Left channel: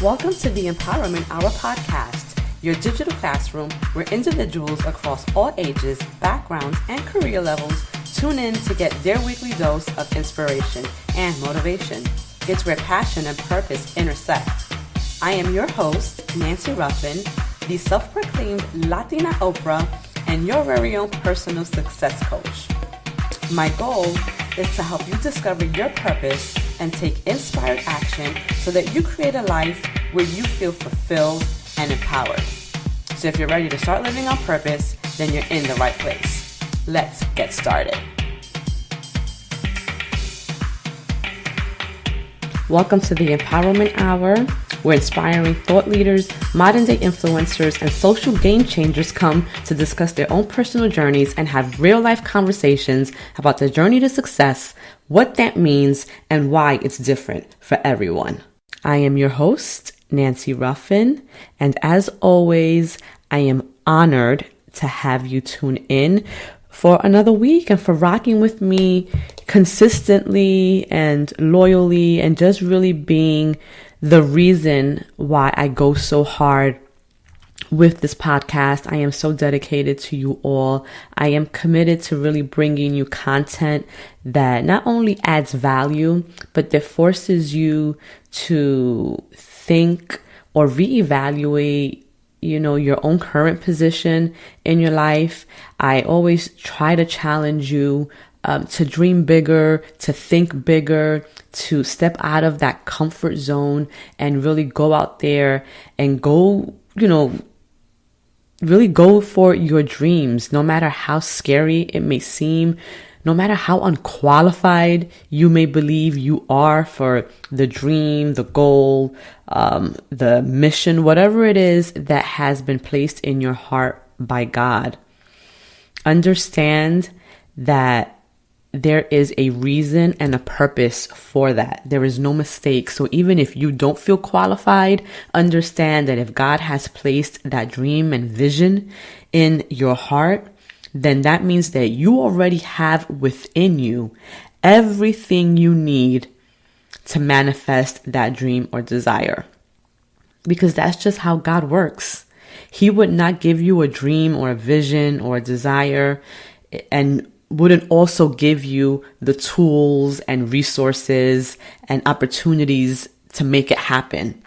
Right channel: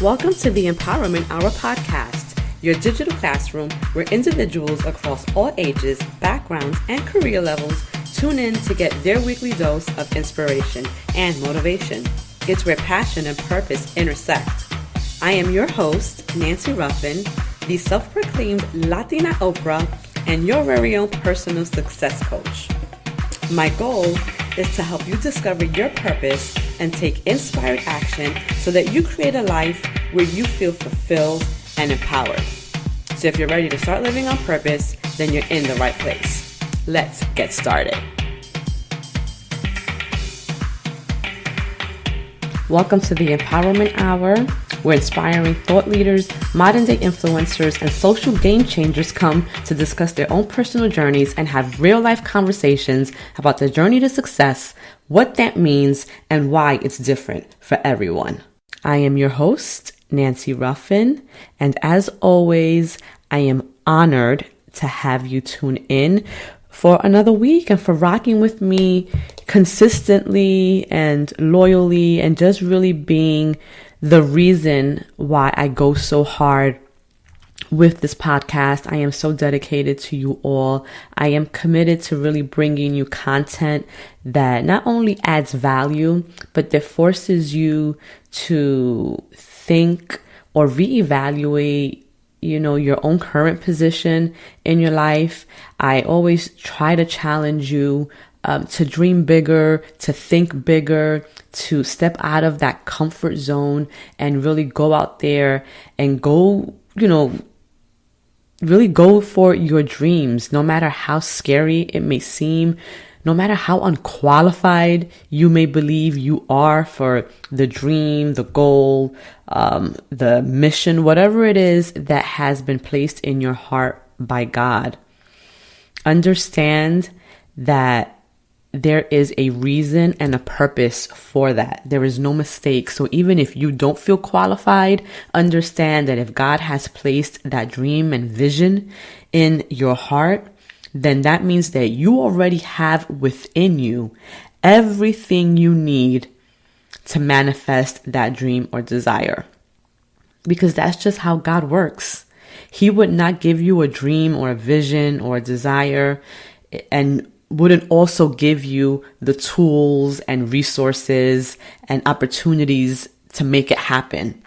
Welcome to the Empowerment Hour podcast, your digital classroom where individuals across all ages, backgrounds, and career levels tune in to get their weekly dose of inspiration and motivation. It's where passion and purpose intersect. I am your host, Nancy Ruffin, the self-proclaimed Latina Oprah and your very own personal success coach. My goal is to help you discover your purpose and take inspired action so that you create a life where you feel fulfilled and empowered. So if you're ready to start living on purpose, then you're in the right place. Let's get started. Welcome to the Empowerment Hour, where inspiring thought leaders, modern-day influencers, and social game changers come to discuss their own personal journeys and have real-life conversations about the journey to success, what that means, and why it's different for everyone. I am your host, Nancy Ruffin, and as always, I am honored to have you tune in for another week and for rocking with me consistently and loyally and just really being the reason why I go so hard with this podcast. I am so dedicated to you all. I am committed to really bringing you content that not only adds value, but that forces you to think or reevaluate your own current position in your life. I always try to challenge you to dream bigger, to think bigger, to step out of that comfort zone and really go out there and go, really go for your dreams, no matter how scary it may seem, no matter how unqualified you may believe you are for the dream, the goal, the mission, whatever it is that has been placed in your heart by God. Understand that there is a reason and a purpose for that. There is no mistake. So even if you don't feel qualified, understand that if God has placed that dream and vision in your heart, then that means that you already have within you everything you need to manifest that dream or desire. Because that's just how God works. He would not give you a dream or a vision or a desire and wouldn't also give you the tools and resources and opportunities to make it happen.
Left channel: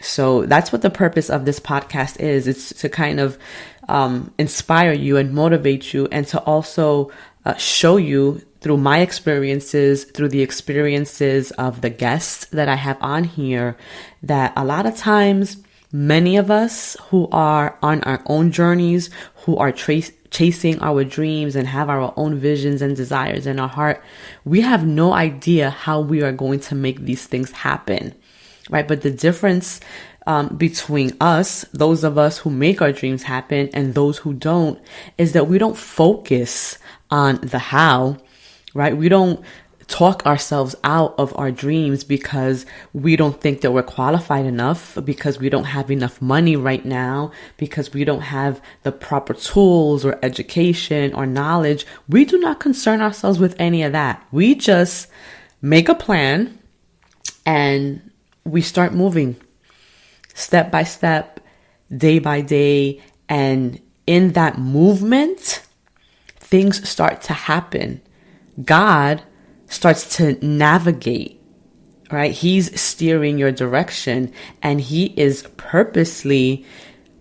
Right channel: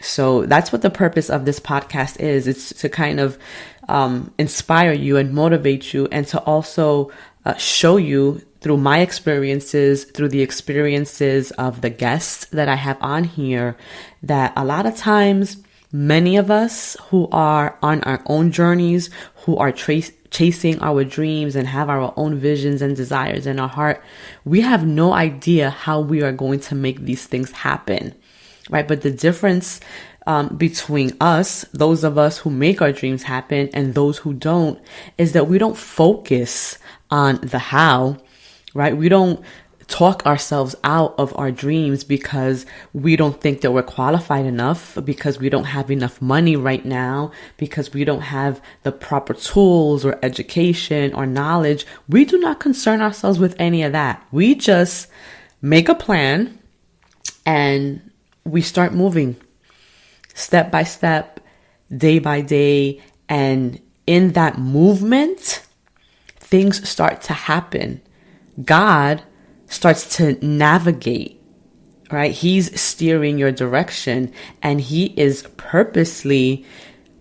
So that's what the purpose of this podcast is. It's to kind of inspire you and motivate you, and to also show you through my experiences, through the experiences of the guests that I have on here, that a lot of times, many of us who are on our own journeys, who are chasing our dreams and have our own visions and desires in our heart, we have no idea how we are going to make these things happen, right? But the difference between us, those of us who make our dreams happen, and those who don't, is that we don't focus on the how, right? We don't talk ourselves out of our dreams because we don't think that we're qualified enough, because we don't have enough money right now, because we don't have the proper tools or education or knowledge. We do not concern ourselves with any of that. We just make a plan and we start moving step by step, day by day. And in that movement, things start to happen. God starts to navigate, right? He's steering your direction, and he is purposely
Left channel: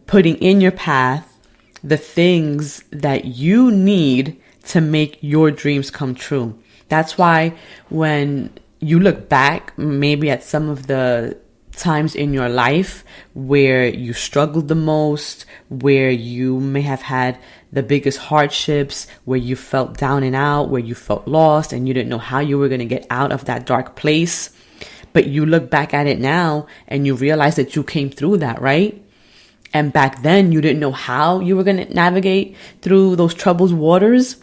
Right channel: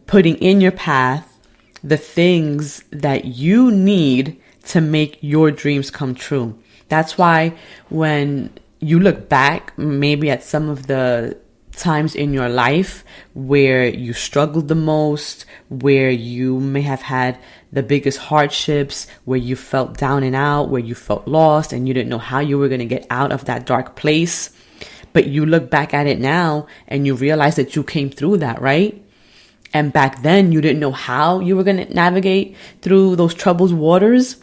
putting in your path the things that you need to make your dreams come true. That's why when you look back, maybe at some of the times in your life where you struggled the most, where you may have had the biggest hardships, where you felt down and out, where you felt lost and you didn't know how you were going to get out of that dark place. But you look back at it now and you realize that you came through that, right? And back then you didn't know how you were going to navigate through those troubled waters.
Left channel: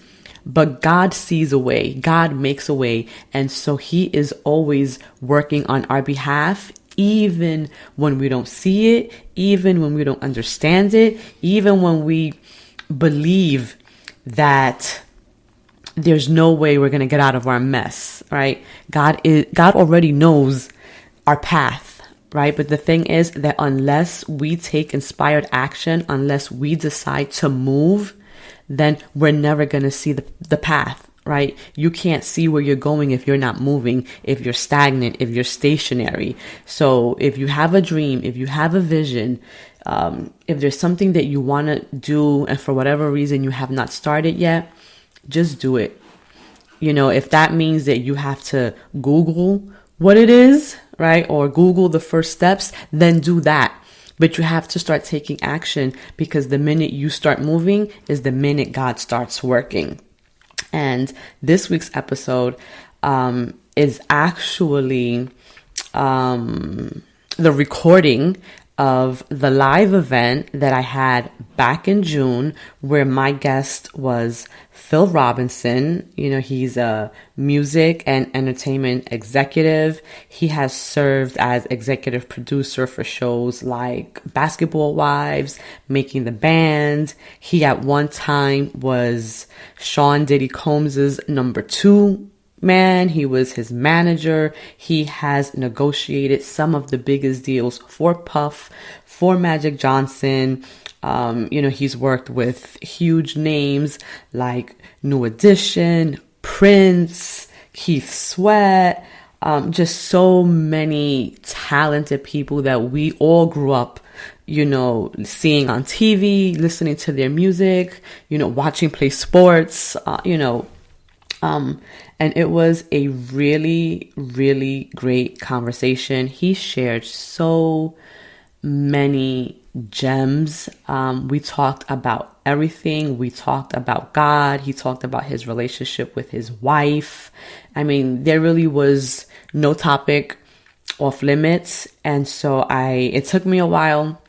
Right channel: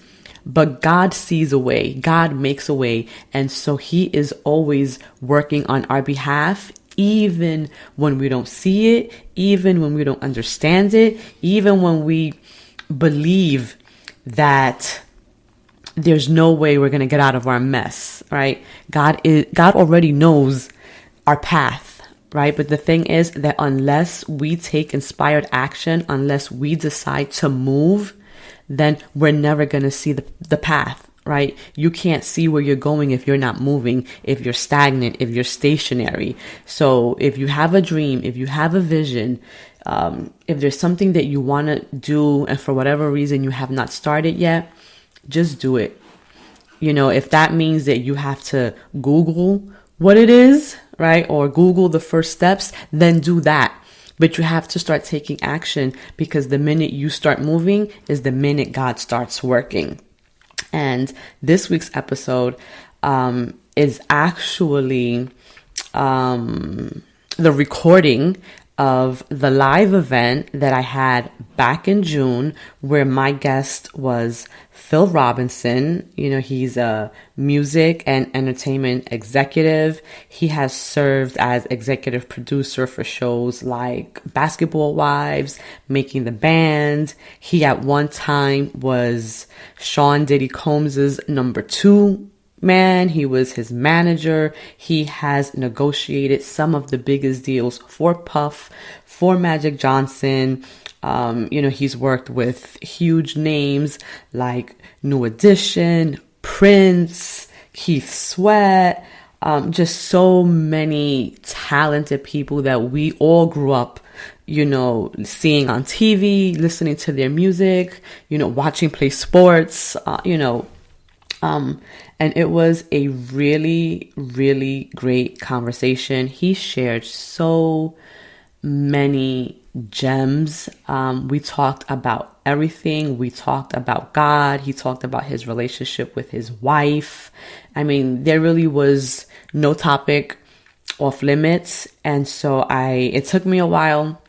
But God sees a way. God makes a way. And so he is always working on our behalf, even when we don't see it, even when we don't understand it, even when we believe that there's no way we're going to get out of our mess, right? God already knows our path. right? But the thing is that unless we take inspired action, unless we decide to move, then we're never going to see the path, right? You can't see where you're going if you're not moving, if you're stagnant, if you're stationary. So if you have a dream, if you have a vision, if there's something that you want to do and for whatever reason you have not started yet, just do it. You know, if that means that you have to Google what it is, right? Or Google the first steps, then do that. But you have to start taking action, because the minute you start moving is the minute God starts working. And this week's episode is actually the recording of the live event that I had back in June, where my guest was Phil Robinson. You know, he's a music and entertainment executive. He has served as executive producer for shows like Basketball Wives, Making the Band. He at one time was Sean-Diddy-Combs' number 2 man. He was his manager. He has negotiated some of the biggest deals for Puff, for Magic Johnson. You know, he's worked with huge names like New Edition, Prince, Keith Sweat, just so many talented people that we all grew up, you know, seeing on TV, listening to their music, you know, watching play sports, you know, and it was a really, really great conversation. He shared so many gems. We talked about everything. We talked about God. He talked about his relationship with his wife. I mean, there really was no topic off limits. And so it took me a while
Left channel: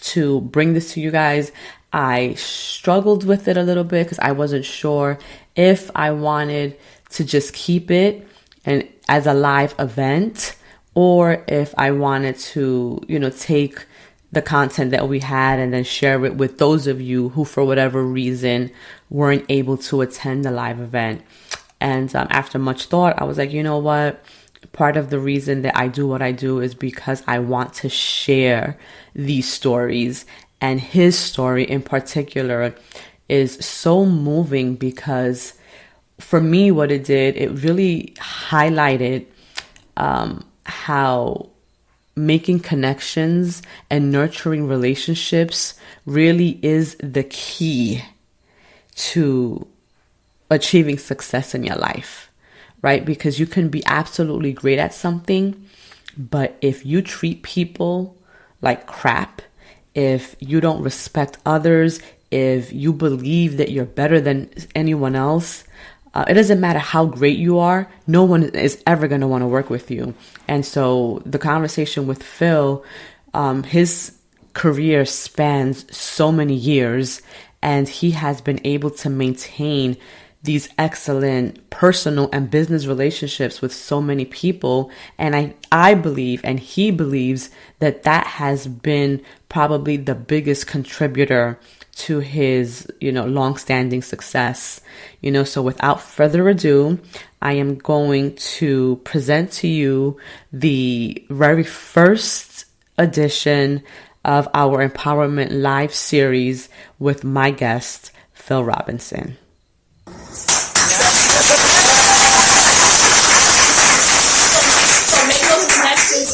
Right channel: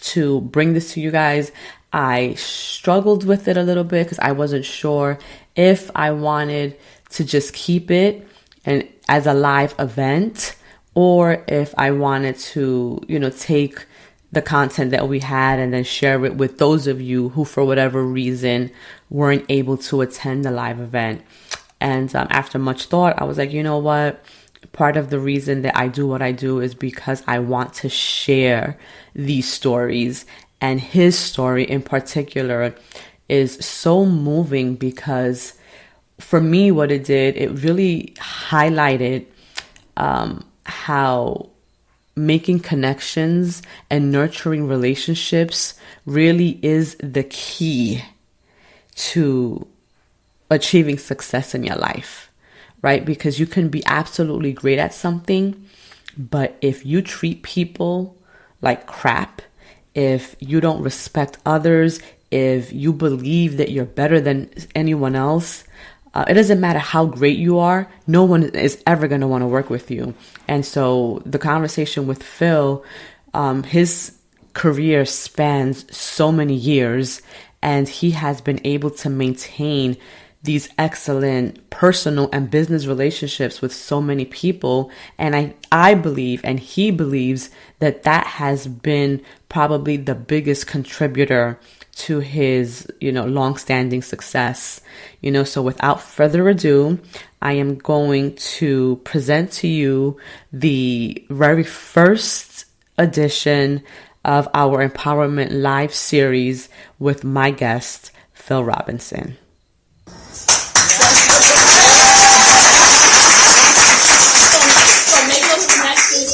to bring this to you guys. I struggled with it a little bit because I wasn't sure if I wanted to just keep it and as a live event, or if I wanted to, you know, take the content that we had and then share it with those of you who, for whatever reason, weren't able to attend the live event. And after much thought, I was like, you know what? Part of the reason that I do what I do is because I want to share these stories. And his story in particular is so moving because for me, what it did, it really highlighted how making connections and nurturing relationships really is the key to achieving success in your life, right? Because you can be absolutely great at something, but if you treat people like crap, if you don't respect others, if you believe that you're better than anyone else, it doesn't matter how great you are, no one is ever going to want to work with you. And so the conversation with Phil, his career spans so many years, and he has been able to maintain these excellent personal and business relationships with so many people. And I believe, and he believes, that has been probably the biggest contributor to his, you know, long-standing success. You know, so without further ado, I am going to present to you the very first edition of our Empowerment Live series with my guest, Phil Robinson.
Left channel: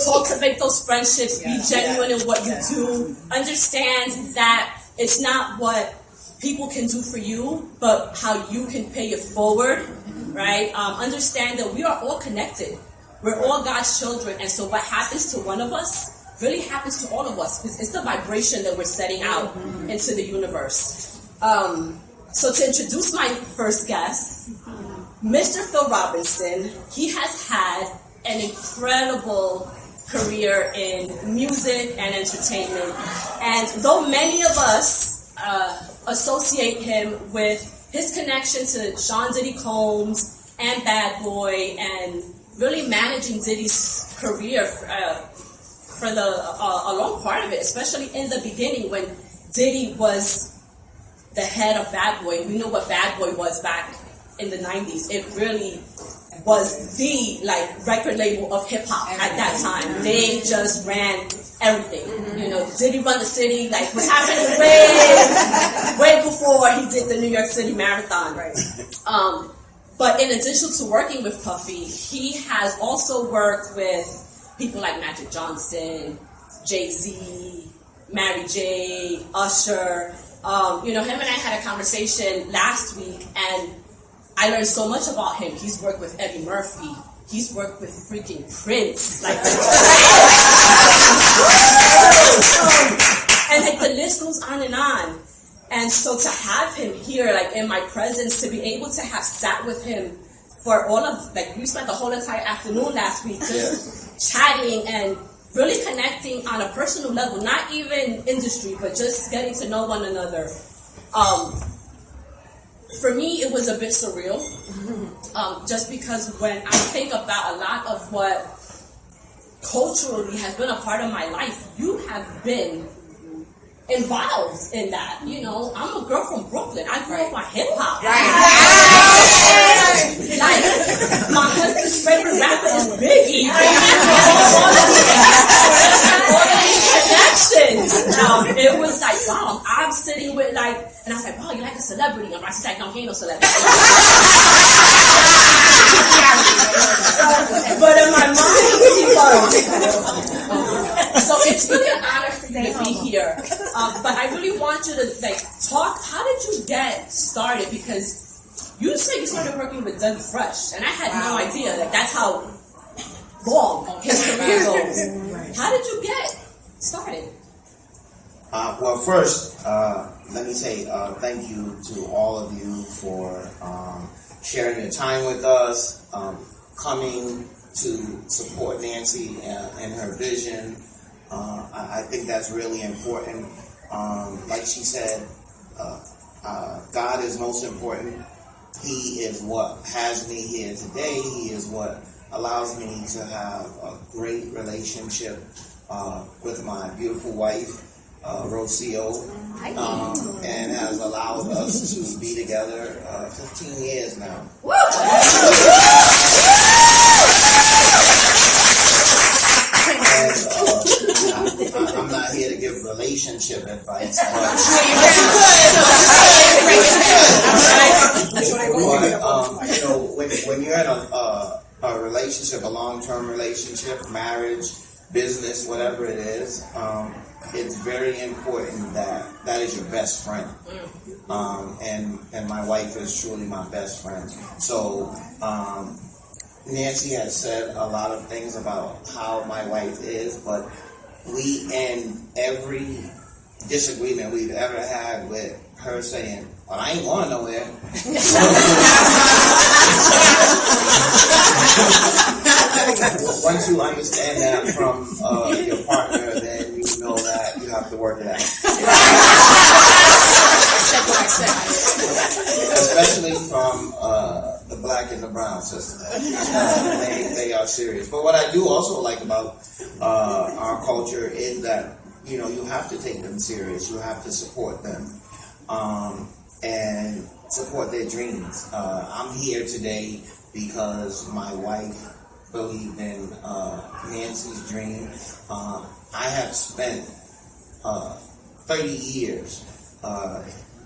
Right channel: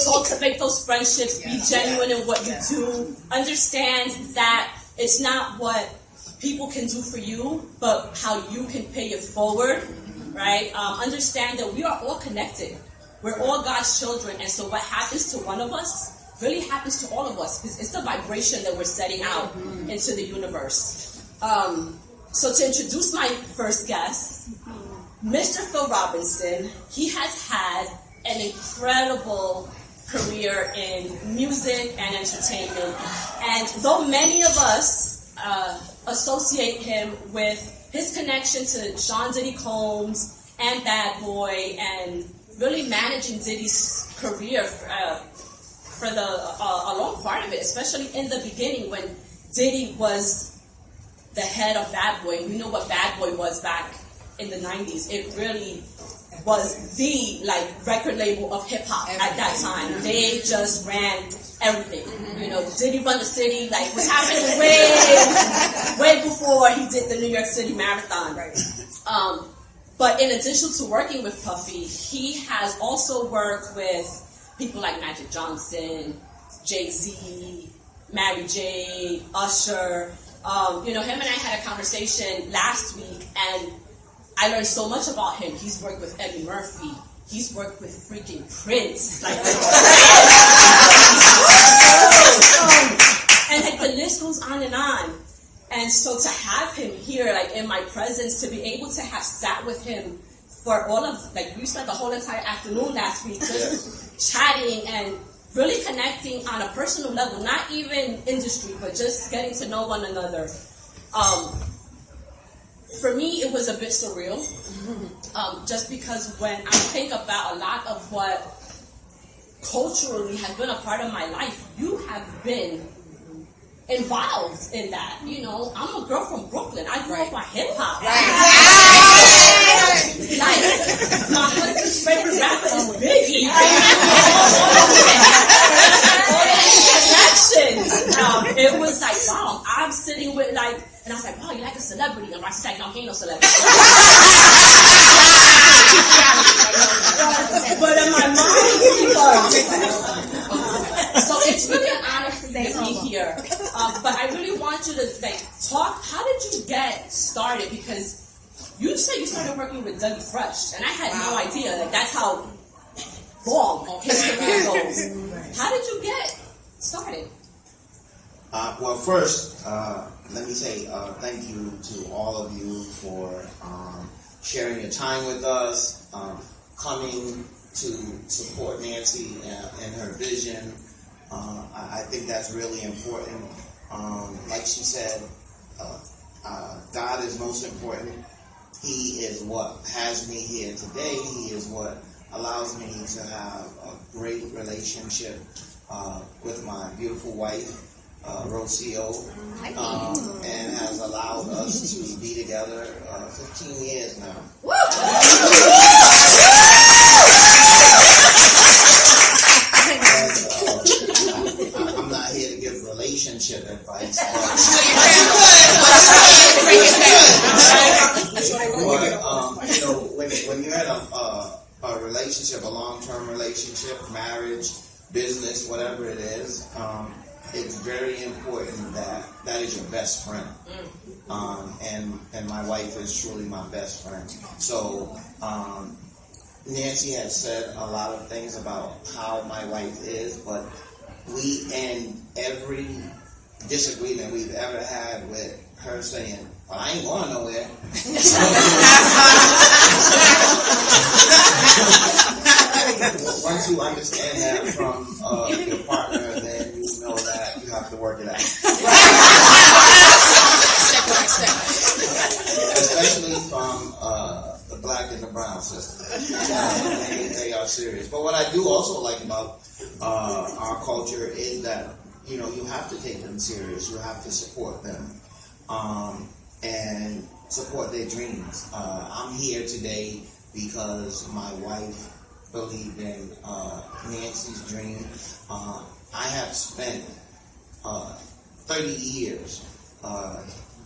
Cultivate those friendships, be genuine in what you do, understand that it's not what people can do for you, but how you can pay it forward, right? Understand that we are all connected. We're all God's children, and so what happens to one of us really happens to all of us, because it's the vibration that we're setting out into the universe. So to introduce my first guest, Mr. Phil Robinson, he has had an incredible career in music and entertainment. And though many of us associate him with his connection to Sean-Diddy-Combs and Bad Boy and really managing Diddy's career for a long part of it, especially in the beginning when Diddy was the head of Bad Boy. We know what Bad Boy was back in the 90s. It really was the record label of hip hop at that time. They just ran everything. You know, Diddy run the city, was happening way before he did the New York City Marathon. Right. But in addition to working with Puffy, he has also worked with people like Magic Johnson, Jay-Z, Mary J, Usher. Him and I had a conversation last week, and I learned so much about him. He's worked with Eddie Murphy. He's worked with freaking Prince. And the list goes on and on. And so to have him here, in my presence, to be able to have sat with him for all of, we spent the whole entire afternoon last week just chatting and really connecting on a personal level, not even industry, but just getting to know one another. For me, it was a bit surreal, just because when I think about a lot of what culturally has been a part of my life, you have been involved in that. You know, I'm a girl from Brooklyn. I grew up on hip hop. My husband's favorite rapper is Biggie. All these connections. It was wow, I'm sitting with and I was like, wow, you like a celebrity? And Roxy's like, no, he ain't no celebrity. But in my mind, so it's really an honor for you to be here. But I really want you to talk. How did you get started? Because you said you started working with Dougie Fresh, and I had no idea that's how long his career goes. How did you get started? Well, first, let me say thank you to all of you for sharing your time with us, coming to support Nancy and her vision. I think that's really important. Like she said, God is most important. He is what has me here today. He is what allows me to have a great relationship with my beautiful wife, Rocio, and has allowed us to be together 15 years now. I'm not here to give relationship advice. When you're in a relationship, a long-term relationship, marriage, business, whatever it is, it's very important that is your best friend. And my wife is truly my best friend. So Nancy has said a lot of things about how my wife is, but we end every disagreement we've ever had with her saying, well, I ain't going nowhere. Once you understand that from your partner, then you know that you have to work it out. Especially from the black and the brown system. They are serious. But what I do also like about our culture is that, you have to take them serious. You have to support them. And support their dreams. I'm here today because my wife believed in Nancy's dream. I have spent 30 years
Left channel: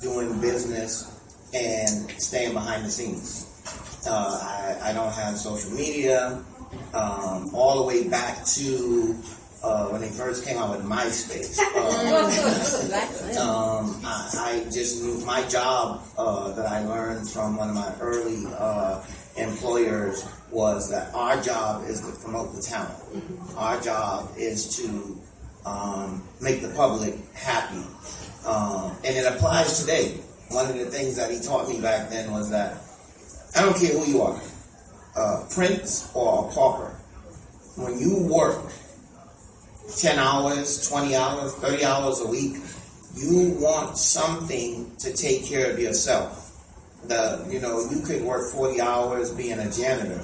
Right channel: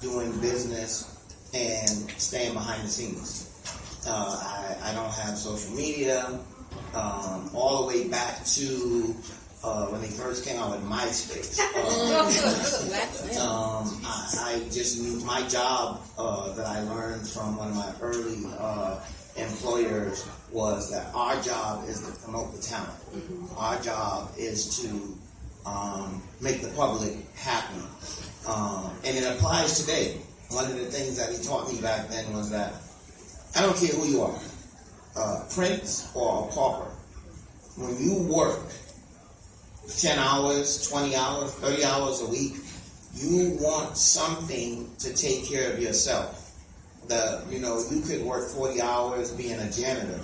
doing business and staying behind the scenes. I don't have social media. All the way back to when they first came out with MySpace. I just knew my job that I learned from one of my early employers was that our job is to promote the talent. Our job is to make the public happy. And it applies today. One of the things that he taught me back then was that I don't care who you are, prince or a pauper. When you work 10 hours, 20 hours, 30 hours a week, you want something to take care of yourself. You could work 40 hours being a janitor,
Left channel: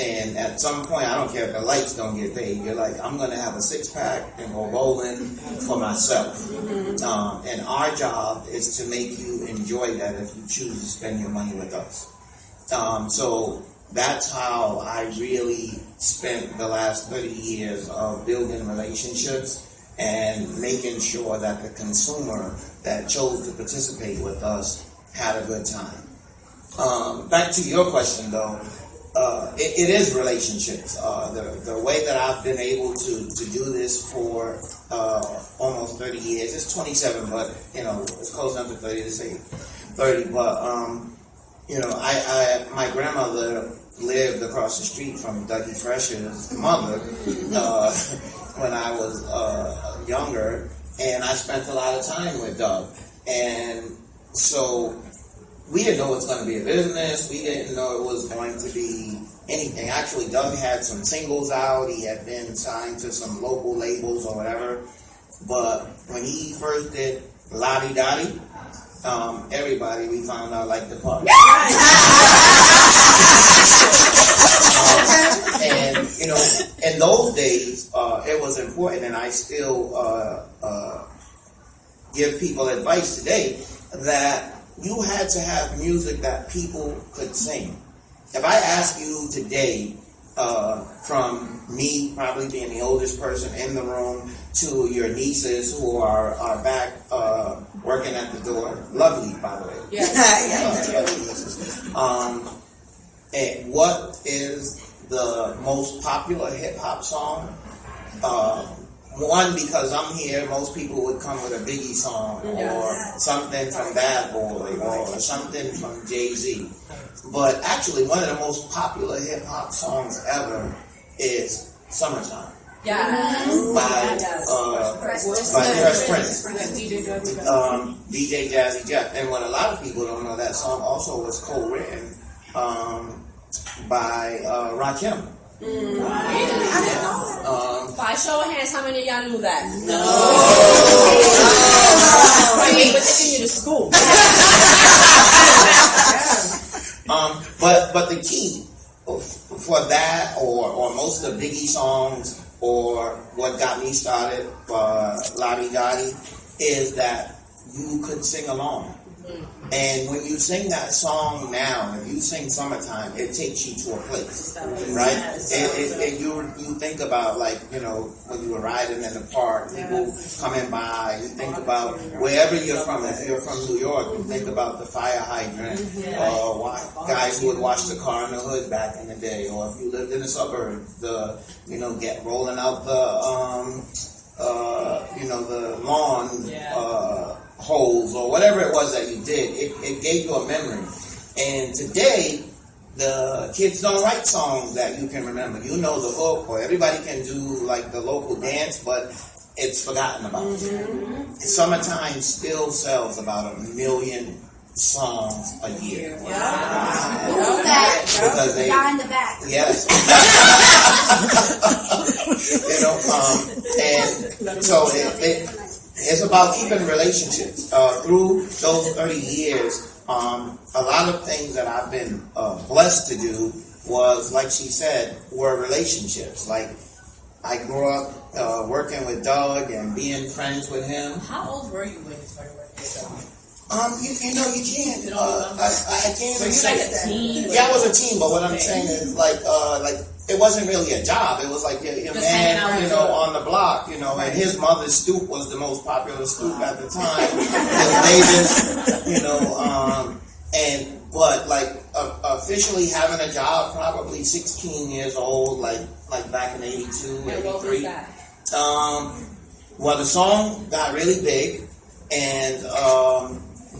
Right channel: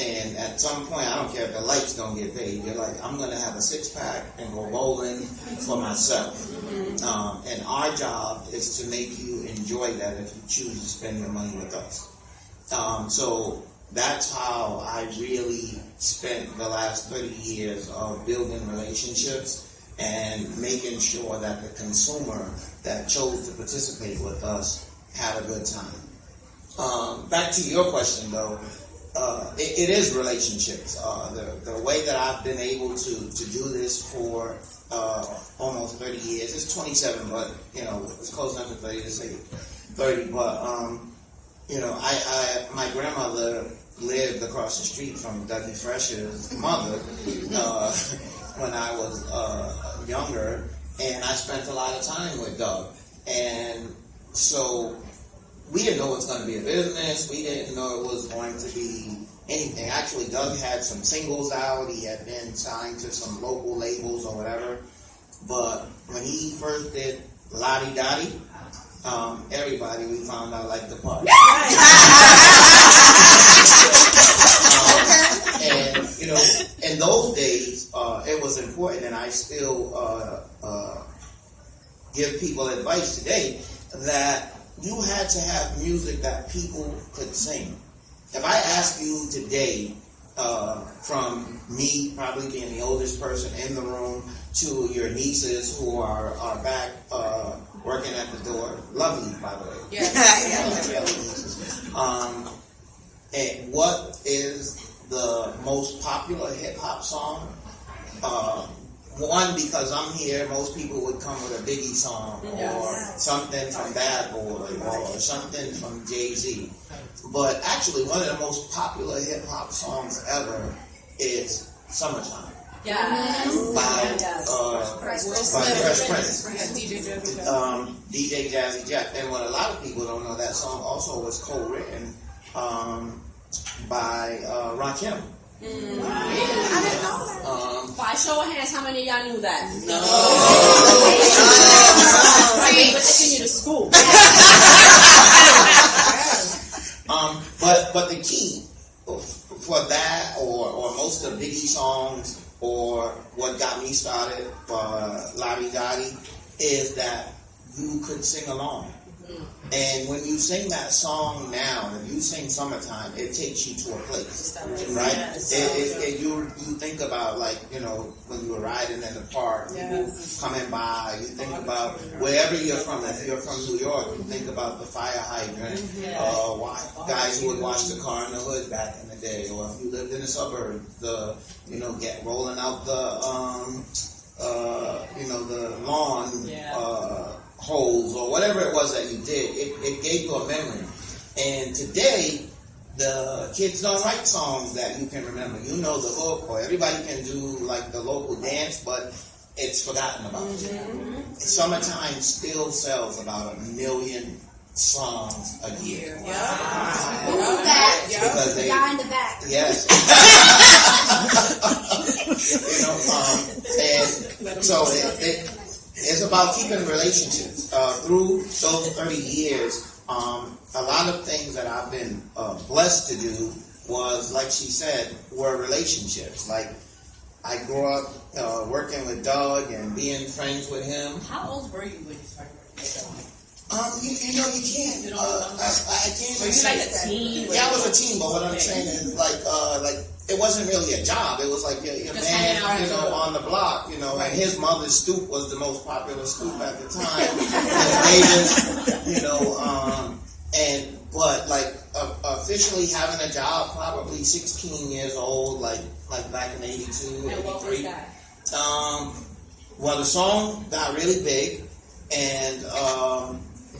and at some point, I don't care if the lights don't get paid, you're like, I'm going to have a six-pack and go bowling for myself. And our job is to make you enjoy that if you choose to spend your money with us. So that's how I really spent the last 30 years of building relationships and making sure that the consumer that chose to participate with us had a good time. Back to your question, though, it is relationships. The way that I've been able to do this for almost 30 years, it's 27, but, it's close enough to 30 to say 30, but, my grandmother lived across the street from Dougie Fresh's mother when I was younger, and I spent a lot of time with Doug. And so we didn't know it was going to be a business. We didn't know it was going to be anything. Actually, Doug had some singles out. He had been signed to some local labels or whatever. But when he first did Lottie Dottie, everybody we found out liked the party. And, in those days, it was important, and I still give people advice today, that you had to have music that people could sing. If I ask you today, from me probably being the oldest person in the room to your nieces who are back working at the door, lovely, by the way. Yes. And what is the most popular hip hop song? One, because I'm here, most people would come with a Biggie song or something from Bad Boy or something from Jay-Z. But actually, one of the most popular hip hop songs ever is Summertime. By Fresh Prince. DJ Jazzy Jeff. And what a lot of people don't know, that song also was co-written by Rakim. By show of hands, how many of y'all knew that? No. They were taking you to school. But the key for that, or most of Biggie songs, or what got me started, Lottie Dottie, is that you could sing along. And when you sing that song now, if you sing Summertime, it takes you to a place, right? You think about, like, when you were riding in the park, people coming by, you think about wherever you're from. If you're from New York, you think about the fire hydrant, guys who would wash the car in the hood back in the day, or if you lived in the suburbs, get rolling out the lawn, holes or whatever it was that you did, it gave you a memory. And today, the kids don't write songs that you can remember. You know the hook, or everybody can do like the local dance, but it's forgotten about. Summertime still sells about 1 million songs a year. Because they, guy in the back. Yes. And so it's about keeping relationships. Through those 30 years, a lot of things that I've been blessed to do was, like she said, were relationships. Like, I grew up working with Doug and being friends with him. How old were you when you started working with Doug? You can't. I can't even say like a teen. Yeah, I was a teen, but what I'm saying is, like it wasn't really a job. It was like your man, on the block, and his mother's stoop was the most popular stoop at the time. But officially having a job, probably 16 years old, like back in 82, 83. And what was that? Well, the song got really big, and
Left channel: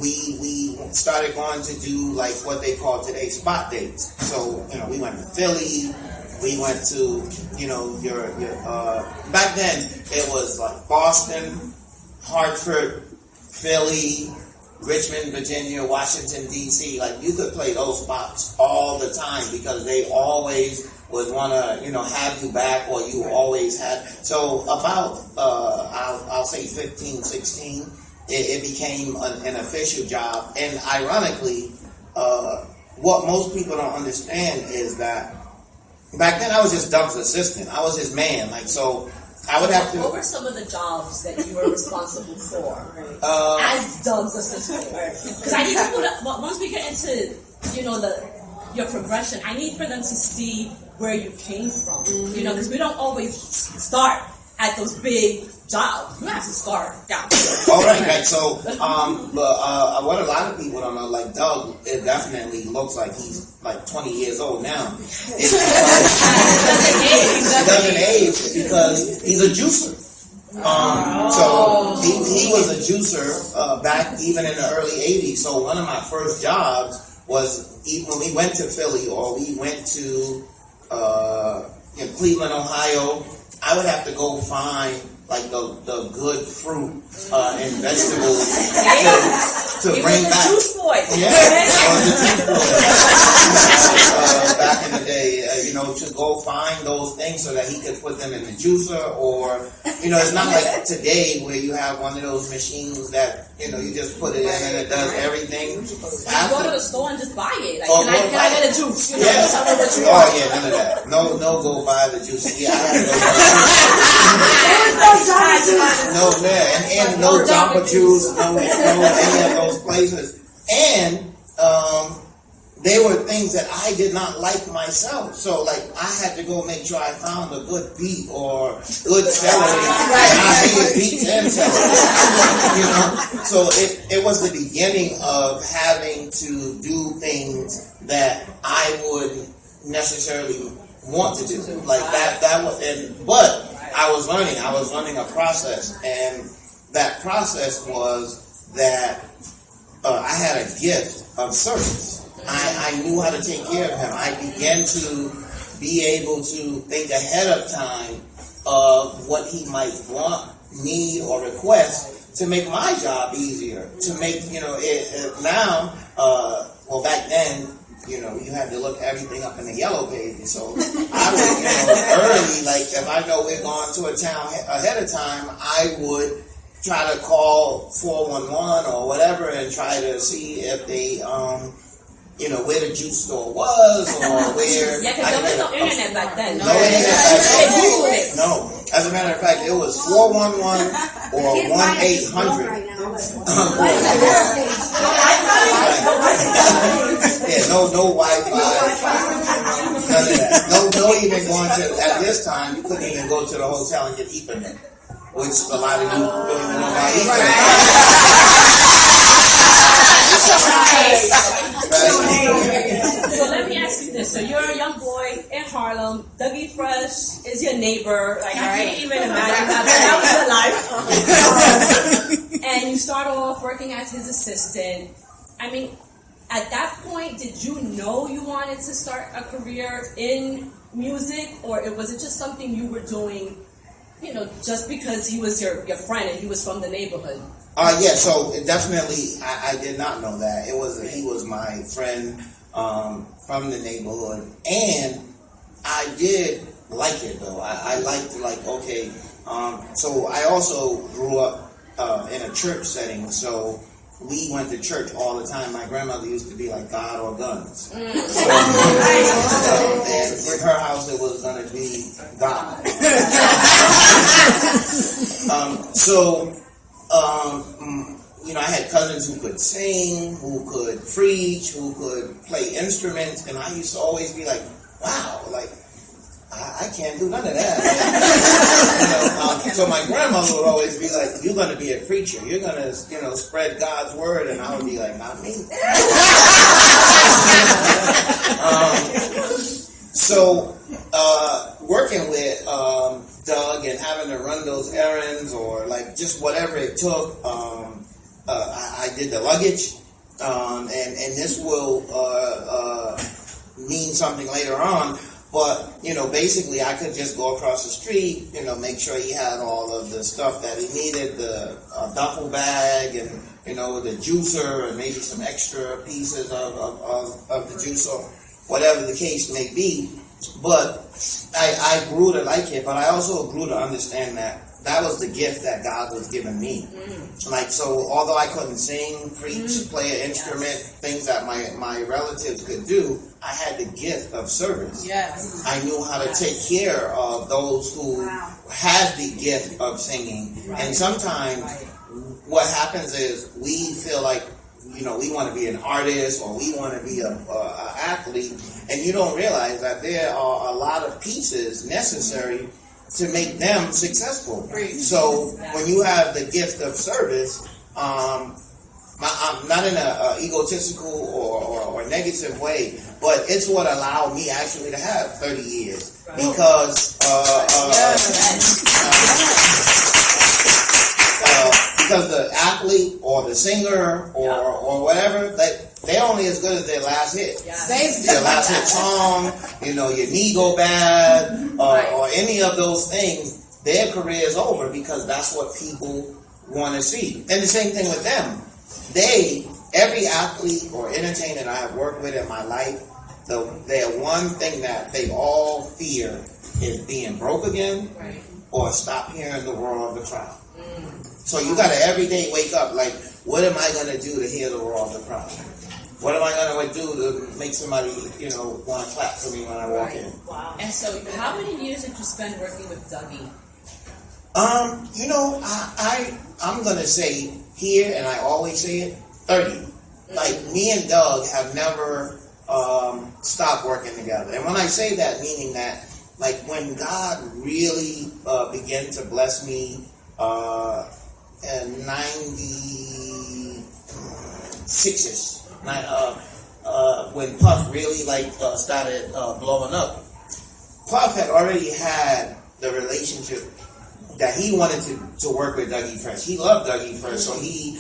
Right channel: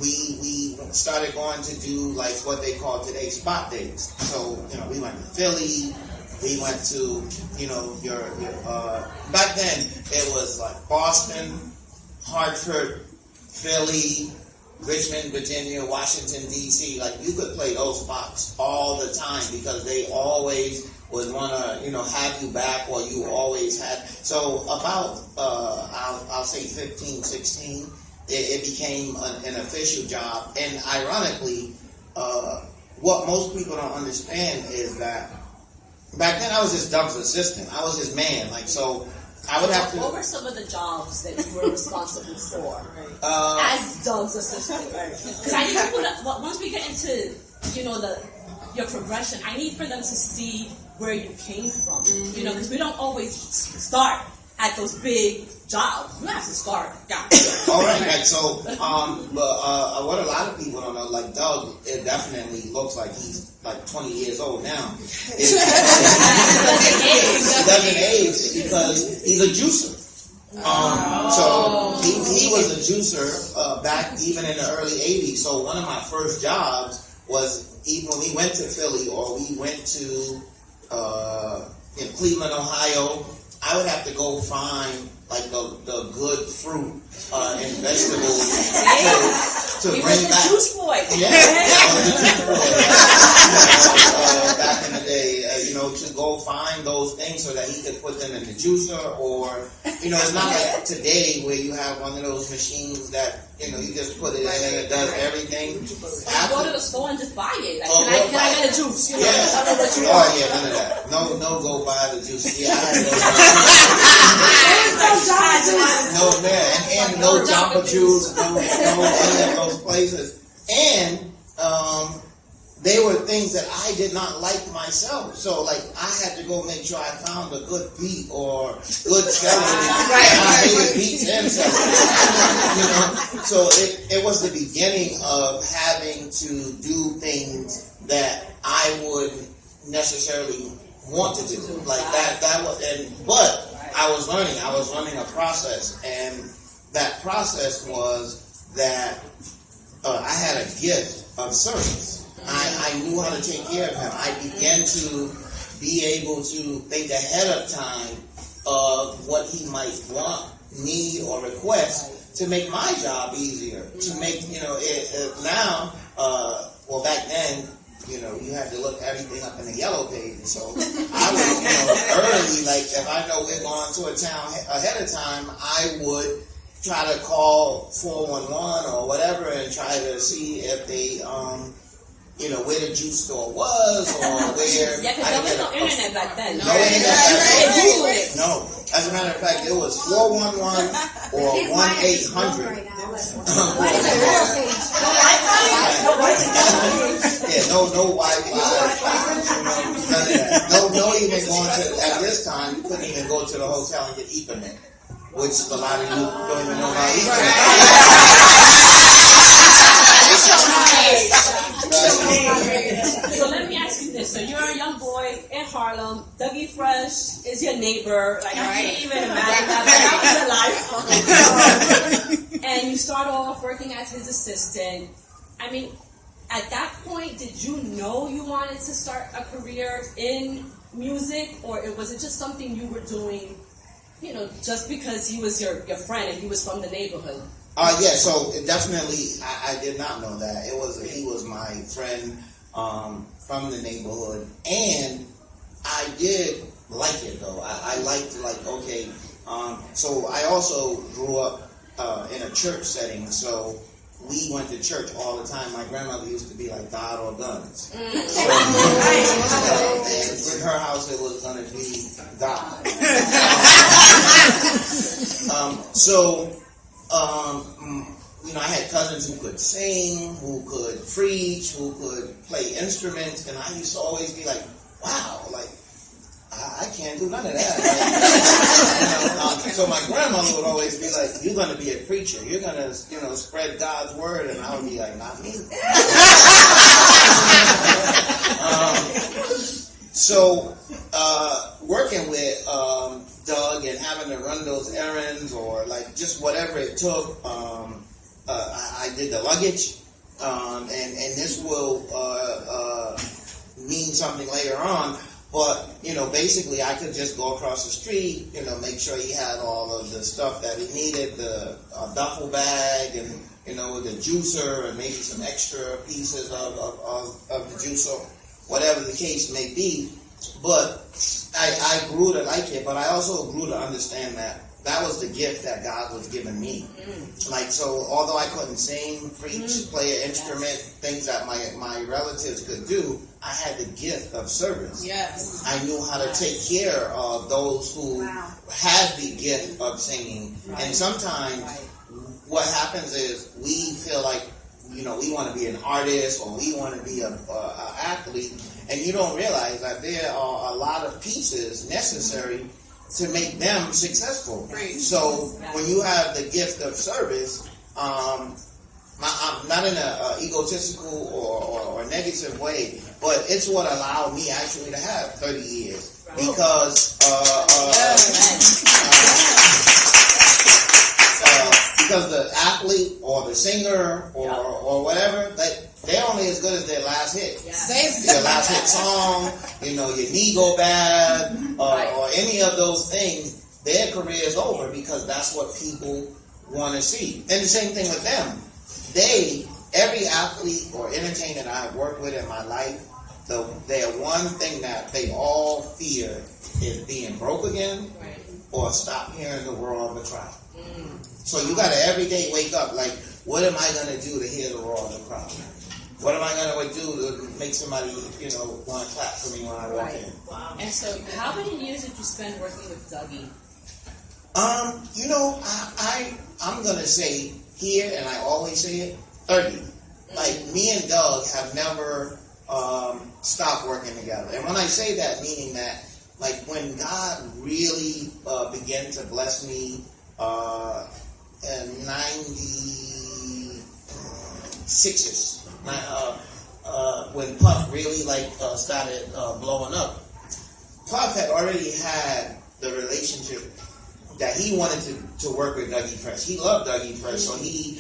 we started going to do like what they call today spot dates. So we went to Philly. We went to, your back then it was like Boston, Hartford, Philly, Richmond, Virginia, Washington, D.C. Like, you could play those spots all the time because they always would want to, have you back, or you always had. So about, I'll say 15, 16, it became an official job. And ironically, what most people don't understand is that back then I was just Doug's assistant. I was his man. So I would have to. What were some of the jobs that you were responsible for as Doug's assistant? Because I think once we get into, your progression. I need for them to see where you came from. You know, because we don't always start at those big jobs. You have to start down. All right. So, what a lot of people don't know, like Doug, it definitely looks like he's like 20 years old now. It doesn't age because he's a juicer. So he was a juicer back even in the early 80s. So one of my first jobs was even when we went to Philly or we went to in Cleveland, Ohio, I would have to go find like the good fruit and vegetables to bring back. Juice boy. Yeah, I was a juice boy. Back in the day, to go find those things so that he could put them in the juicer, or it's not like today where you have one of those machines that you just put it in and it does everything. You go to the store and just buy it. Like, Oh, can I get a juice? Yes. Oh yeah, none of that. No, go buy the juice. Yeah, I had no, man, and no Jamba Juice, no any of those places, and they were things that I did not like myself. So, like, I had to go make sure I found a good beet or good celery, and I made beets and celery. So it was the beginning of having to do things that I wouldn't necessarily want to do. Like that was, but I was learning a process, and that process was that I had a gift of service. I knew how to take care of him. I began to be able to think ahead of time of what he might want, need, or request to make my job easier. To make, now, back then, you had to look everything up in the yellow pages. So I was, early, like if I know we're going to a town ahead of time, I would try to call 411 or whatever and try to see if they, where the juice store was, or where. Yeah, because there was no internet back then. No internet back then. No. As a matter of fact, it was 411 or 1-800. Yeah, no Wi-Fi. None of that. No even going to, at this time, you couldn't even go to the hotel and get Ethernet, which a lot of you don't even know about So let me ask you this. So you're a young boy in Harlem. Dougie Fresh is your neighbor. Like, I can't even imagine that life. And you start off working as his assistant. I mean, at that point, did you know you wanted to start a career in music? Or was it just something you were doing, just because he was your friend and he was from the neighborhood? Yeah, so definitely I did not know that. He was my friend from the neighborhood, and I did like it though. I liked okay. So I also grew up in a church setting, so we went to church all the time. My grandmother used to be like God or guns. So, and in her house it was going to be God. I had cousins who could sing, who could preach, who could play instruments, and I used to always be like, wow, like, I can't do none of that. So my grandmother would always be like, you're going to be a preacher. You're going to, spread God's word. And I would be like, not me. Working with Doug and having to run those errands or like just whatever it took, I did the luggage. And this will mean something later on. But, basically I could just go across the street, make sure he had all of the stuff that he needed, the duffel bag and, the juicer and maybe some extra pieces of the juice or whatever the case may be. But I grew to like it, but I also grew to understand that was the gift that God was giving me. Like, so although I couldn't sing, preach, play an instrument, things that my relatives could do, I had the gift of service. Yes. I knew how to take care of those who had the gift of singing. And sometimes what happens is we feel like we want to be an artist or we want to be a athlete, and you don't realize that there are a lot of pieces necessary to make them successful. So when you have the gift of service, I'm not in an egotistical or negative way, but it's what allowed me actually to have 30 years. Because because the athlete or the singer or whatever, they're only as good as their last hit. Their last hit song, your knee go bad, or any of those things, their career is over because that's what people want to see. And the same thing with them. Every athlete or entertainer that I've worked with in my life, their one thing that they all fear is being broke again or stop hearing the roar of the crowd. So you got to every day wake up like, what am I going to do to hear the roar of the crowd? What am I going to do to make somebody, want to clap for me when I walk in? Wow. And so how many years did you spend working with Dougie? I'm going to say here, and I always say it, 30. Like, me and Doug have never stopped working together. And when I say that, meaning that, like, when God really began to bless me in 96ish, when Puff really, started blowing up, Puff had already had the relationship that he wanted to work with Dougie Fresh. He loved Dougie Fresh, so he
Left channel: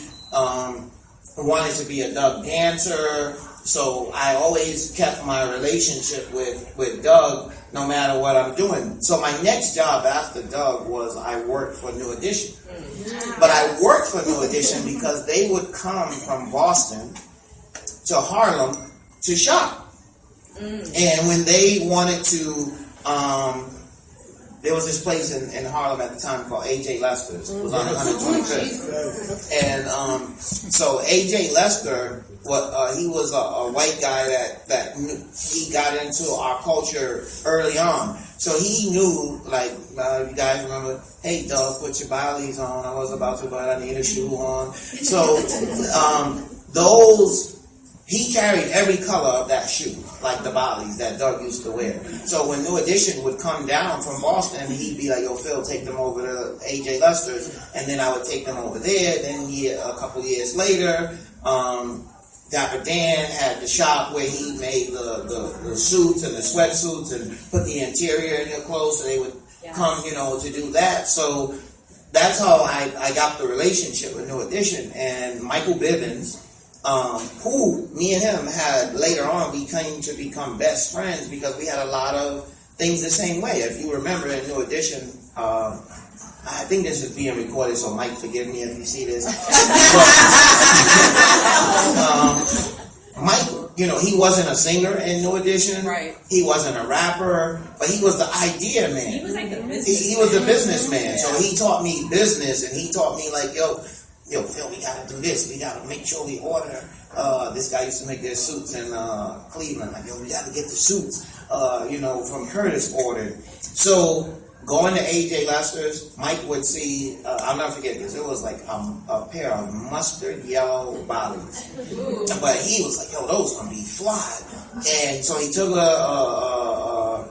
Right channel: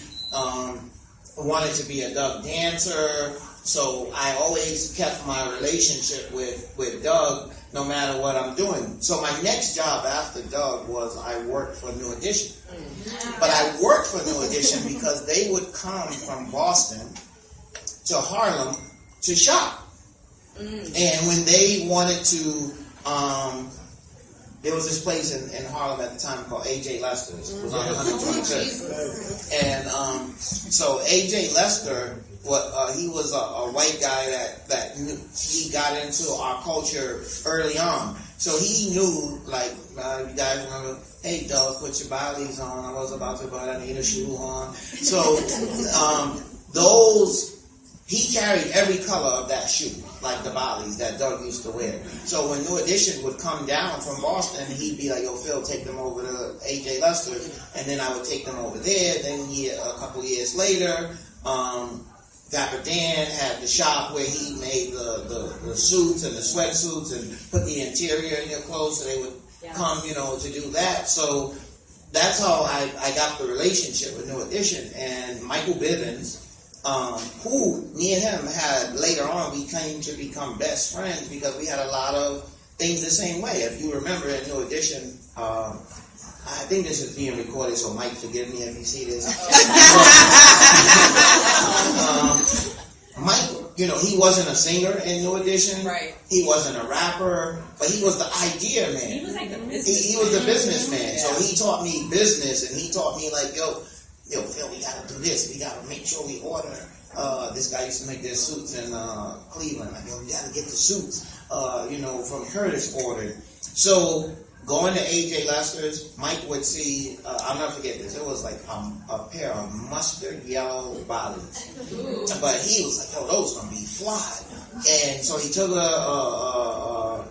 wanted to be a Doug dancer. So I always kept my relationship with Doug no matter what I'm doing. So my next job after Doug was I worked for New Edition. But I worked for New Edition because they would come from Boston to Harlem to shop. And when they wanted to, there was this place in Harlem at the time called A.J. Lester's. It was on 125th. And so A.J. Lester, he was a white guy that knew, he got into our culture early on. So he knew, you guys remember, hey, Doug, put your Baileys on. I was about to, but I need a shoe on. So he carried every color of that shoe, like the Baileys that Doug used to wear. So when New Edition would come down from Boston, he'd be like, "Oh, Phil, take them over to A.J. Lester's," and then I would take them over there. Then a couple years later, Dapper Dan had the shop where he made the suits and the sweatsuits and put the interior in your clothes, so they would come, to do that. So that's how I got the relationship with New Edition. And Michael Bivens, who me and him had later on, we came to become best friends because we had a lot of things the same way. If you remember in New Edition, I think this is being recorded, so Mike, forgive me if you see this. Mike, he wasn't a singer in New Edition. Right. He wasn't a rapper, but he was the idea man. He was like the business. He was the businessman. Yeah. So he taught me business, and he taught me yo, Phil, we gotta do this. We gotta make sure we order. This guy used to make their suits in Cleveland. We gotta get the suits. From Curtis ordered. So going to A.J. Lester's, Mike would see, I'll never forget this, it was like a pair of mustard yellow Baileys. But he was like, yo, those gonna be fly. And so he took a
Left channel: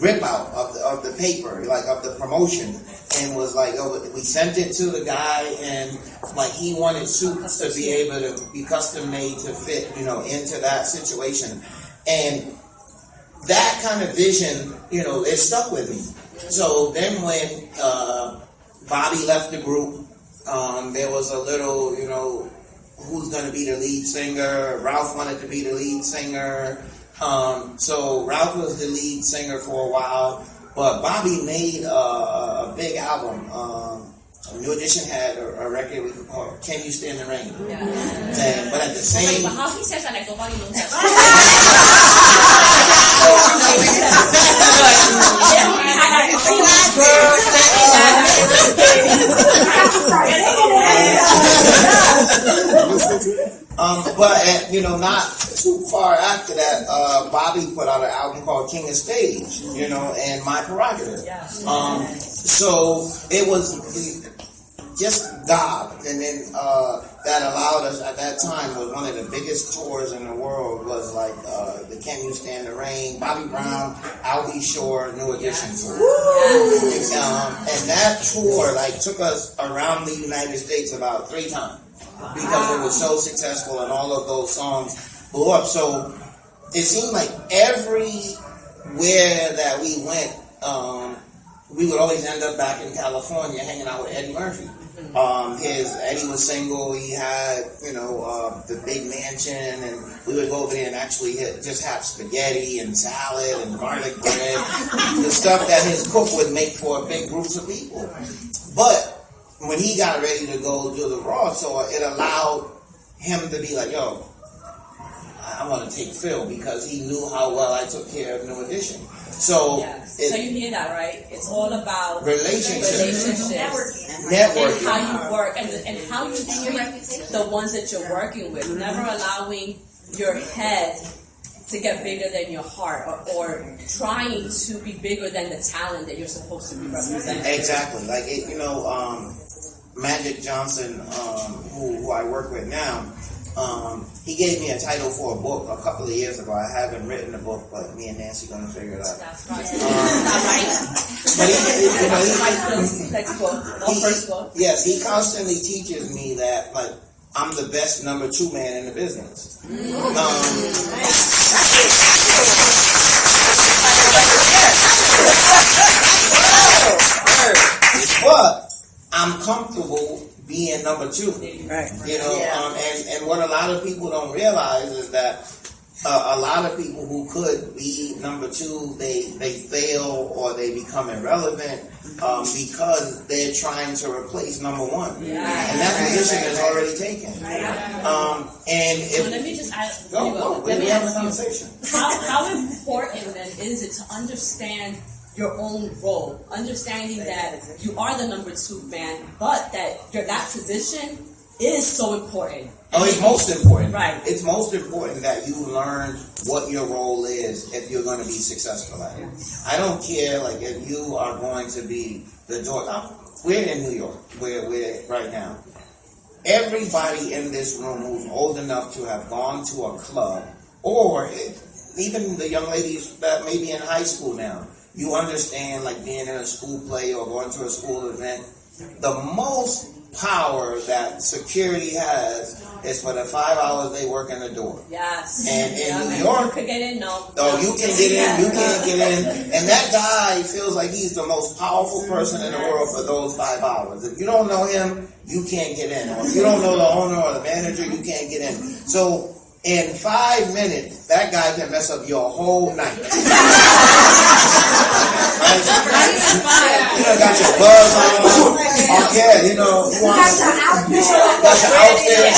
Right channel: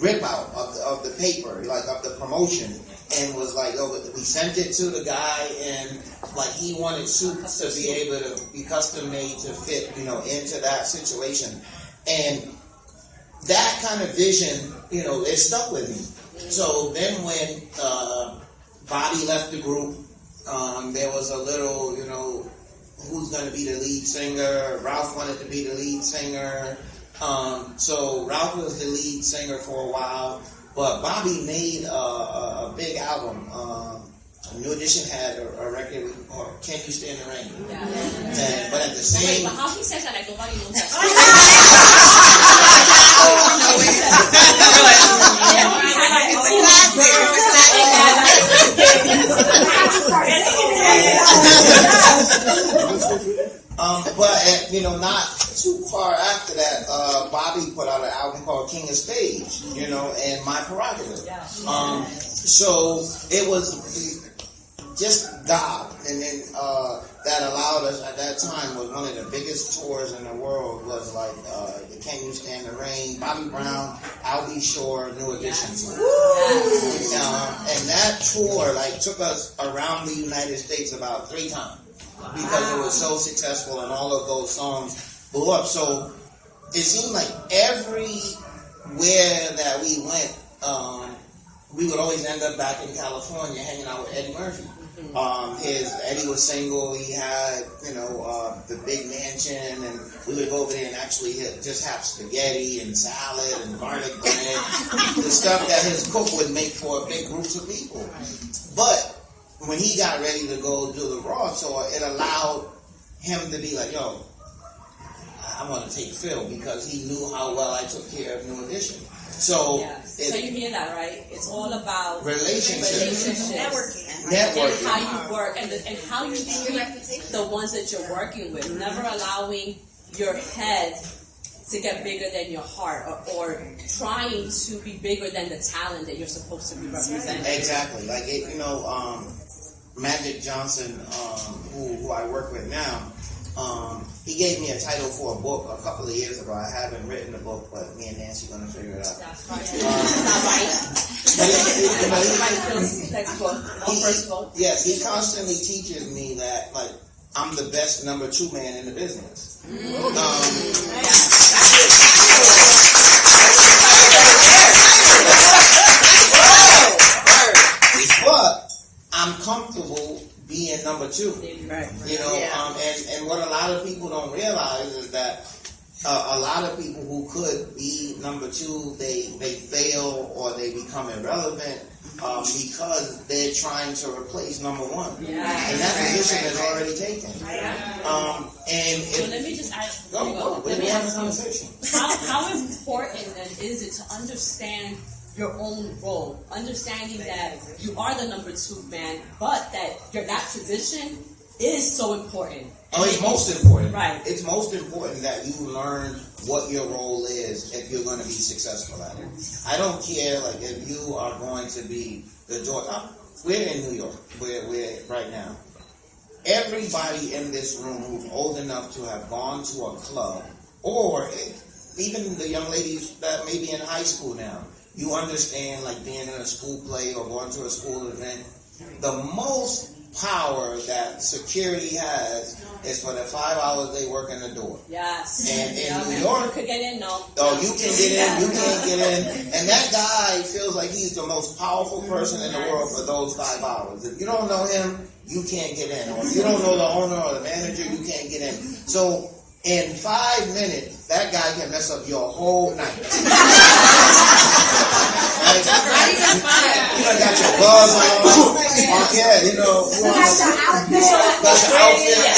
rip out of the paper, of the promotion, and was like, oh, we sent it to the guy, and he wanted suits to be able to be custom made to fit, into that situation. And that kind of vision, it stuck with me. So then when Bobby left the group, there was a little, who's going to be the lead singer? Ralph wanted to be the lead singer. So Ralph was the lead singer for a while, but Bobby made a big album. New Edition had a record called "Can You Stand the Rain?" Yeah. But at the same, but how he says that, nobody knows that. Not too far after that, Bobby put out an album called "King of Stage," and My Prerogative. So it was just God. And then that allowed us at that time was one of the biggest tours in the world was like the Can You Stand the Rain, Bobby Brown, Albie Shore, New Edition tour. And that tour like took us around the United States about 3 times because it was so successful and all of those songs blew up. So it seemed like everywhere that we went, we would always end up back in California hanging out with Eddie Murphy. Eddie was single. He had, the big mansion, and we would go over there and actually just have spaghetti and salad and garlic bread, the stuff that his cook would make for big groups of people. But when he got ready to go do the Raw tour, it allowed him to be like, yo, I want to take Phil because he knew how well I took care of New Edition. So, so you hear that, right? It's all about relationships. Networking. And how you work and how you treat the ones that you're working with. Never allowing your head to get bigger than your heart or trying to be bigger than the talent that you're supposed to be representing. Exactly. Like, Magic Johnson, who I work with now, he gave me a title for a book a couple of years ago. I haven't written the book, but me and Nancy are going to figure it out. That's right. First book. Yes, he constantly teaches me that, like, I'm the best number 2 man in the business. But I'm comfortable being number 2. Right. And what a lot of people don't realize is that a lot of people who could be number 2, they fail or they become irrelevant because they're trying to replace number 1. And that position is already taken. So let me just ask. Let me ask you, how important then is it to understand your own role, understanding that you are the number 2 man, but that position is so important. Oh, it's most important. Right. It's most important that you learn what your role is if you're going to be successful at it. I don't care, like, if you are going to be the door. We're in New York. We're right now. Everybody in this room who's old enough to have gone to a club, or even the young ladies that may be in high school now, you understand, like, being in a school play or going to a school event, the most power that security has is for the 5 hours they work in the door. Yes. And in New York, you can get in, no. You can get in, you can't get in. And that guy feels like he's the most powerful person in the world for those 5 hours. If you don't know him, you can't get in. Or if you don't know the owner or the manager, you can't get in. So in 5 minutes, that guy can mess up your whole night. Right? Got your gloves on. Got your outfit.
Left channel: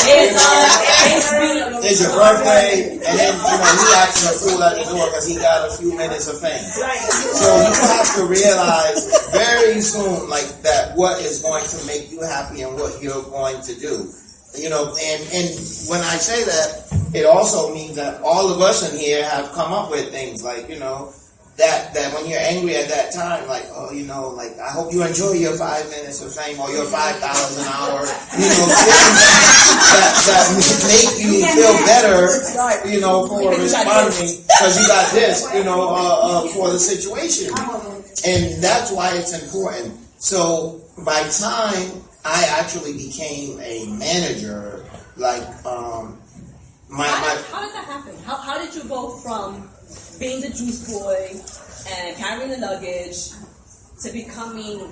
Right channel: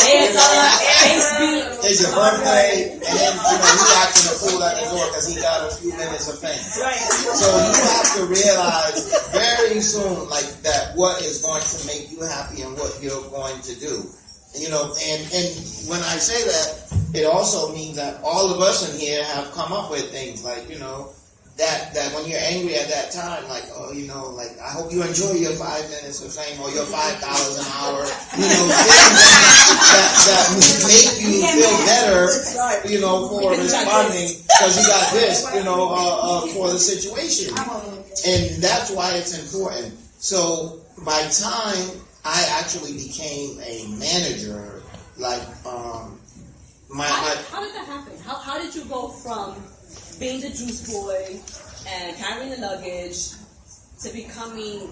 It's your birthday, and then he acts a fool at the door because he got a few minutes of fame. So you have to realize very soon, like, that what is going to make you happy and what you're going to do. And when I say that, it also means that all of us in here have come up with things like, that when you're angry at that time, like, I hope you enjoy your 5 minutes of fame or your $5,000 an hour, that make you feel better, for responding because you got this, for the situation. And that's why it's important. So by time I actually became a manager, like, how did that happen? How did you go from being the juice boy and carrying the luggage to becoming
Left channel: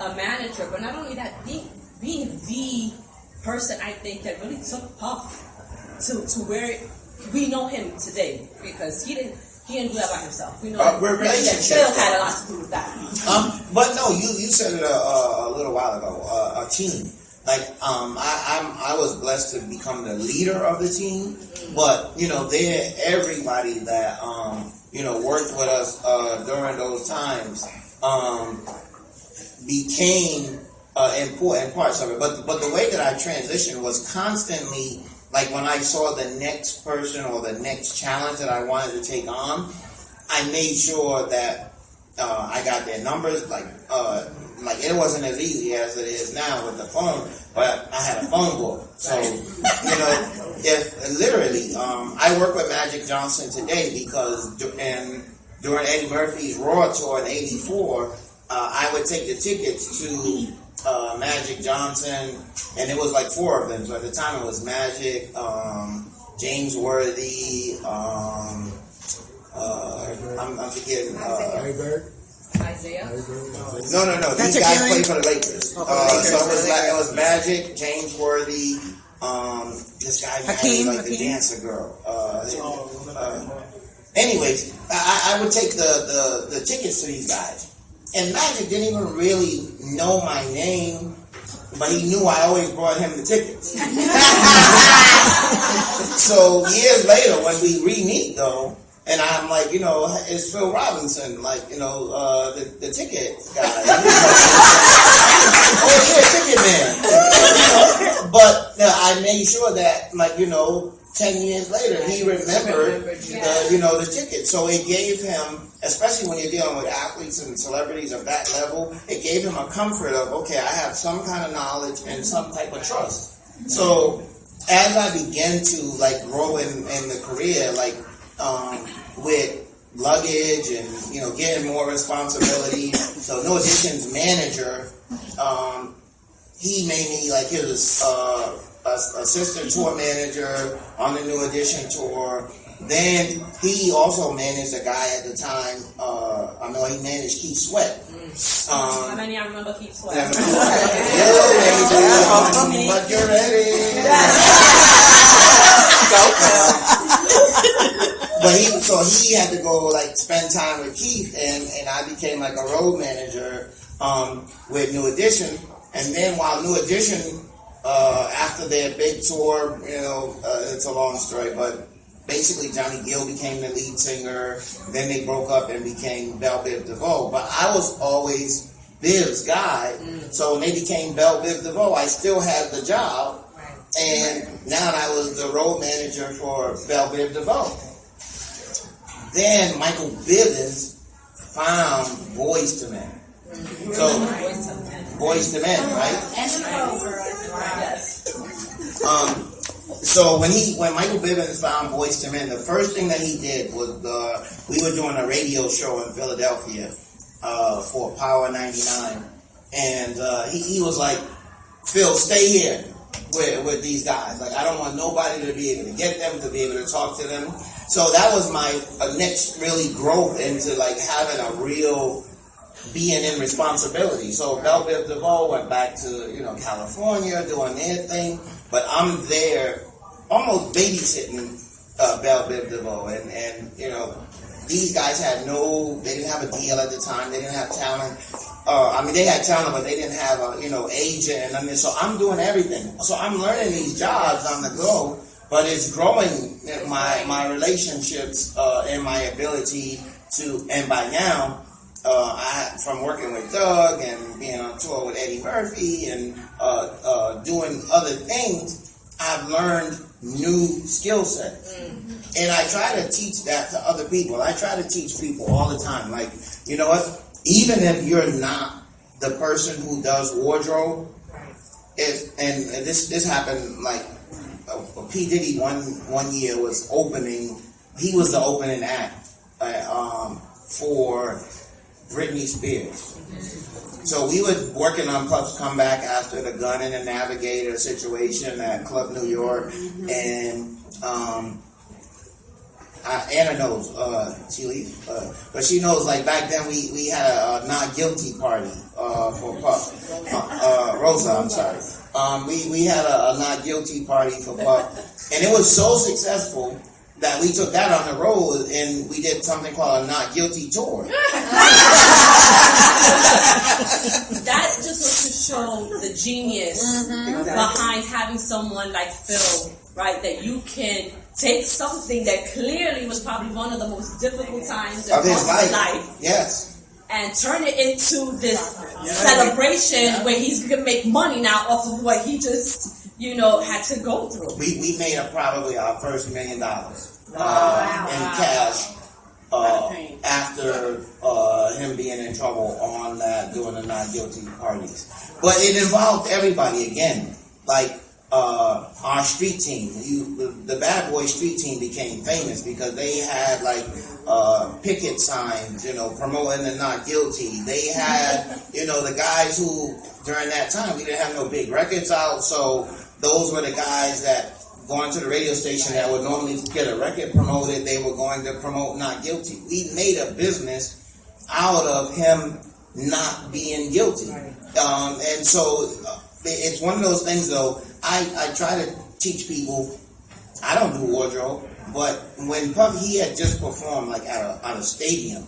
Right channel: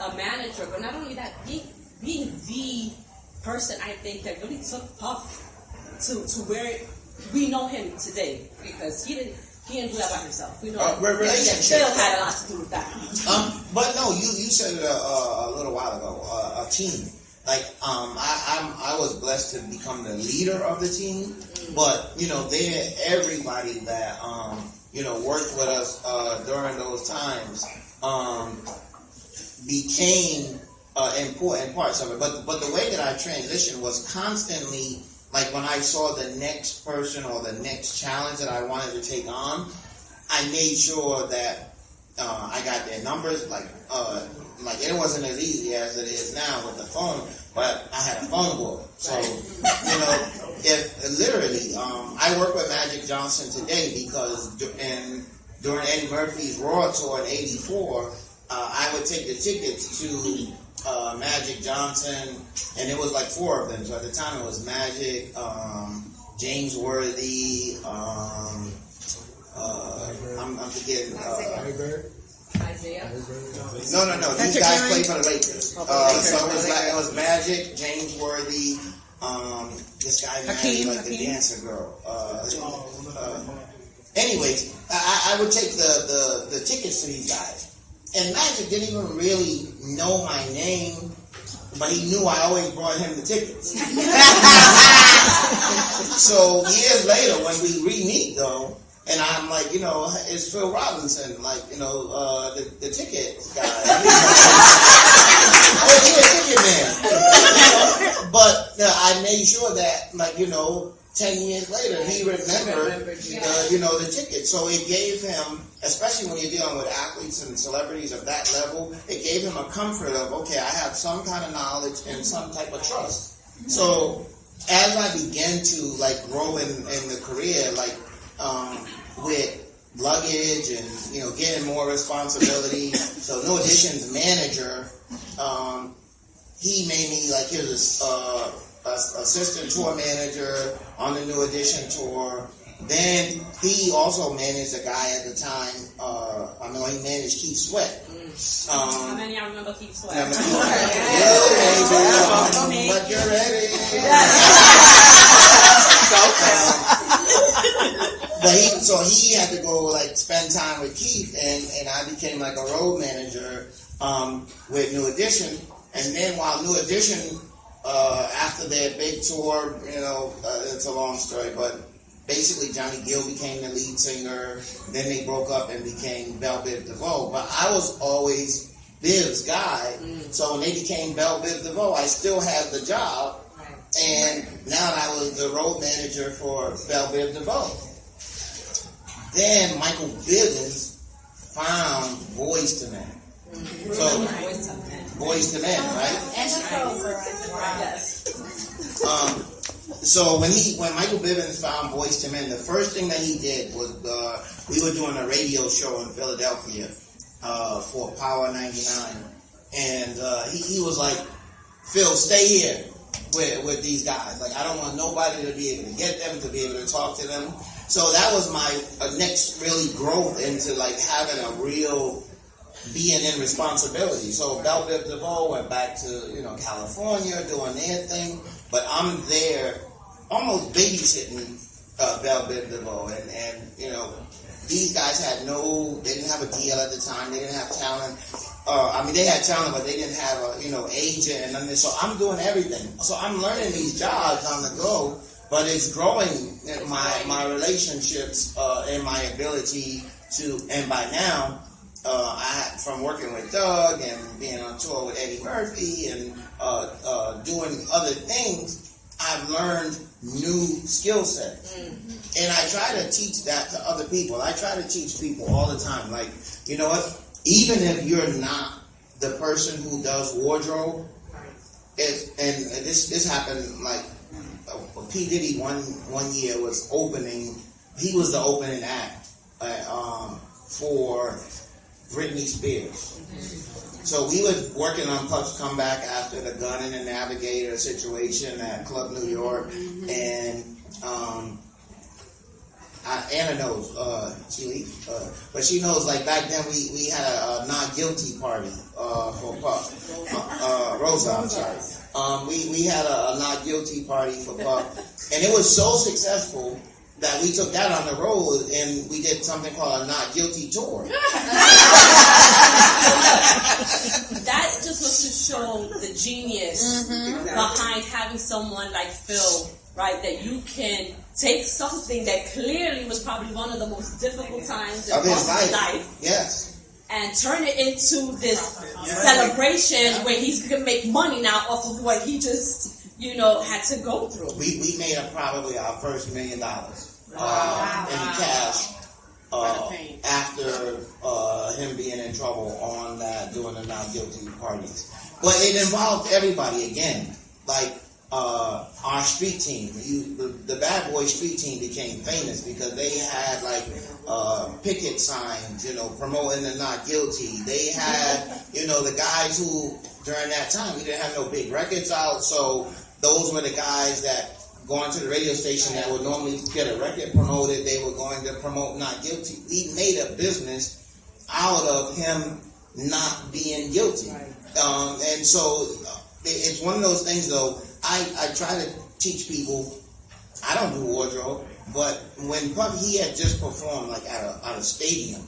a manager, but not only that, being the person I think that really took Puff to where we know him today, because he didn't do that by himself. Relationships. Phil had a lot to do with that. But no, you said it a little while ago. A team. Like, I was blessed to become the leader of the team, but everybody that worked with us during those times became important parts of it. But the way that I transitioned was constantly, like, when I saw the next person or the next challenge that I wanted to take on, I made sure that I got their numbers. Like, like it wasn't as easy as it is now with the phone, but I had a phone book. So, you know, if literally, I work with Magic Johnson today because during Eddie Murphy's Raw tour in '84, I would take the tickets to Magic Johnson, and it was like 4 of them. So at the time it was Magic, James Worthy, I'm forgetting. Isaiah. No. These guys played for the Lakers. So it was Magic, James Worthy, this guy married like the dancer girl. Anyways, I would take the tickets to these guys. And Magic didn't even really know my name, but he knew I always brought him the tickets. So years later, when we re-meet though, and I'm like, you know, it's Phil Robinson, like, you know, the ticket guy. Oh, yeah, ticket man. But I made sure that, like, you know, 10 years later, he remembered, you know, the ticket. So it gave him, especially when you're dealing with athletes and celebrities of that level, it gave him a comfort of, okay, I have some kind of knowledge and some type of trust. So as I began to, like, grow in the career, like, with luggage and, you know, getting more responsibility. So No Addition's manager, he made me like his assistant tour manager on the New Edition tour. Then he also managed a guy at the time, he managed Keith Sweat. How many I remember Keith Sweat? But you're ready. Go, Phil. But he had to go like spend time with Keith, and I became like a road manager with New Edition. And then while New Edition, after their big tour, you know, it's a long story, but basically Johnny Gill became the lead singer. Then they broke up and became Bell Biv DeVoe. But I was always Biv's guy, so when they became Bell Biv DeVoe, I still had the job, and now I was the road manager for Bell Biv DeVoe. Then Michael Bivins found Boyz II Men. So, Boyz II Men, right? Yes. So when Michael Bivins found Boyz II Men, the first thing that he did was we were doing a radio show in Philadelphia for Power 99, and he was like, Phil, stay here with these guys. Like, I don't want nobody to be able to get them, to be able to talk to them. So that was my next really growth into like having a real being in responsibility. So Bell Biv DeVoe went back to, you know, California doing their thing, but I'm there almost babysitting Bell Biv DeVoe, and you know, these guys they didn't have a deal at the time, they didn't have talent. They had talent, but they didn't have a, you know, agent, and so I'm doing everything. So I'm learning these jobs on the go, but it's growing my relationships and my ability to, and by now, from working with Doug and being on tour with Eddie Murphy and doing other things, I've learned new skill sets. And I try to teach that to other people. I try to teach people all the time. Like, you know what? Even if you're not the person who does wardrobe, and this happened like P. Diddy one year was opening. He was the opening act for Britney Spears. So we were working on Puff's comeback after the Gun and the Navigator situation at Club New York, and Anna knows, she leaves, but she knows, like, back then we had a not guilty party for Puff. Rosa, I'm sorry. We had a not guilty party for Puff, and it was so successful that we took that on the road and we did something called a not guilty tour. That just was to show the genius behind having someone like Phil, right? That you can take something that clearly was probably one of the most difficult times of his life. Yes. And turn it into this celebration where he's gonna make money now off of what he just, you know, had to go through. We made probably our first $1 million in cash after him being in trouble on that, doing the not guilty parties. But it involved everybody again. Like our street team, the Bad Boy street team became famous because they had like picket signs, promoting the not guilty. They had, the guys who during that time we didn't have no big records out, so those were the guys that going to the radio station that would normally get a record promoted, they were going to promote not guilty. We made a business out of him not being guilty. And so it's one of those things, though. I try to teach people, I don't do wardrobe, but when Puffy, he had just performed like at a stadium.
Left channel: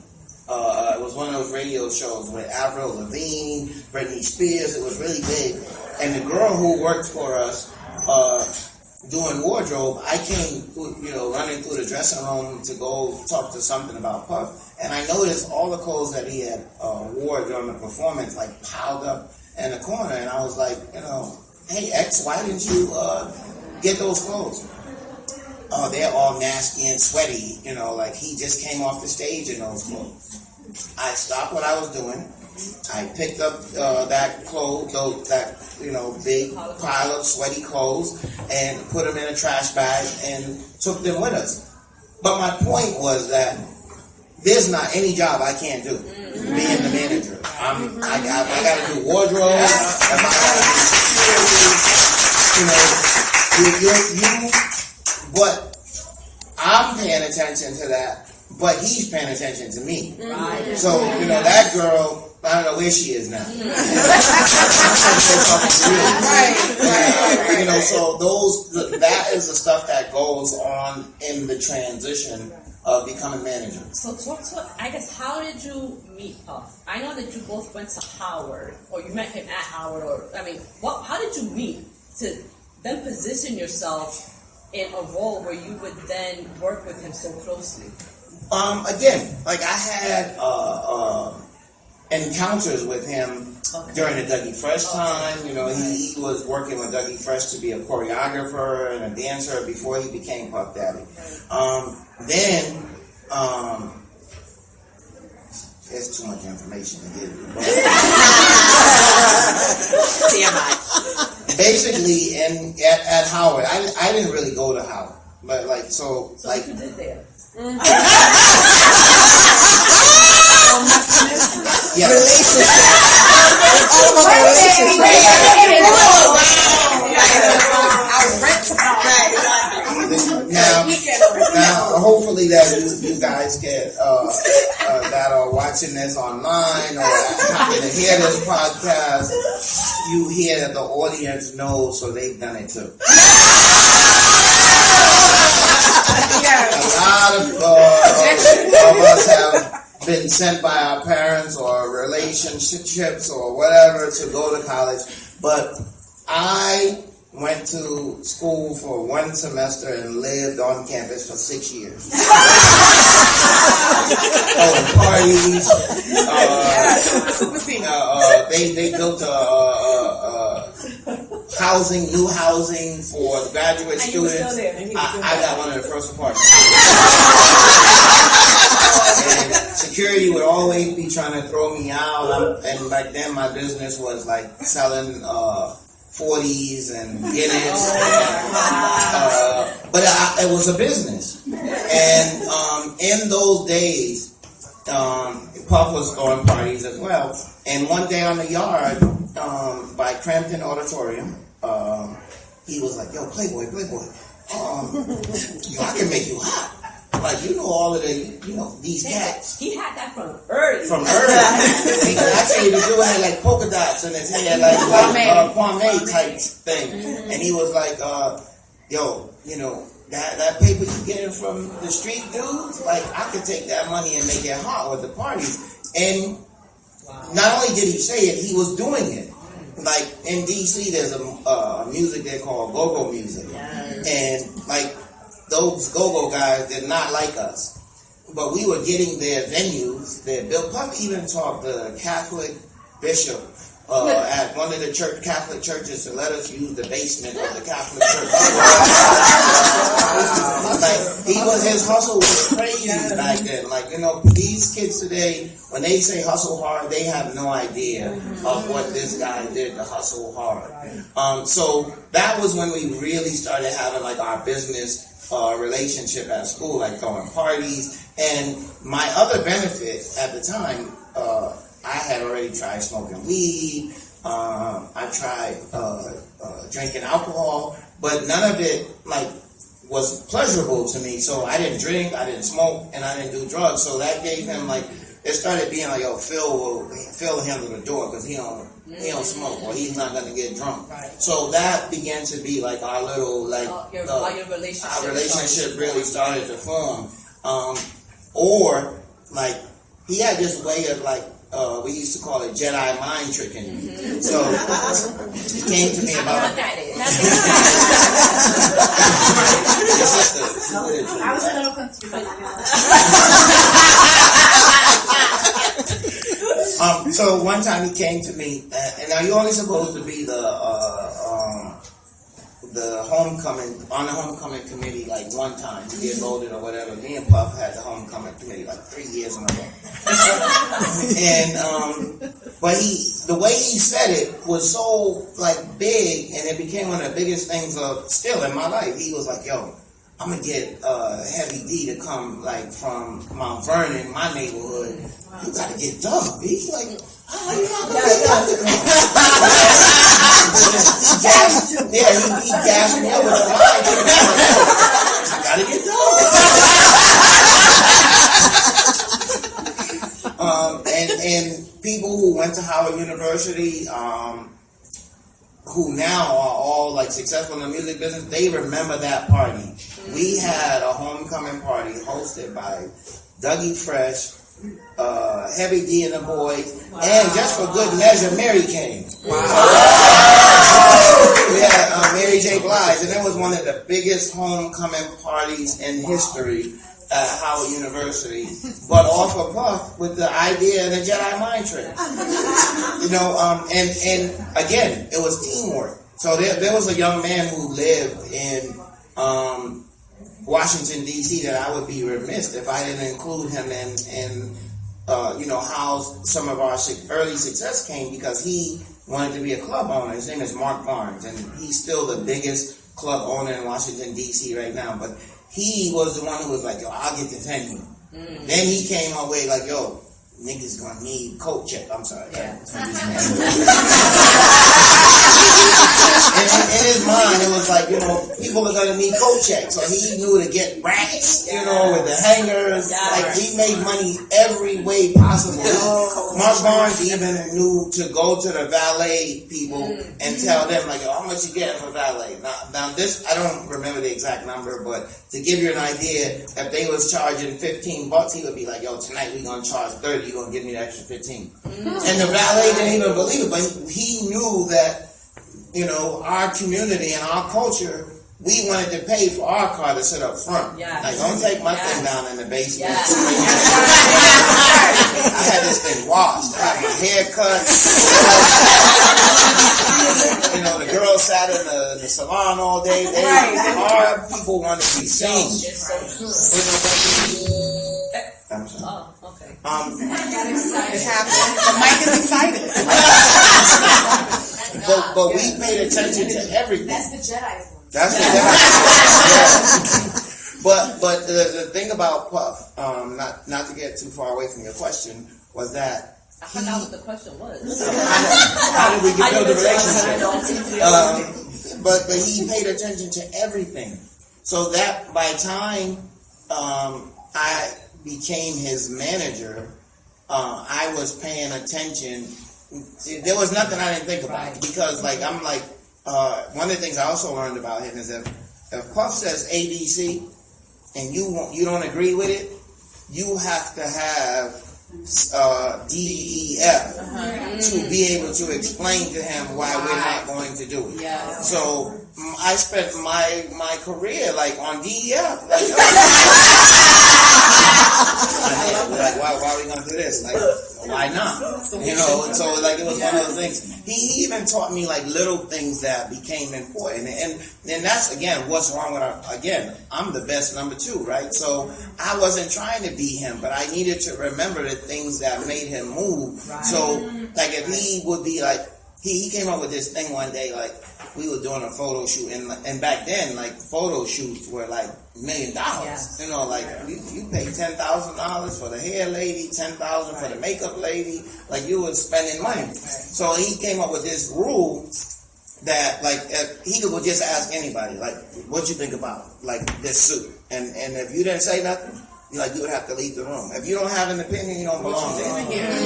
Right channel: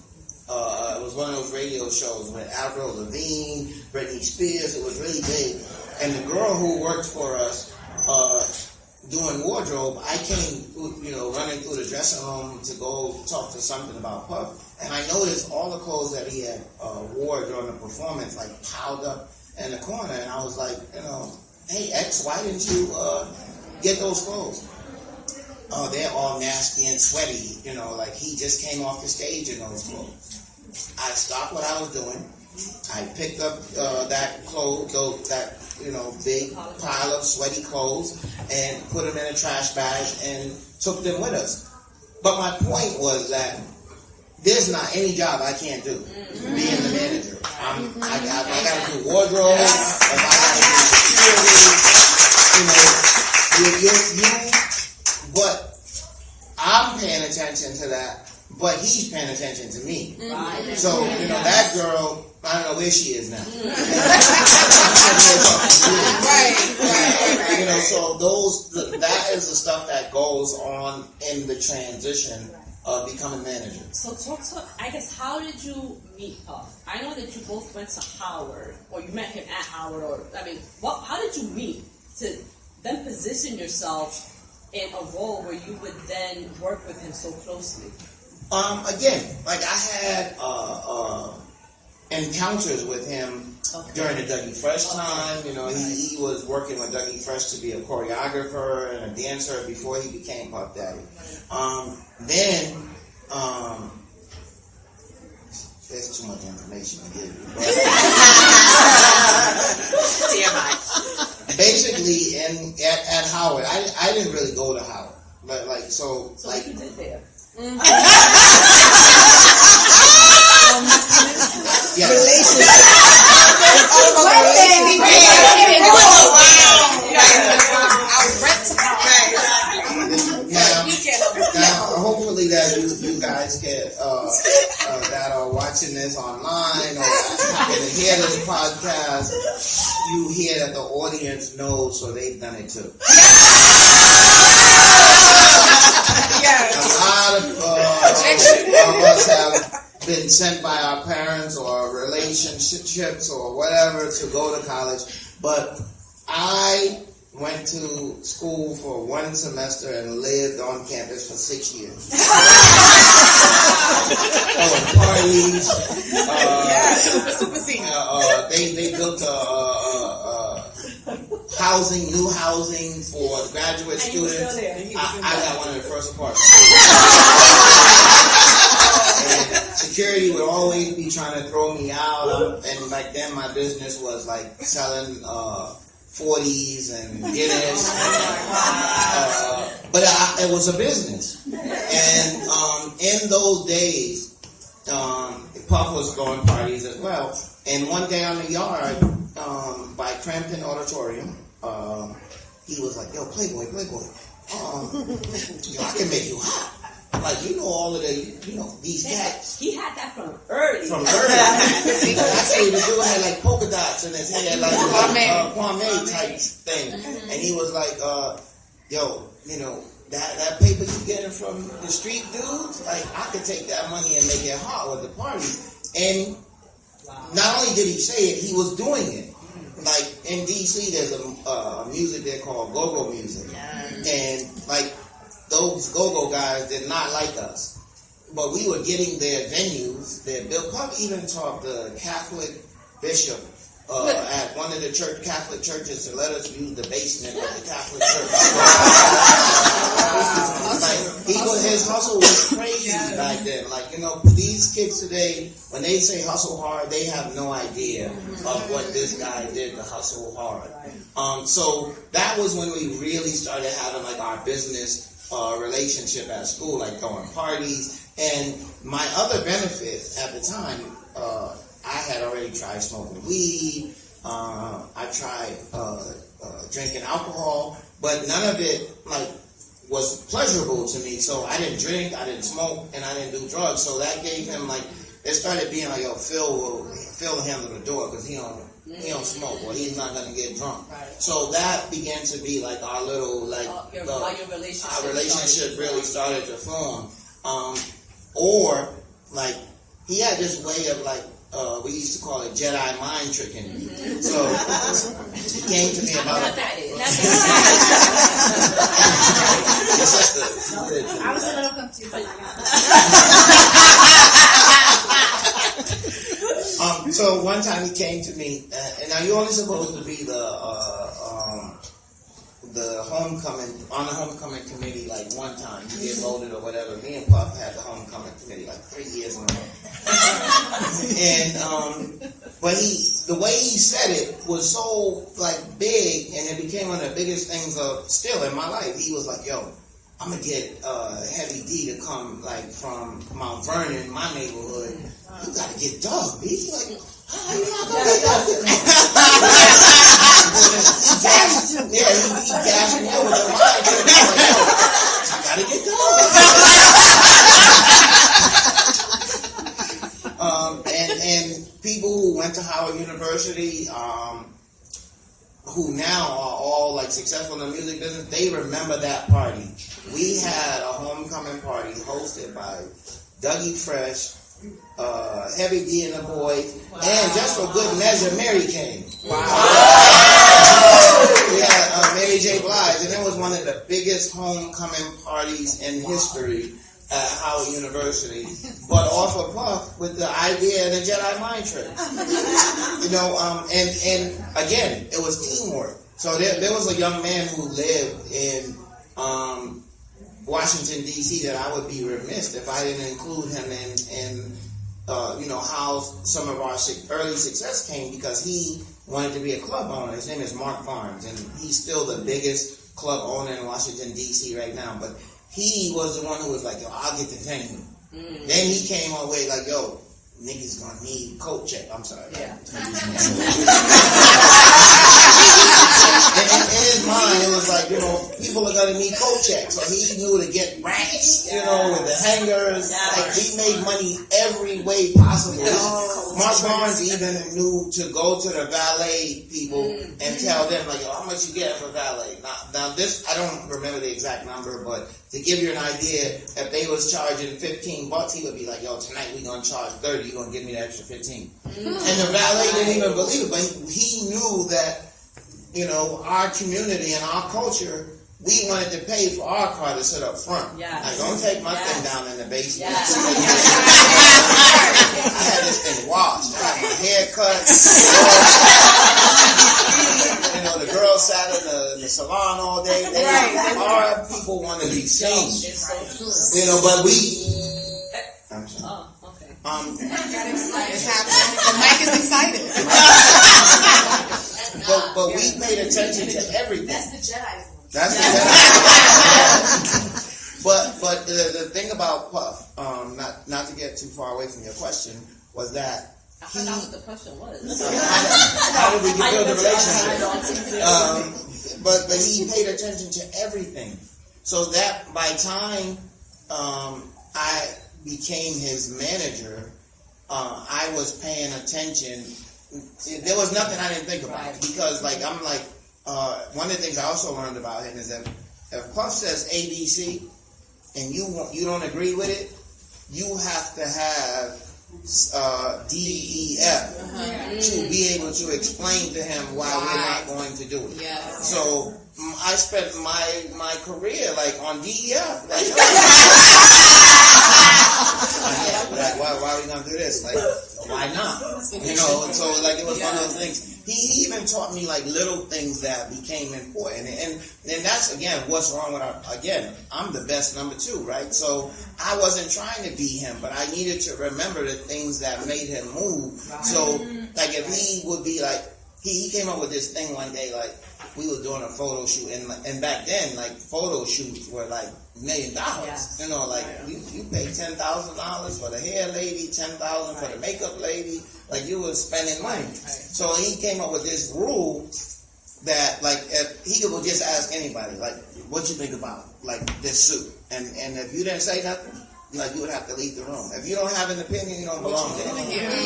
It was one of those radio shows with Avril Lavigne, Britney Spears. It was really big. And the girl who worked for us doing wardrobe, I came, running through the dressing room to go talk to something about Puff. And I noticed all the clothes that he had wore during the performance, like piled up in the corner. And I was like, hey, X, why didn't you get those clothes? Oh, they're all nasty and sweaty, like he just came off the stage in those clothes. I stopped what I was doing. I picked up that big pile of sweaty clothes and put them in a trash bag and took them with us. But my point was that there's not any job I can't do being the manager. I got to do wardrobe. But I'm paying attention to that, but he's paying attention to me. So, that girl, I don't know where she is now. Right. So that is the stuff that goes on in the transition of becoming manager. So I guess, how did you meet Puff? I know that you both went to Howard, or you met him at Howard, how did you meet to then position yourself in a role where you would then work with him so closely? Again, like I had encounters with him during the Dougie Fresh time. He was working with Dougie Fresh to be a choreographer and a dancer before he became Puff Daddy. Then, there's too much information to give you. TMI. Basically, at Howard, I didn't really go to Howard, but So what you did there? Yeah. Relationship. All about the relationship. Now, hopefully that you guys that are watching this online or happen to hear this podcast, you hear that the audience knows, so they've done it too. A lot of us have been sent by our parents or relationships or whatever to go to college, but I went to school for one semester and lived on campus for 6 years. Parties. They built new housing for graduate students. I got one of the first apartments. And security would always be trying to throw me out. And back then my business was like selling 40s and Guinness. But it was a business. And in those days, Puff was throwing parties as well. And one day on the yard by Crampton Auditorium, he was like, yo, Playboy, I can make you hot. Like, all of these cats. He had that from early. Actually, the dude had like polka dots in his head, like pomade type thing. And he was like, that paper you getting from the street dudes, like, I could take that money and make it hot with the parties. And not only did he say it, he was doing it. Like, in D.C., there's a music they call go-go music. And, like, those go-go guys did not like us. But we were getting their venues. Bill Puff even taught the Catholic bishop at one of the Catholic churches to let us use the basement of the Catholic church. Like, His hustle was crazy back then. Like, these kids today, when they say hustle hard, they have no idea of what this guy did to hustle hard. So that was when we really started having like our business relationship at school, like throwing parties. And my other benefit at the time, I had already tried smoking weed. I tried drinking alcohol, but none of it was pleasurable to me. So I didn't drink, I didn't smoke, and I didn't do drugs. So that gave him it started being like, yo, Phil will handle the door because he don't smoke or he's not gonna get drunk. Right. So that began to be like our little our relationship really started to form. Or he had this way of we used to call it Jedi mind tricking. So he came to me about it. I was a little confused. So one time he came to me, and now you're only supposed to be the homecoming committee one time. You get voted or whatever. Me and Puff had the homecoming committee 3 years in a row. And but the way he said it was so big, and it became one of the biggest things still in my life. He was like, yo, I'm gonna get Heavy D to come from Mount Vernon, my neighborhood. You gotta get Doug, B. He gassed me up with the line. I gotta get Doug. And people who went to Howard University, who now are all successful in the music business, they remember that party. We had a homecoming party hosted by Dougie Fresh, Heavy D and the Boys, and just for good measure, Mary came. Wow. Yeah, Mary J. Blige, and it was one of the biggest homecoming parties in history at Howard University. But off of Puff with the idea and the Jedi mind trick. And again, it was teamwork. So there was a young man who lived in Washington, D.C. that I would be remiss if I didn't include him in how some of our early success came, because he wanted to be a club owner. His name is Mark Barnes, and he's still the biggest club owner in Washington, D.C. right now. But he was the one who was like, yo, I'll get the venue. Then he came our way yo, niggas gonna need coat check. I'm sorry. Yeah. In his mind, it was people are gonna need coat checks. So he knew to get racks, with the hangers. He made money every way possible. Mark Barnes even knew to go to the valet people and tell them yo, how much you getting for valet? Now this, I don't remember the exact number, but to give you an idea, if they was charging $15, he would be like, yo, tonight we gonna charge 30. You gonna give me the extra 15? And the valet didn't even believe it, but he knew that our community and our culture, we wanted to pay for our car to sit up front. Don't take my thing down in the basement. I had this thing washed. I got my hair cut. The girls sat in the salon all day. Our people wanted to be seen. But we... I'm sorry. Oh, okay. It happened. The mic is excited. But we paid attention to everything. That's the Jedi. That's the Jedi. But the thing about Puff, not to get too far away from your question, was that I forgot what the question was. how did we build the relationship? But he paid attention to everything. So that by time I became his manager, I was paying attention. There was nothing I didn't think about, because one of the things I also learned about him is if Puff says ABC and you don't agree with it, you have to have DEF to be able to explain to him why we're not going to do it. So I spent my career on DEF. Like, why are we gonna do this? Like, why not? You know, so like it was one of those things. He even taught me like little things that became important, and that's again what's wrong with I'm the best number 2, right? So I wasn't trying to be him, but I needed to remember the things that made him move. Right. So like if he would be like, he came up with this thing one day, like we were doing a photo shoot, and back then like photo shoots were like $1 million. Yeah. You know, like you pay $10,000 for the hair lady, $10,000 for the makeup lady. Like you were spending money. Right. So he came up with this rule that like he could just ask anybody, like, what you think about like this suit, and if you didn't say nothing, like you would have to leave the room. If you don't have an opinion, you don't belong there.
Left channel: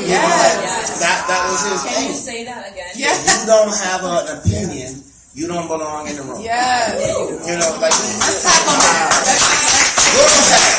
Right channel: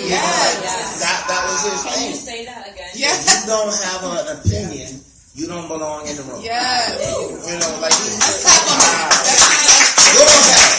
Yes. That was his thing. Can you say that again? If you don't have an opinion, you don't belong in the room. Yes. You know, like let's clap on that. go ahead.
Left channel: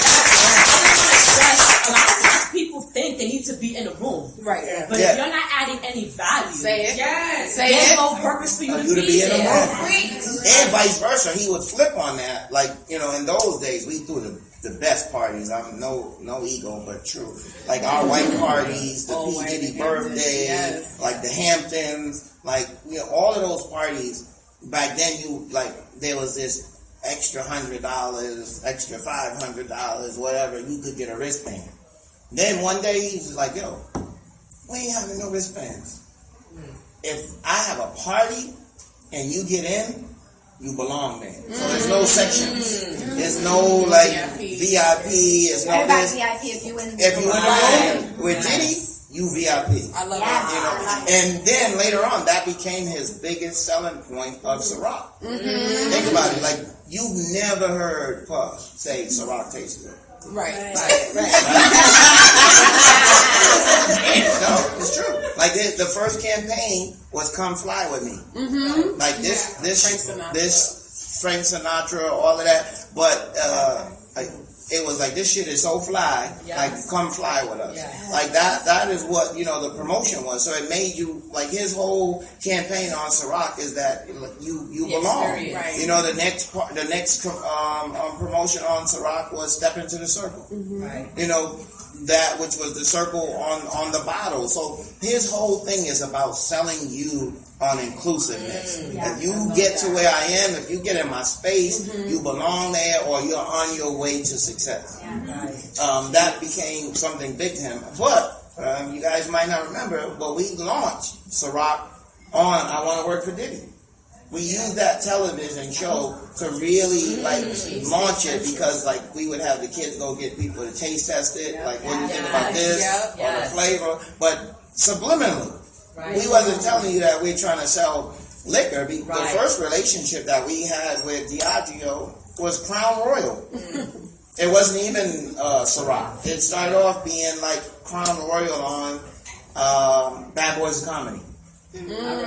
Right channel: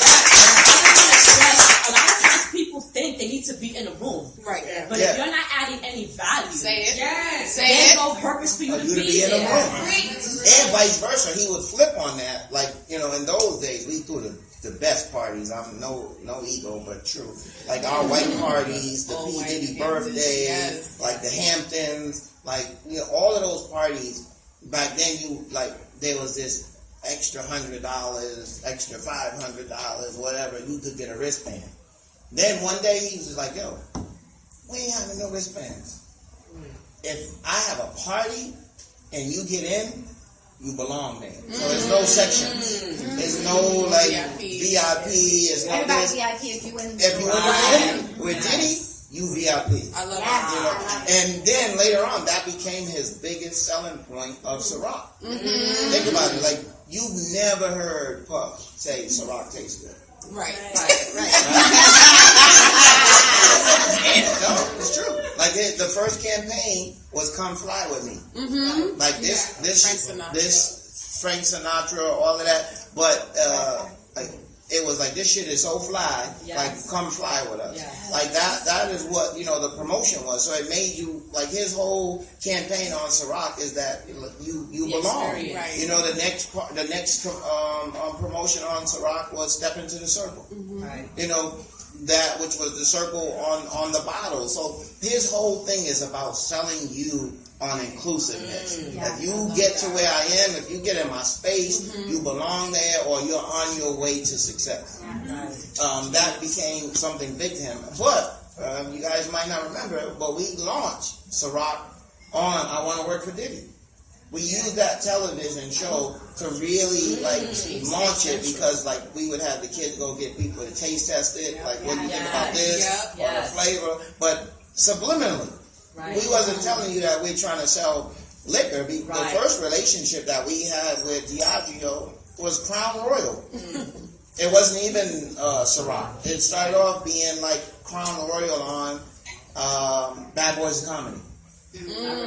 A lot of people think they need to be in a room. Right. But if you're not adding any value, Say it. Yes. Say There's it. no purpose for you to be in the there. room. And vice versa, he would flip on that. Like, you know, in those days, we threw the best parties. I'm no ego, but true. Like our white parties, the P. Diddy birthday, like the Hamptons, like, you know, all of those parties. Back then, there was this extra $100, extra $500, whatever. You could get a wristband. Then one day he was just like, "Yo, we ain't having no wristbands. If I have a party and you get in, you belong there. So there's no sections. There's no like VIP. There's no Everybody's this. VIP if you win the If you win the room with Diddy, you VIP. I love Yes. You know, and then later on, that became his biggest selling point of Ciroc. Think about it. Like, you've never heard Puff say Ciroc tastes good. Right. No, it's true. Like, the first campaign was "Come Fly With Me." Like this Frank Sinatra, all of that. But it was like, this shit is so fly. Like, come fly with us. Like that is what, you know, the promotion was. So it made you, like, his whole campaign on Ciroc is that you belong. Right. You know, the next promotion on Ciroc was "Step Into the Circle." Right. You know, that which was the circle on the bottle. So his whole thing is about selling you on inclusiveness. If you get to where I am, if you get in my space, you belong there, or you're on your way to success. That became something big to him. But you guys might not remember, but we launched Ciroc on "I Want to Work for Diddy." We used that television show to really like launch it, because like we would have the kids go get people to taste test it, like, what do you think about this, or the flavor, but subliminally. We wasn't telling you that we're trying to sell liquor. The first relationship that we had with Diageo was Crown Royal. It wasn't even Ciroc. It started off being like Crown Royal on Bad Boys of Comedy. I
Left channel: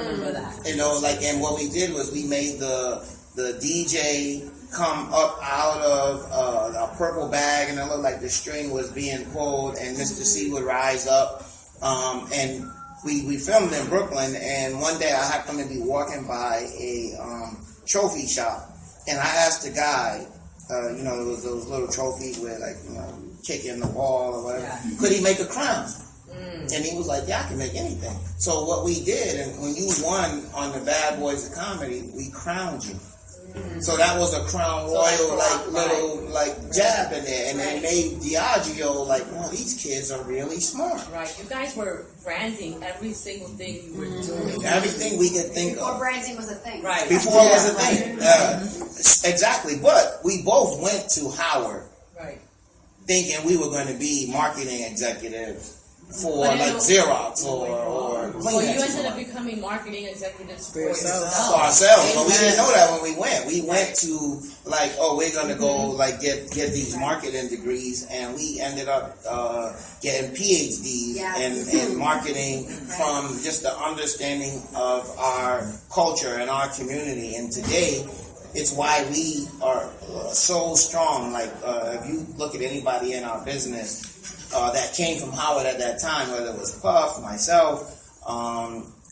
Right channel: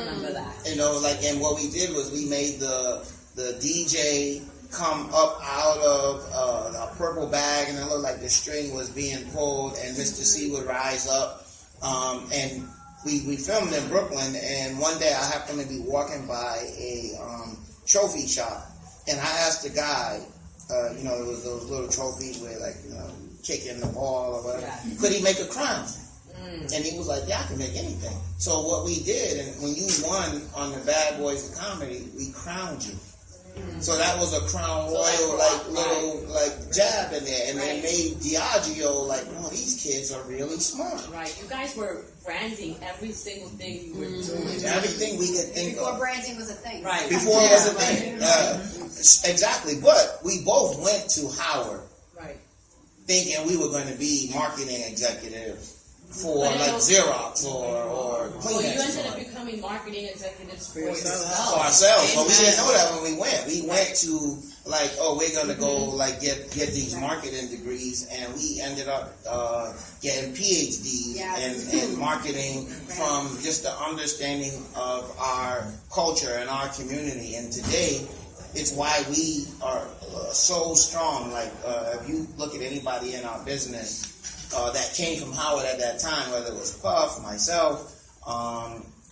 remember that. You know, like, and what we did was we made the DJ come up out of a purple bag, and it looked like the string was being pulled, and Mr. C would rise up, and we filmed in Brooklyn. And one day I happened to be walking by a trophy shop, and I asked the guy, you know, it was those little trophies where, like, you know, kicking the ball or whatever, could he make a crown? And he was like, "Yeah, I can make anything." So what we did, and when you won on the Bad Boys of Comedy, we crowned you. So that was a Crown Royal, little jab in there, and it made Diageo like, "Oh, these kids are really smart." Right. You guys were branding every single thing you were doing. Everything we could think Before of. branding was a thing. Right. Before it was a thing. Exactly. But we both went to Howard thinking we were going to be marketing executives for like Xerox or So you ended up becoming marketing executives for yourself. for ourselves, but we didn't know that when we went. We went to like, oh, we're gonna go like get these marketing degrees, and we ended up getting PhDs in marketing from just the understanding of our culture and our community. And today, it's why we are so strong. Like, if you look at anybody in our business that came from Howard at that time, whether it was Puff, myself,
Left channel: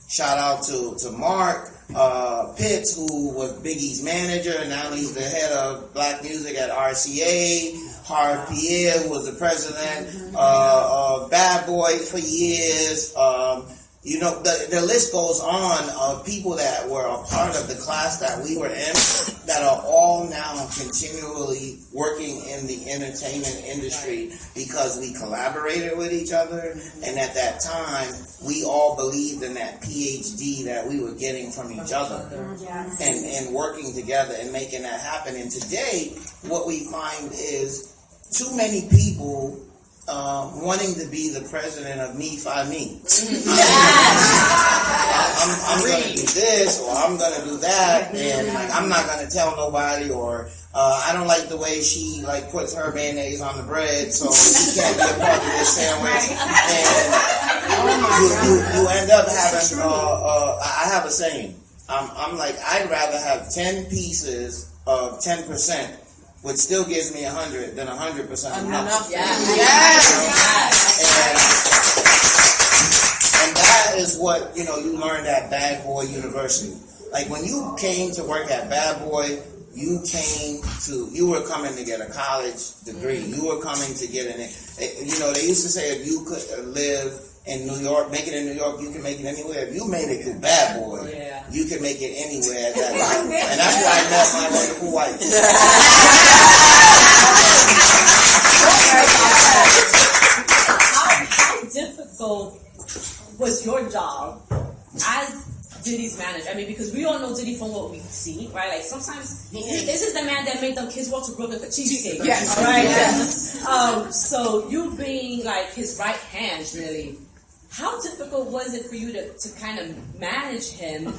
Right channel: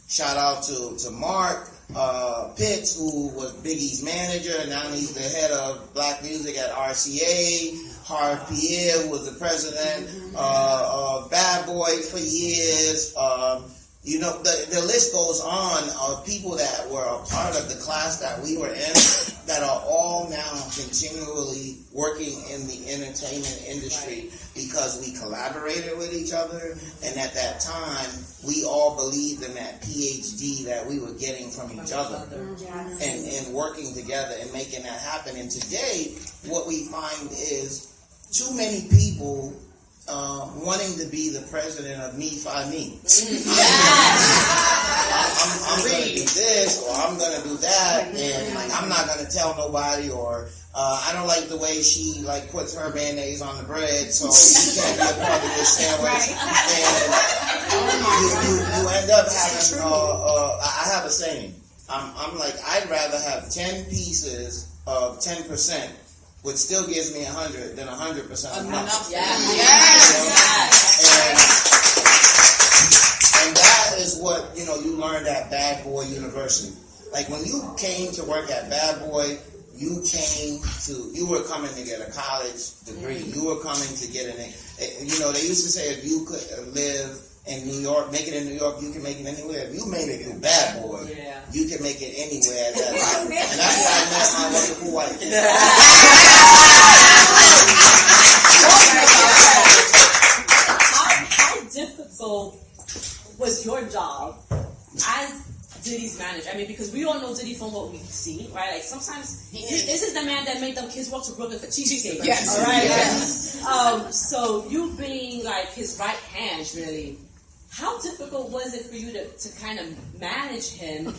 shout out to Mark Pitts, who was Biggie's manager, and now he's the head of Black Music at RCA. Harv Pierre, who was the president, Bad Boy for years. You know, the list goes on of people that were a part of the class that we were in that are all now continually working in the entertainment industry because we collaborated with each other, and at that time we all believed in that PhD that we were getting from each other and working together and making that happen. And today what we find is too many people wanting to be the president of Me Fi Me. I'm gonna do this or I'm gonna do that, and like I'm not gonna tell nobody, or I don't like the way she like puts her mayonnaise on the bread, so she can't be a part of this sandwich. And you end up having. I have a saying. I'm like, I'd rather have 10 pieces of 10%. Which still gives me 100 than 100% of nothing. And that is what, you know, you learned at Bad Boy University. Like when you came to work at Bad Boy, you were coming to get a college degree. You were coming to get you know, they used to say if you could live in New York, make it in New York, you can make it anywhere. If you made it to Bad Boy, you can make it anywhere at that time. And that's why I met my wonderful wife. How difficult was your job as Diddy's manager? I mean, because we all know Diddy from what we see, right? Like sometimes this is the man that made them kids walk to Brooklyn for cheesecake. Yes. All right. Yes. So you being like his right hand, really. How difficult was it for you to kind of manage him?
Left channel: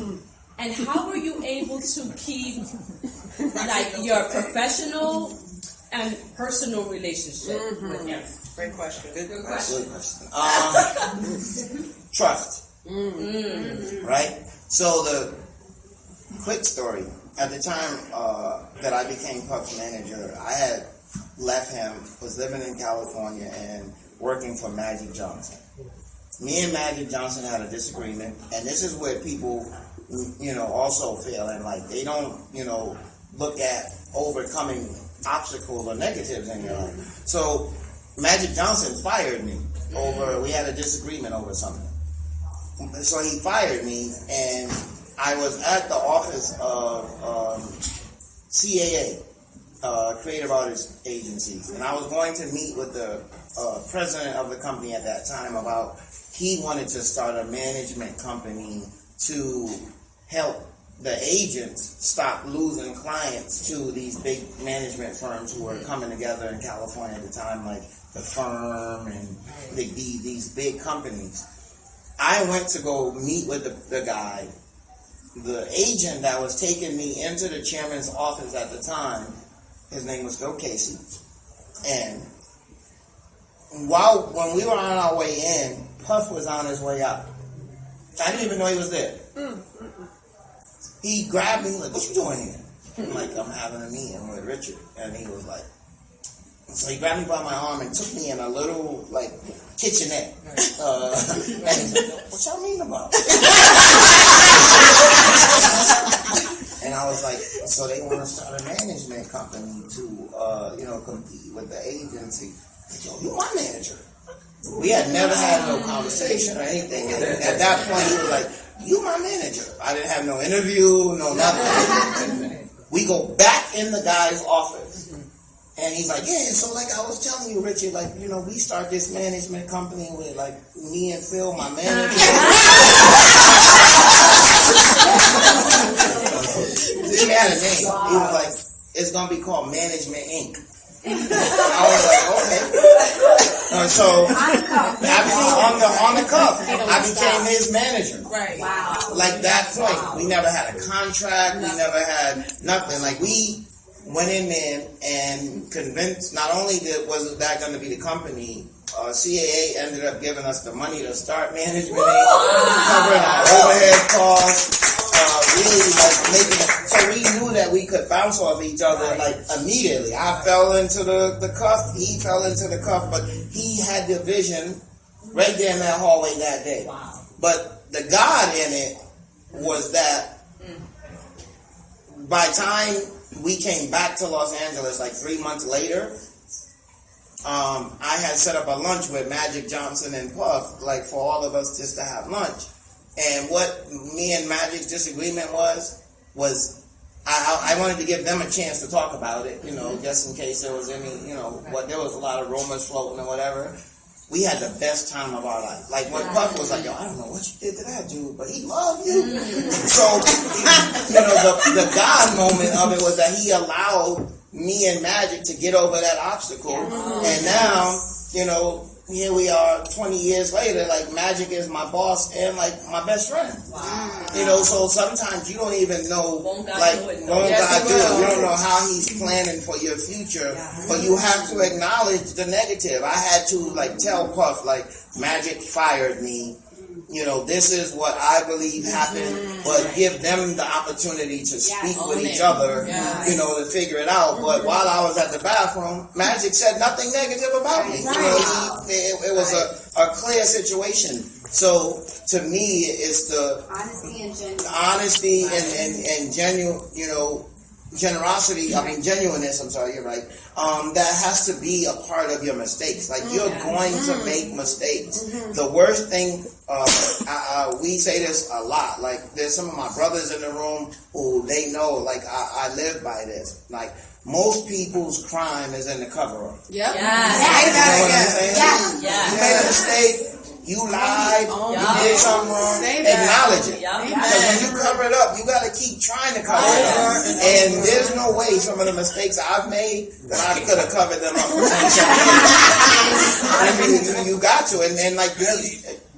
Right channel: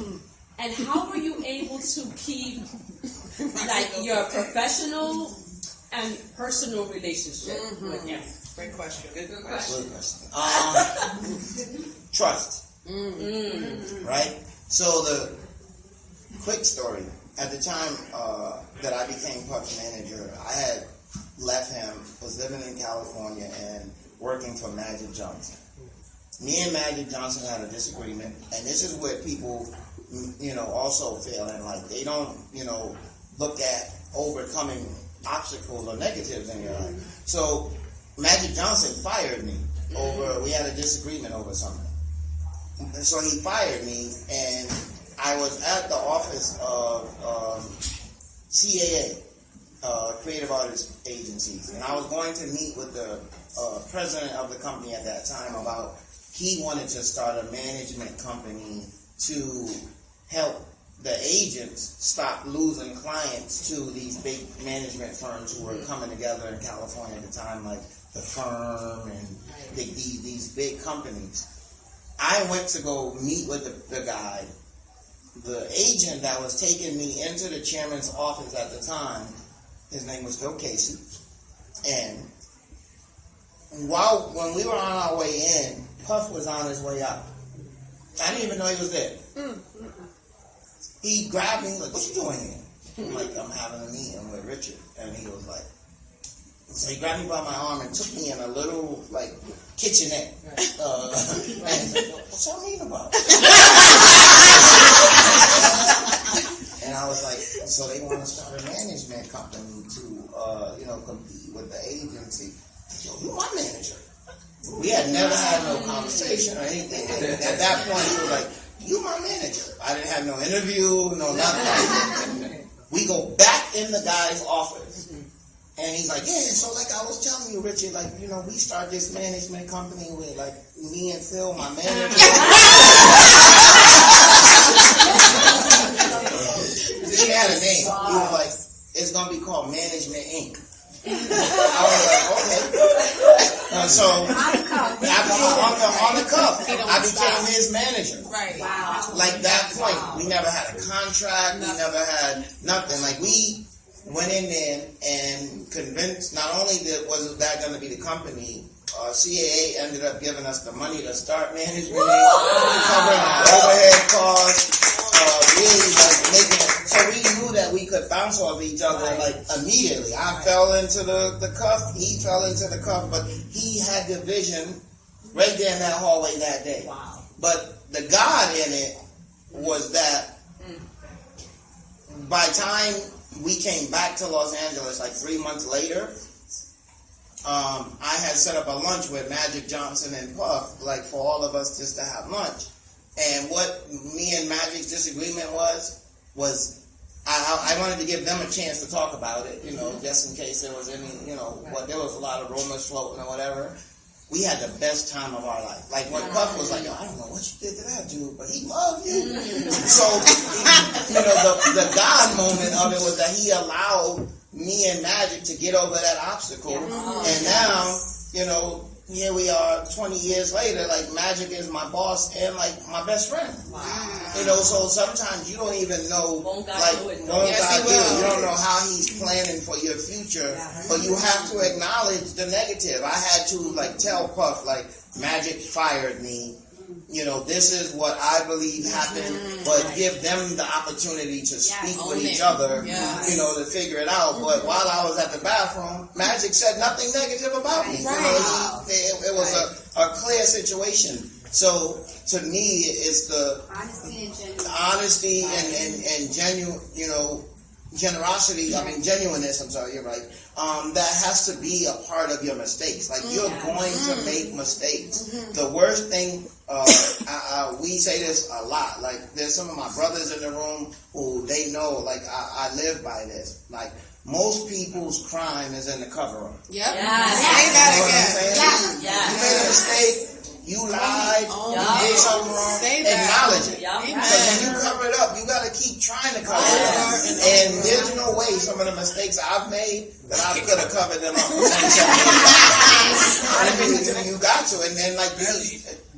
And how were you able to keep like your professional and personal relationship with him? Great question. Good question. Trust. Right? So the quick story. At the time that I became Puff's manager, I had left him, was living in California and working for Magic Johnson. Me and Magic Johnson had a disagreement, and this is where people, you know, also fail in life. They don't, you know, look at overcoming obstacles or negatives in your life. So Magic Johnson fired me we had a disagreement over something. So he fired me, and I was at the office of CAA, Creative Artists Agencies, and I was going to meet with the president of the company at that time about he wanted to start a management company to help the agents stop losing clients to these big management firms who were coming together in California at the time, like the Firm and these big companies. I went to go meet with the guy. The agent that was taking me into the chairman's office at the time, his name was Phil Casey. And when we were on our way in, Puff was on his way out. I didn't even know he was there. He grabbed me, like, what you doing here? I'm like, I'm having a meeting with Richard. And he was like, so he grabbed me by my arm and took me in a little, like, kitchenette. And he's like, what y'all mean about it? And I was like, so they want to start a management company to, you know, compete with the agency. So you're my manager. We had never had no conversation or anything. And at that point, he was like, you my manager. I didn't have no interview, no nothing. We go back in the guy's office. And he's like, yeah, so like I was telling you, Richard, like, you know, we start this management company with like me and Phil, my manager. He had a name. He was like, it's going to be called Management Inc. I was like, okay. So on the cuff, I became his manager. Right. Wow. Like that point, we never had a contract. We never had nothing. Like we went in there and convinced. Not only was that going to be the company, CAA ended up giving us the money to start management, covering our overhead costs. Really like making it. So we knew that we could bounce off each other like immediately. I fell into the cuff, he fell into the cuff, but he had the vision right there in that hallway that day. Wow. But the God in it was that by the time we came back to Los Angeles like 3 months later, I had set up a lunch with Magic Johnson and Puff, like for all of us just to have lunch. And what me and Magic's disagreement was I wanted to give them a chance to talk about it, you know, just in case there was any, you know, but there was a lot of rumors floating and whatever. We had the best time of our life. Like when Puff was like, yo, I don't know what you did to that dude, but he loved you. So, you know, the God moment of it was that he allowed me and Magic to get over that obstacle. And now, you know, here we are 20 years later, like Magic is my boss and like my best friend. Wow. You know, so sometimes you don't even know, won't God do it? You don't know how he's planning for your future, but you have to acknowledge the negative. I had to like tell Puff, like, Magic fired me. You know, this is what I believe happened, but give them the opportunity to speak with each other, you know, to figure it out. But while I was at the bathroom, Magic said nothing negative about me. Right. You know, it was a clear situation. So to me, it's the honesty and genuine, you know, generosity. I mean, genuineness. I'm sorry, you're right. That has to be a part of your mistakes. Like you're going to make mistakes. The worst thing. We say this a lot. Like, there's some of my brothers in the room who they know, like, I live by this. Like, most people's crime is in the cover-up. Yep. You know what I'm saying? You made a mistake. You lied. You did something wrong. Acknowledge it. Because when you cover it up, you got to keep trying to cover it up. And there's no way some of the mistakes I've made that I could have covered them up for 10 years. I mean, you got to. And then, like,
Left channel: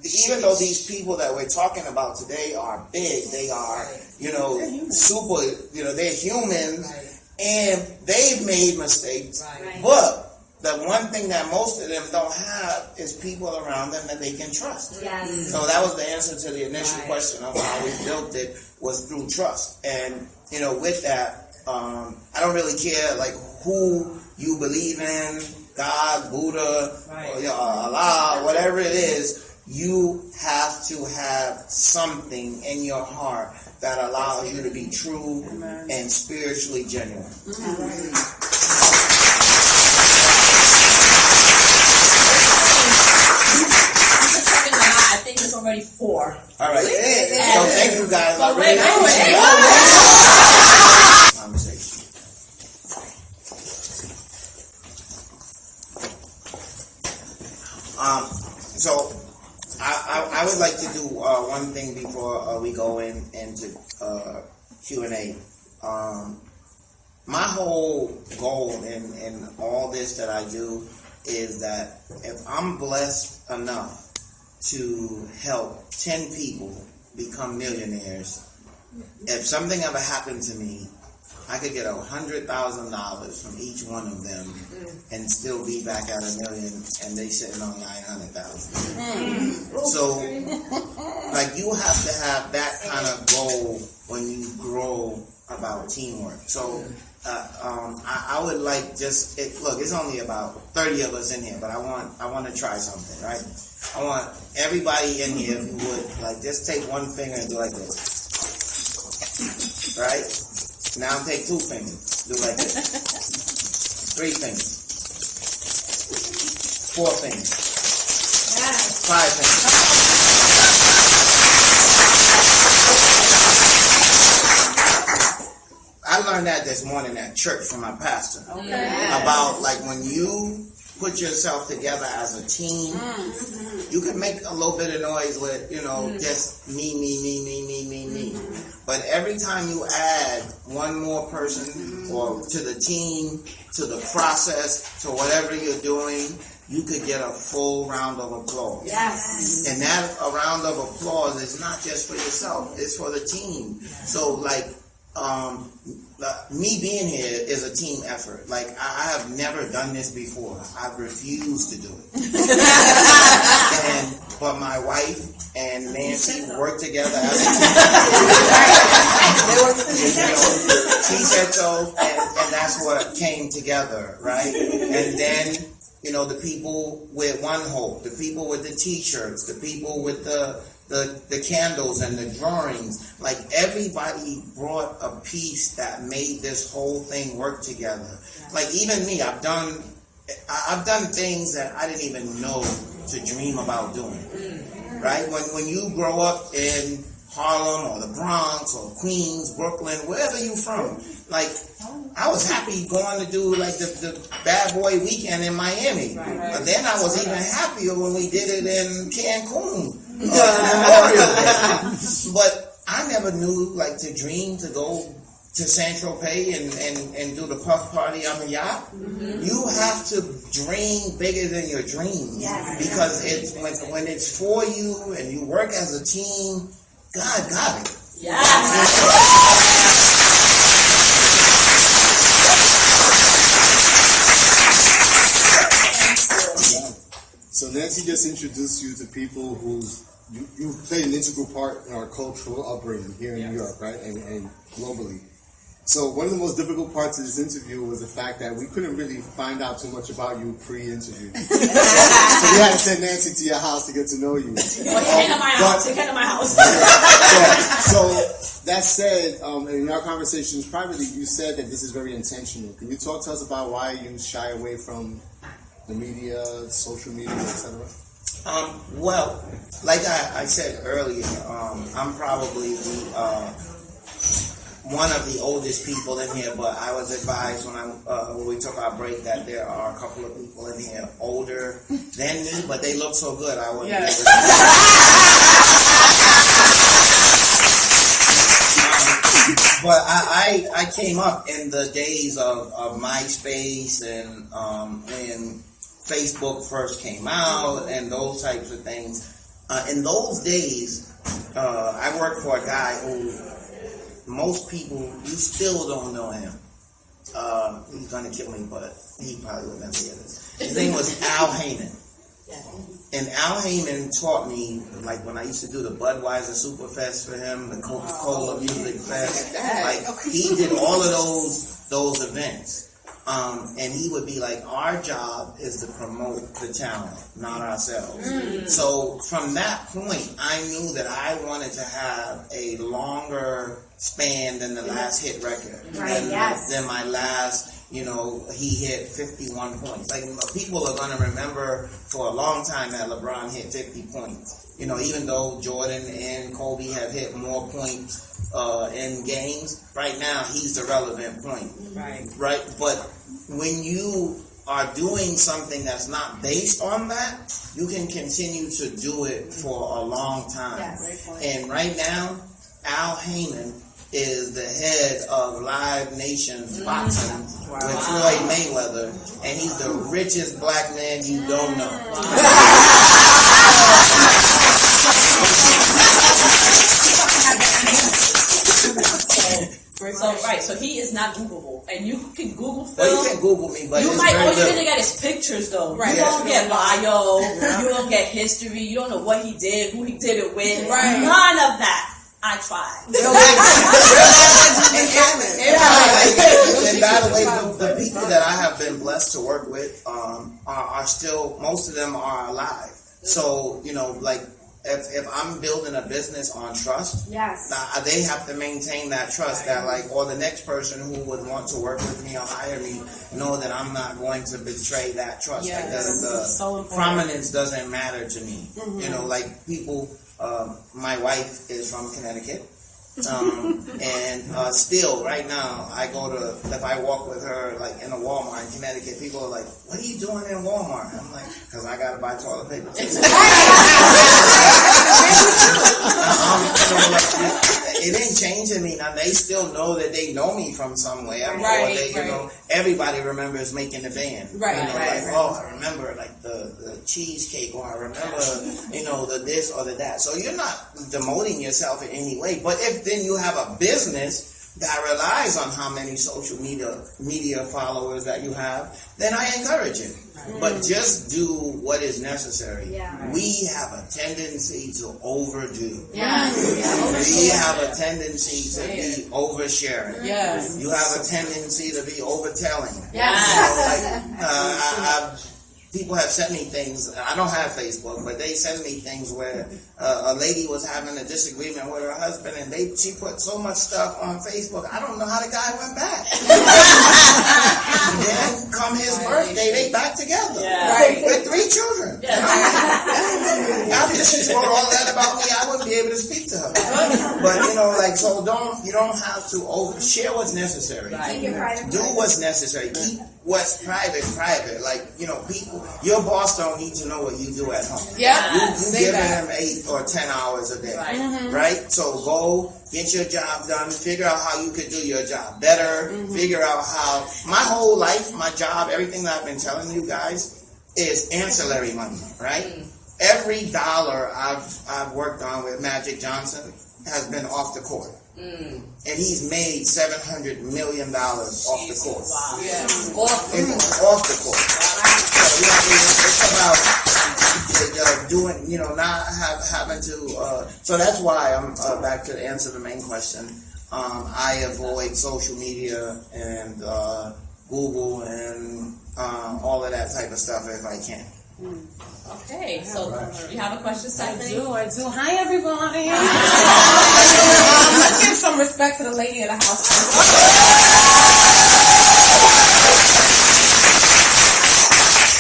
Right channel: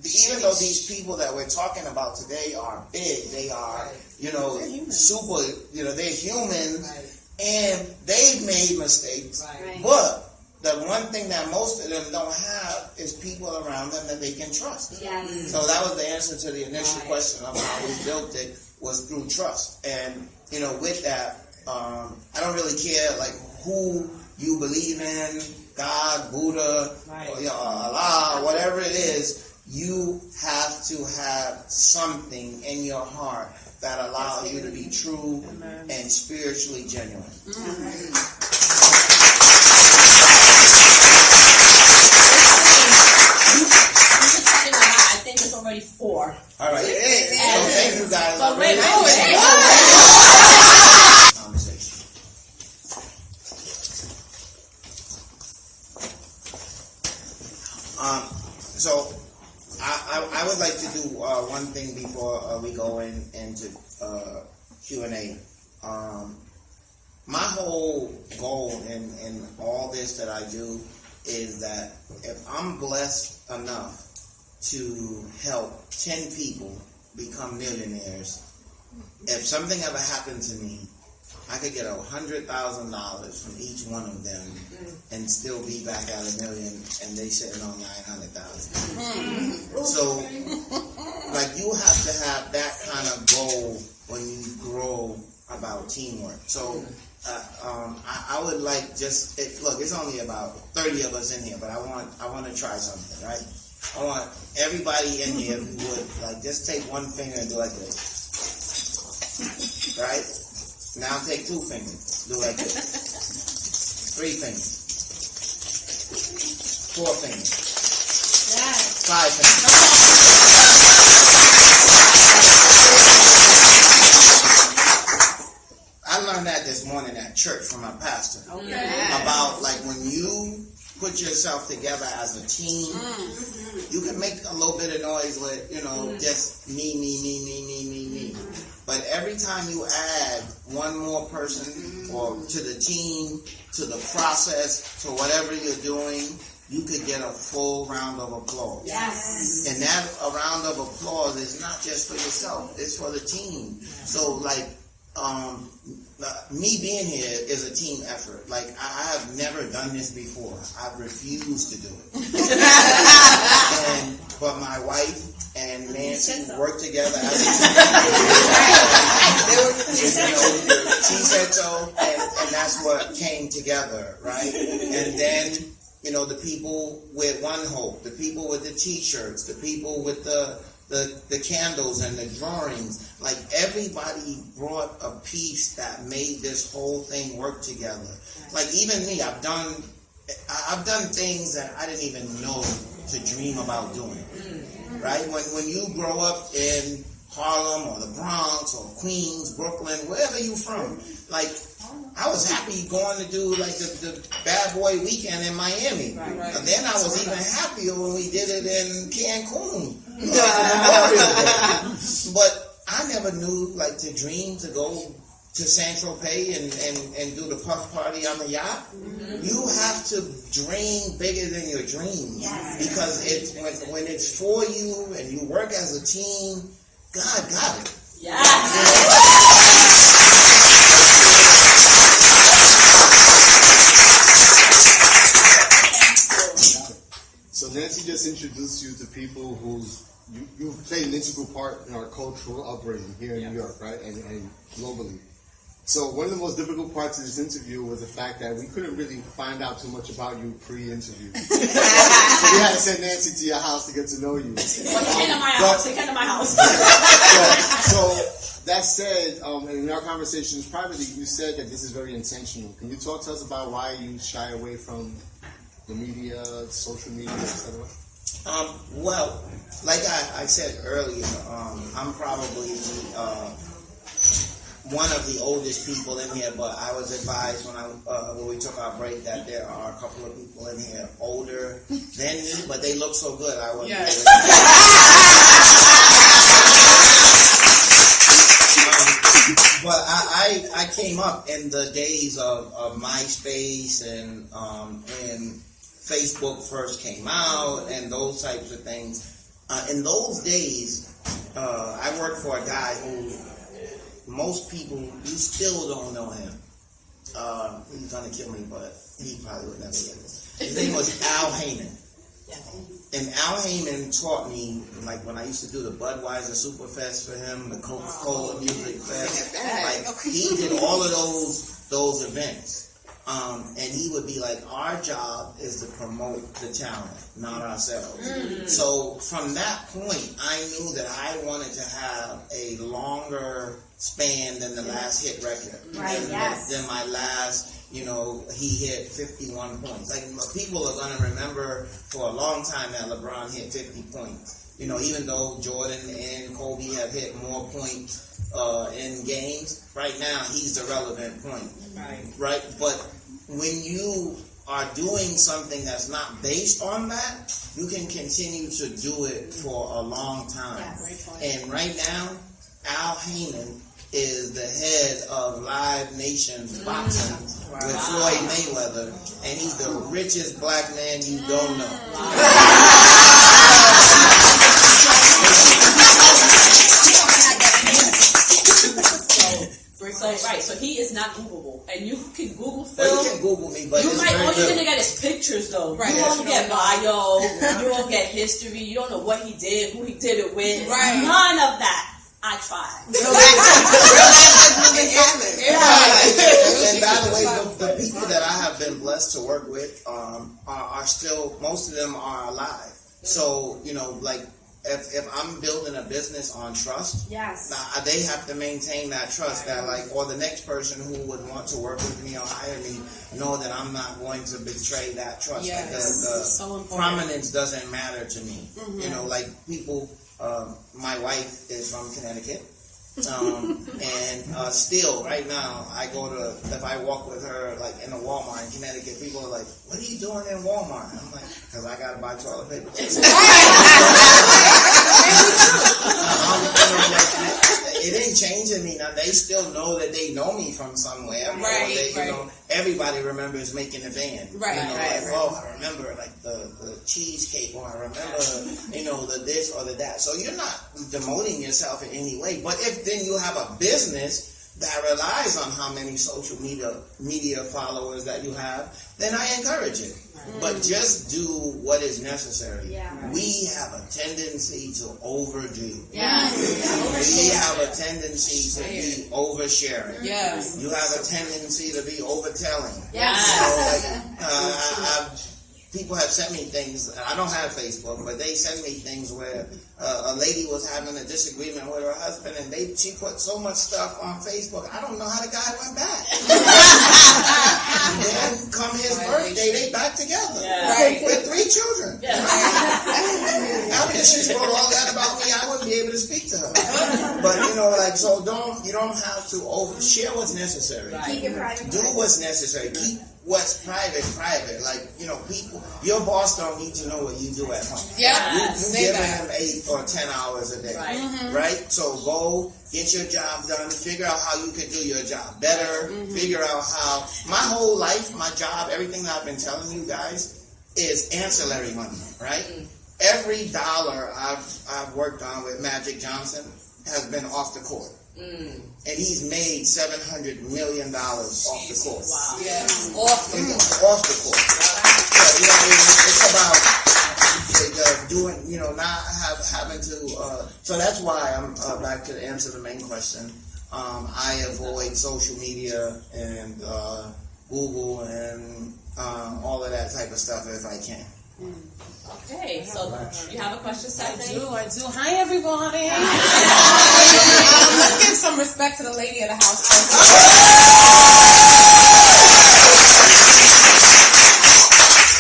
even though these people that we're talking about today are big, they are, you know, super, you know, they're human, and they've made mistakes. But the one thing that most of them don't have is people around them that they can trust. So that was the answer to the initial question of how we built it, was through trust. And, you know, with that, I don't really care, like, who you believe in, God, Buddha, or, Allah, whatever it is. You have to have something in your heart that allows you to be true and spiritually genuine. I think it's already 4. All right. So thank you guys. I really appreciate it. Conversation. So I would like to do one thing before we go into Q&A. My whole goal in all this that I do is that if I'm blessed enough to help 10 people become millionaires, if something ever happened to me, I could get $100,000 from each one of them and still be back at $1 million, and they sitting on 900,000. So, like, you have to have that kind of goal when you grow about teamwork. So, I would like look, it's only about 30 of us in here, but I want to try something, right? I want everybody in here who would, like, just take one finger and do like this, right? Now take 2 fingers, do like this. 3 fingers. 4 fingers. 5 fingers. I learned that this morning at church from my pastor. About, like, when you put yourself together as a team, you can make a little bit of noise with, you know, just me. But every time you add one more person or to the team, to the process, to whatever you're doing, you could get a full round of applause. Yes. And that a round of applause is not just for yourself, it's for the team. So, like, me being here is a team effort. Like, I have never done this before. I've refused to do it. But my wife and Nancy work together as a team. She said so, and that's what came together, right? And then, you know, the people with One Hope, the people with the T-shirts, the people with the candles and the drawings, like, everybody brought a piece that made this whole thing work together. Like, even me, I've done I've done things that I didn't even know to dream about doing. Right? When you grow up in Harlem or the Bronx or Queens, Brooklyn, wherever you from, like, I was happy going to do like the Bad Boy Weekend in Miami. And then I was even happier when we did it in Cancun. But I never knew like to dream to go to San Tropez and do the puff party on the yacht. You have to dream bigger than your dreams. Because it's when it's for you and you work as a team, God got it. So Nancy just introduced you to people who's you played an integral part in our cultural upbringing here in New York, right, and globally. So one of the most difficult parts of this interview was the fact that we couldn't really find out too much about you pre-interview. So we had to send Nancy to your house to get to know you. Well, he came to my house. He came to my house. So that said, in our conversations privately, you said that this is very intentional. Can you talk to us about why you shy away from the media, social media, etc.? Well, like I said earlier, I'm probably one of the oldest people in here, but I was advised when we took our break that there are a couple of people in here older than me, but they look so good I wouldn't be able to. But I came up in the days of MySpace and when Facebook first came out and those types of things. In those days, I worked for a guy who most people, you still don't know him. He's going to kill me, but he probably would never hear this. His name was Al Heyman. And Al Heyman taught me, like when I used to do the Budweiser Superfest for him, the Coca-Cola Music Fest, like he did all of those events. And he would be like, our job is to promote the talent, not ourselves. So from that point, I knew that I wanted to have a longer span than the last hit record. Than my last, he hit 51 points. Like, people are going to remember for a long time that LeBron hit 50 points. Even though Jordan and Kobe have hit more points in games, right now he's the relevant point. Right? But when you are doing something that's not based on that, you can continue to do it for a long time. And right now, Al Heyman is the head of Live Nation Boxing with Floyd Mayweather, and he's the richest black man you don't know. So he is not Googleable, and you can Google Phil. Well, you can Google me, but all you're gonna get is pictures, though. You won't get bio, you won't get history. You don't know what he did, who he did it with. None of that. I tried. And by the way, the people that I have been blessed to work with are still, most of them are alive. So, like, if I'm building a business on trust, they have to maintain that trust that, like, or the next person who would want to work with me or hire me know that I'm not going to betray that trust. Because the prominence doesn't matter to me. Like, people, my wife is from Connecticut. And still, right now, if I walk with her, like, in a Walmart in Connecticut, people are like, what are you doing in Walmart? And I'm like, because I got to buy toilet paper. It didn't change. I mean, they still know that they know me from somewhere. Everybody remembers making the band. I remember, like, the cheesecake, or I remember, the this or the that. So you're not demoting yourself in any way. But if then you have a business that relies on how many social media followers that you have, then I encourage it. But just do what is necessary. We have a tendency to overdo. We have a tendency to be oversharing. You have a tendency to be overtelling. people have sent me things. I don't have Facebook, but they send me things where a lady was having a disagreement with her husband, and she put so much stuff on Facebook. I don't know how the guy went back. Then come his birthday, they back together with 3 children. After she wrote all that about me, I wouldn't be able to speak to her. But so you don't have to share what's necessary. Keep your private. Do what's necessary. Keep what's private. People, your boss don't need to know what you do at home. Yeah, you give them 8 or 10 hours a day, right? So go get your job done. Figure out how you could do your job better. Figure out how. My whole life, my job, everything that I've been telling you guys is ancillary money, right? Every dollar I've worked on with Magic Johnson has been off the court. And he's made $700 million off the court. Wow. Yeah. Off the court. So, it's about doing, not having to. So that's why I'm back to answer the main question. I avoid social media and Google and all of that type of stuff if I can. Okay, so you have a question, Stephanie? I do. Hi, everybody. Let's give some respect to the lady of the house.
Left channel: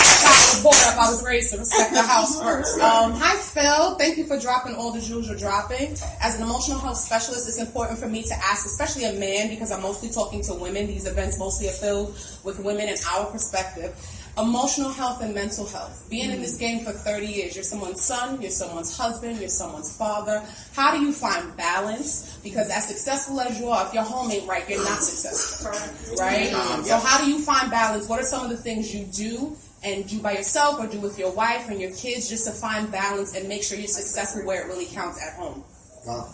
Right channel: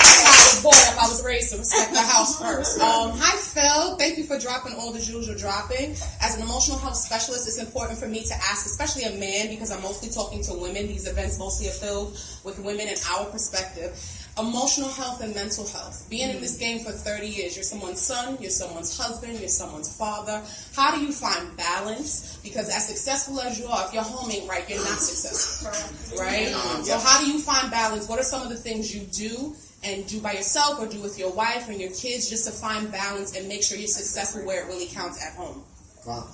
That's how I was brought up. I was raised to respect the house first. Hi, Phil. Thank you for dropping all the jewels you're dropping. As an emotional health specialist, it's important for me to ask, especially a man, because I'm mostly talking to women. These events mostly are filled with women and our perspective. Emotional health and mental health. Being in this game for 30 years, you're someone's son, you're someone's husband, you're someone's father. How do you find balance? Because as successful as you are, if your home ain't right, you're not successful. Right? So how do you find balance? What are some of the things you do and do by yourself or do with your wife and your kids just to find balance and make sure you're successful where it really counts at home? Wow.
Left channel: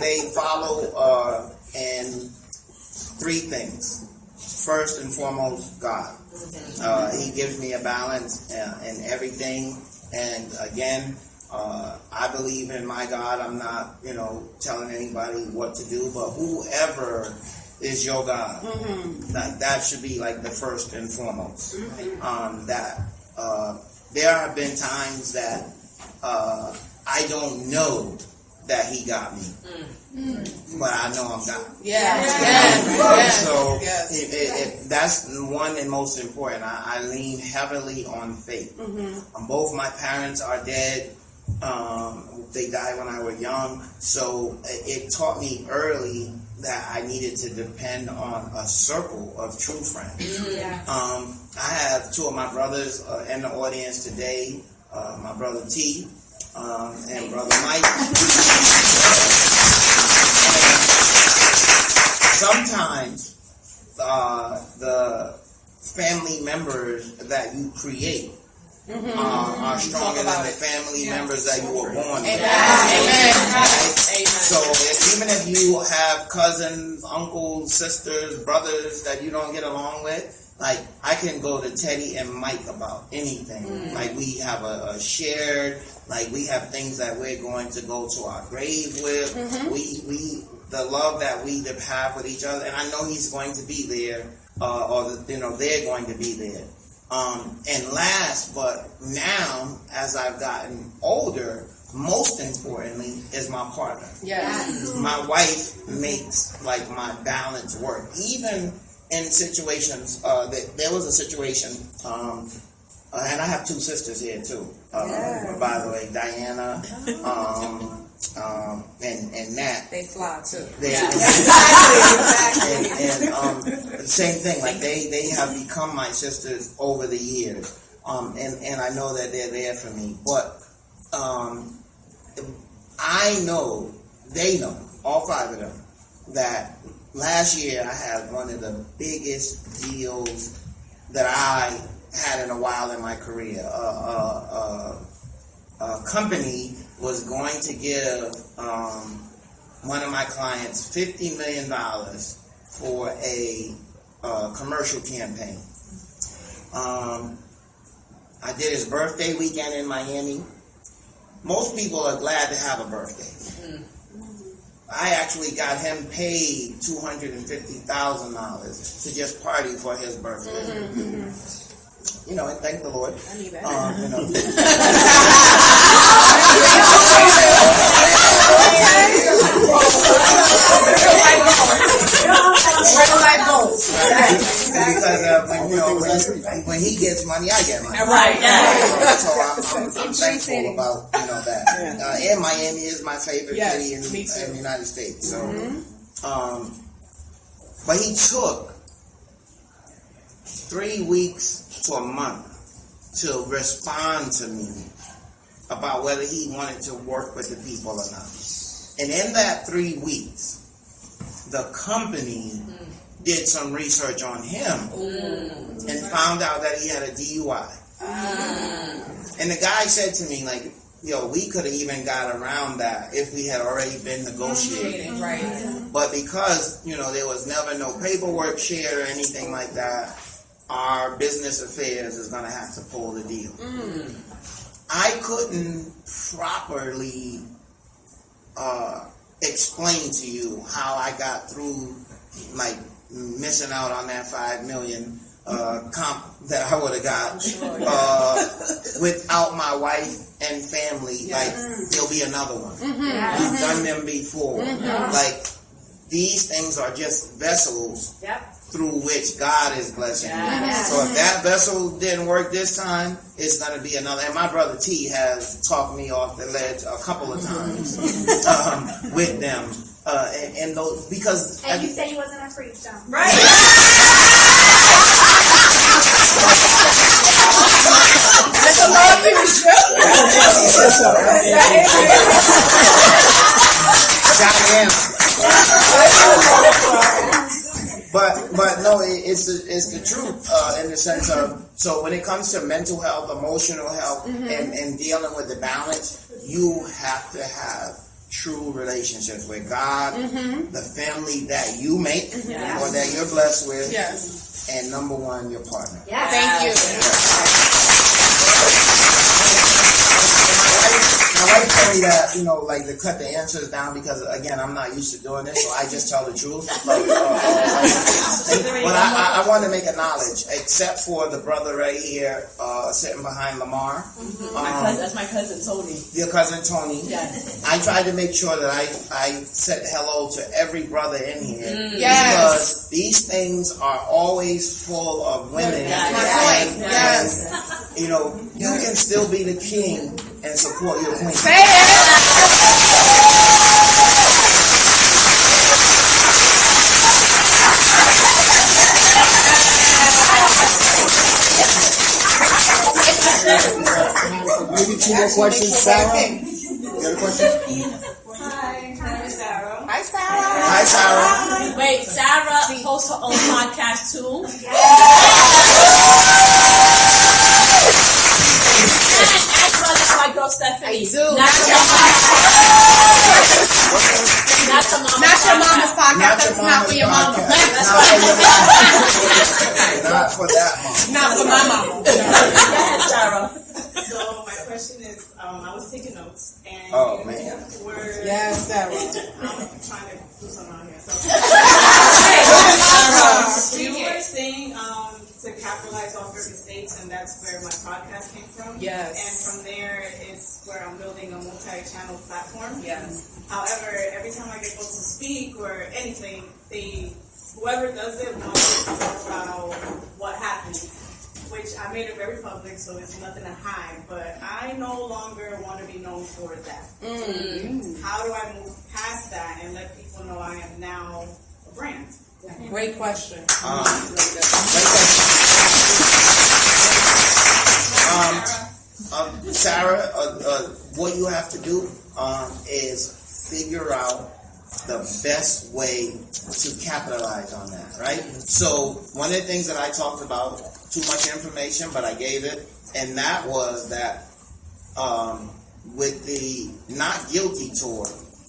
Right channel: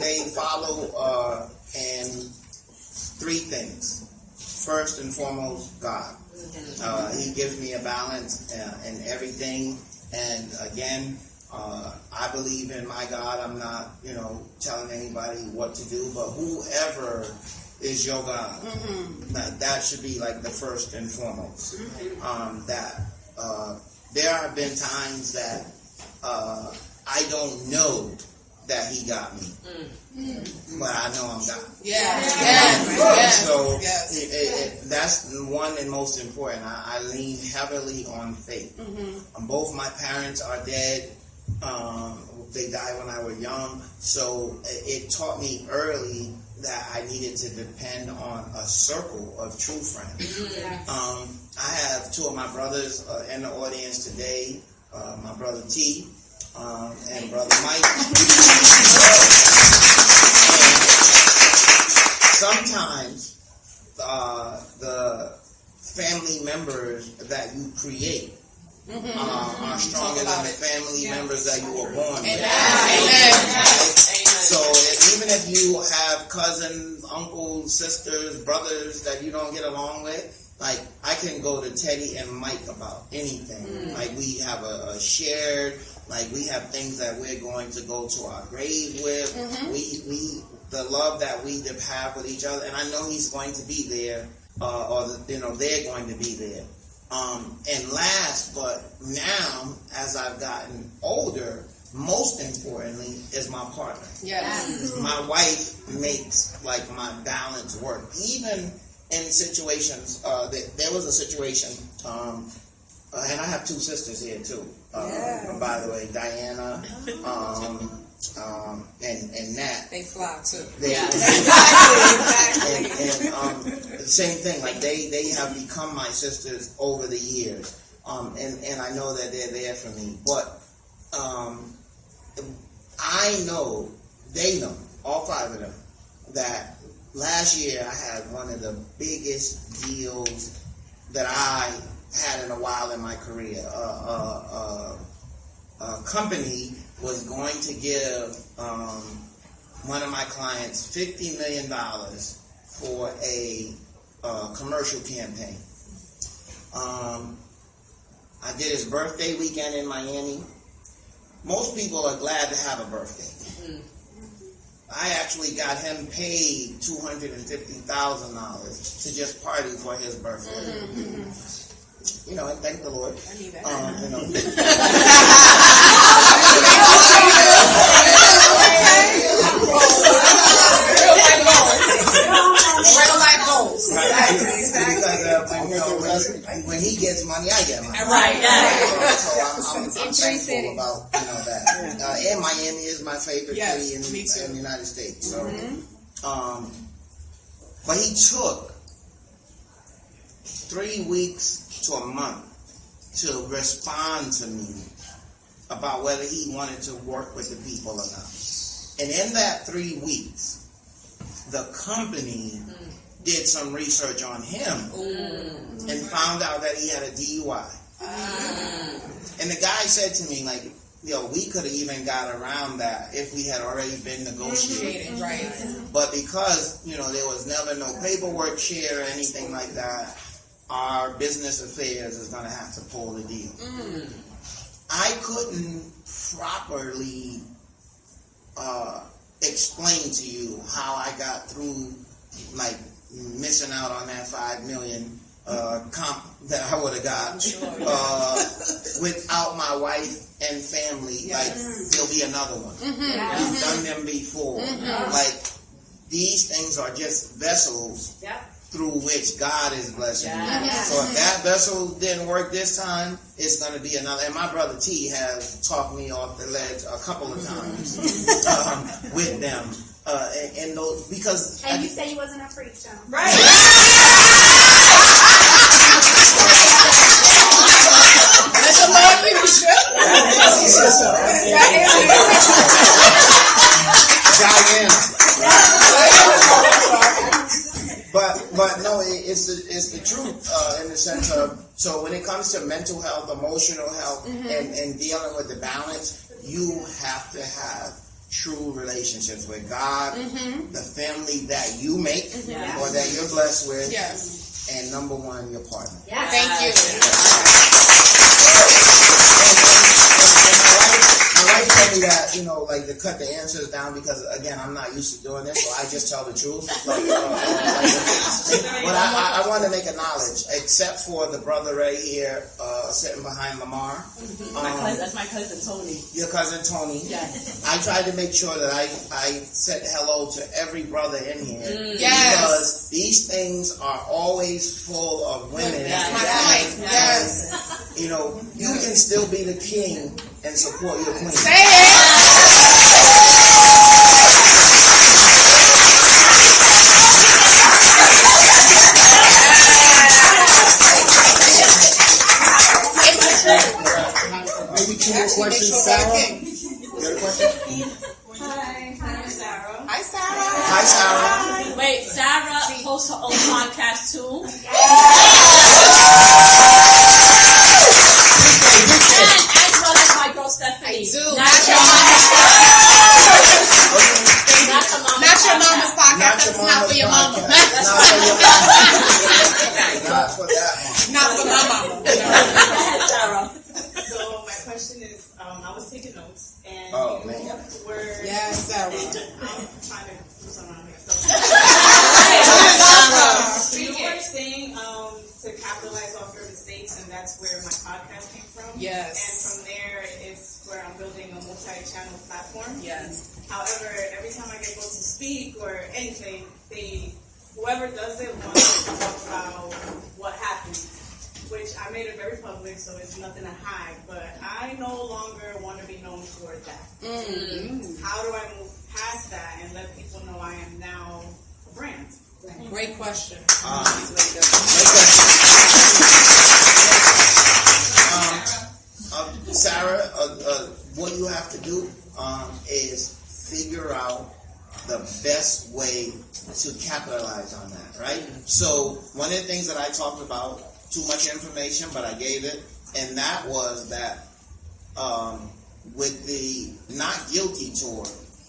They follow in 3 things. First and foremost, God. He gives me a balance in everything. And again, I believe in my God. I'm not, telling anybody what to do, but whoever is your God, that should be like the first and foremost. There have been times that I don't know that he got me, but I know I'm God. So that's one and most important. I lean heavily on faith. Both my parents are dead. They died when I was young, so it taught me early that I needed to depend on a circle of true friends. I have 2 of my brothers in the audience today, my brother T and brother Mike. Sometimes the family members that you create are stronger than the family members that you were born with. So even if you have cousins, uncles, sisters, brothers that you don't get along with, like I can go to Teddy and Mike about anything. Like we have a shared, like we have things that we're going to go to our grave with. We the love that we have with each other, and I know he's going to be there, they're going to be there. And last, but now, as I've gotten older, most importantly, is my partner. My wife makes like my balance work. Even in situations, there was a situation, and I have 2 sisters here too. By the way, Diana, and Nat. They fly too. And same thing. Like they have become my sisters over the years. And I know that they're there for me. But I know, they know, all 5 of them, that last year I had one of the biggest deals that I had in a while in my career. A company was going to give one of my clients $50 million for a commercial campaign. I did his birthday weekend in Miami. Most people are glad to have a birthday. I actually got him paid $250,000 to just party for his birthday. You know, and thank the Lord. I need that. You know. Because when he gets money, I get money. Right, yeah. So I'm thankful about that. And Miami is my favorite city in the United States. So, but he took 3 weeks to a month to respond to me about whether he wanted to work with the people or not. And in that 3 weeks, the company did some research on him and found out that he had a DUI. And the guy said to me, like, we could have even got around that if we had already been negotiating. Right. But because, there was never no paperwork shared or anything like that, our business affairs is going to have to pull the deal. I couldn't properly explain to you how I got through, like, missing out on that $5 million comp that I would have got without my wife and family. Like, there'll be another one. We've done them before. Like, these things are just vessels through which God is blessing you. So if that vessel didn't work this time, it's going to be another. And my brother T has talked me off the ledge a couple of times with them. And those, because... And you said he wasn't a freak, John. Right. That's a lot of people show. But no, it's the truth in the sense of, so when it comes to mental health, emotional health, and dealing with the balance, you have to have true relationships with God, the family that you make or that you're blessed with, and number one, your partner. Thank you. My wife told me that, like to cut the answers down because, again, I'm not used to doing this, so I just tell the truth. But I want to make a knowledge, except for the brother right here sitting behind Lamar. That's my cousin Tony. Your cousin Tony. Yes. I tried to make sure that I said hello to every brother in here. Yes. Because these things are always full of women. Yes. You can still be the king and support your queen. Say it. Maybe 2 more questions. Sarah? You got a question? Hi, I'm Sarah. Hi, Sarah. Hi, Sarah. Wait, Sarah hosts her own podcast too. And so does my girl Stephanie. I do. Not your mama's podcast. That's not for your mama. Not for that mom. Not for my mama. Go ahead, Sarah. So my question is, I was taking notes, and were Sarah. I'm trying to do something out here. So you were saying to capitalize off your mistakes, and that's where my podcast came from. Yes. And from there, it's where I'm building a multi-channel platform. Yes. However, every time I get booked to speak or anything, whoever does it wants to talk about what happened, which I made it very public, so it's nothing to hide, but I no longer want to be known for that. How do I move past that and let people know I am now a brand? Great question. Sarah, what you have to do is figure out the best way to capitalize on that, right? So one of the things that I talked about, too much information, but I gave it, and that was that with the Not Guilty tour,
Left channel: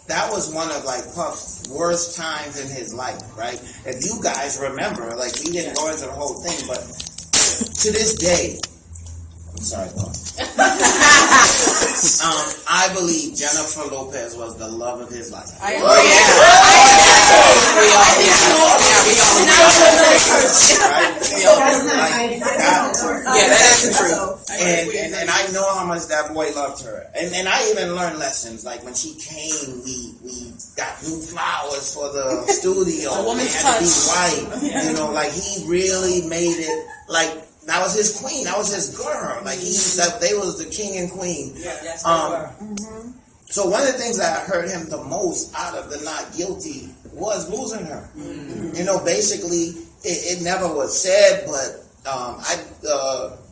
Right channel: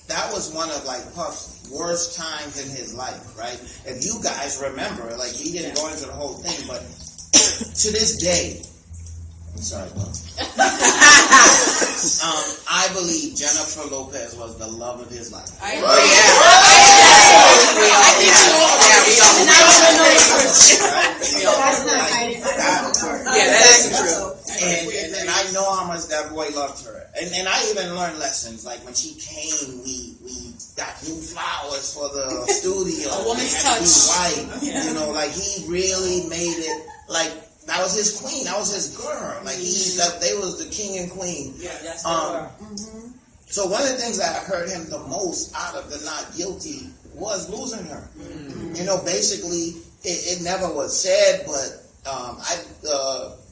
that was one of like Puff's worst times in his life, right? If you guys remember, like he didn't go into the whole thing, but to this day, I'm sorry, Puff. I believe Jennifer Lopez was the love of his life. Oh, yeah, that is the truth. And I know how much that boy loved her. And I even learned lessons. Like when she came, we got new flowers for the studio. A woman's They had to be touch. white. You know, like he really made it like that was his queen. That was his girl. Like they was the king and queen. Yeah, Yes, they were. So one of the things that hurt him the most out of the not guilty was losing her. You know, basically, it never was said, but I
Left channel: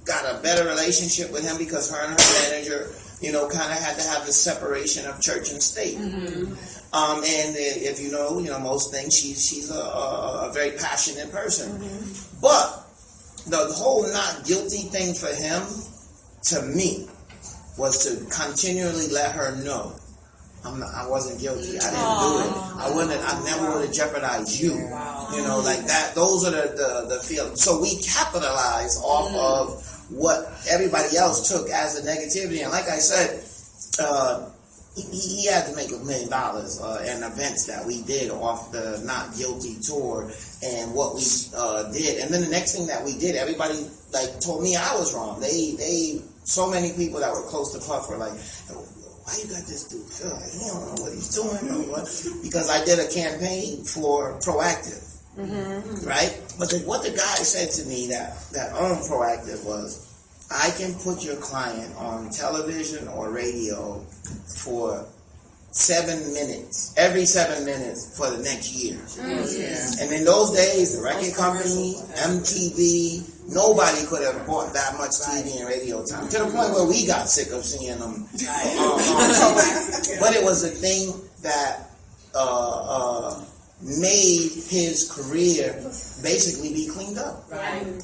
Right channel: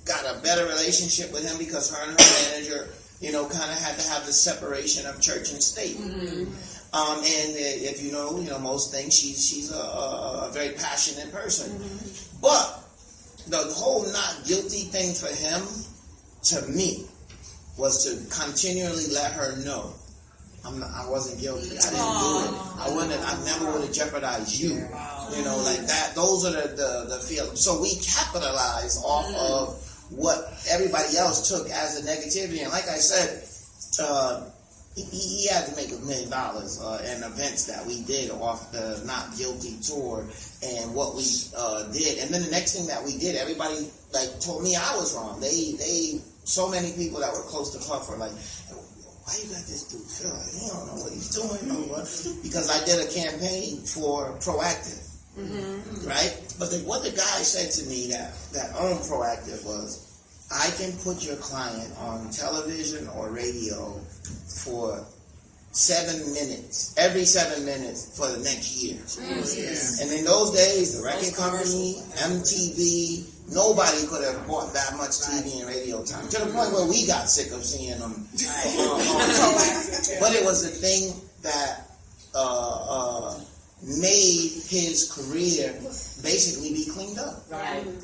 got a better relationship with him because her and her manager, you know, kind of had to have the separation of church and state. And if you know most things, she's a very passionate person. But the whole not guilty thing for him, to me, was to continually let her know I wasn't guilty. I didn't do it. I never would have jeopardized you. You know, like that. Those are the feelings. So we capitalize off of what everybody else took as a negativity. And like I said, he had to make $1 million in events that we did off the Not Guilty tour and what we did. And then the next thing that we did, everybody like told me I was wrong. They so many people that were close to Puff were like, why you got this dude feel like he don't know what he's doing or what? Because I did a campaign for Proactive, right? But what the guy said to me that owned Proactive was, I can put your client on television or radio for 7 minutes, every 7 minutes for the next year. And in those days, the record company, MTV, nobody could have bought that much TV and radio time, to the point where we got sick of seeing them. But it was a thing that made his career basically be cleaned up.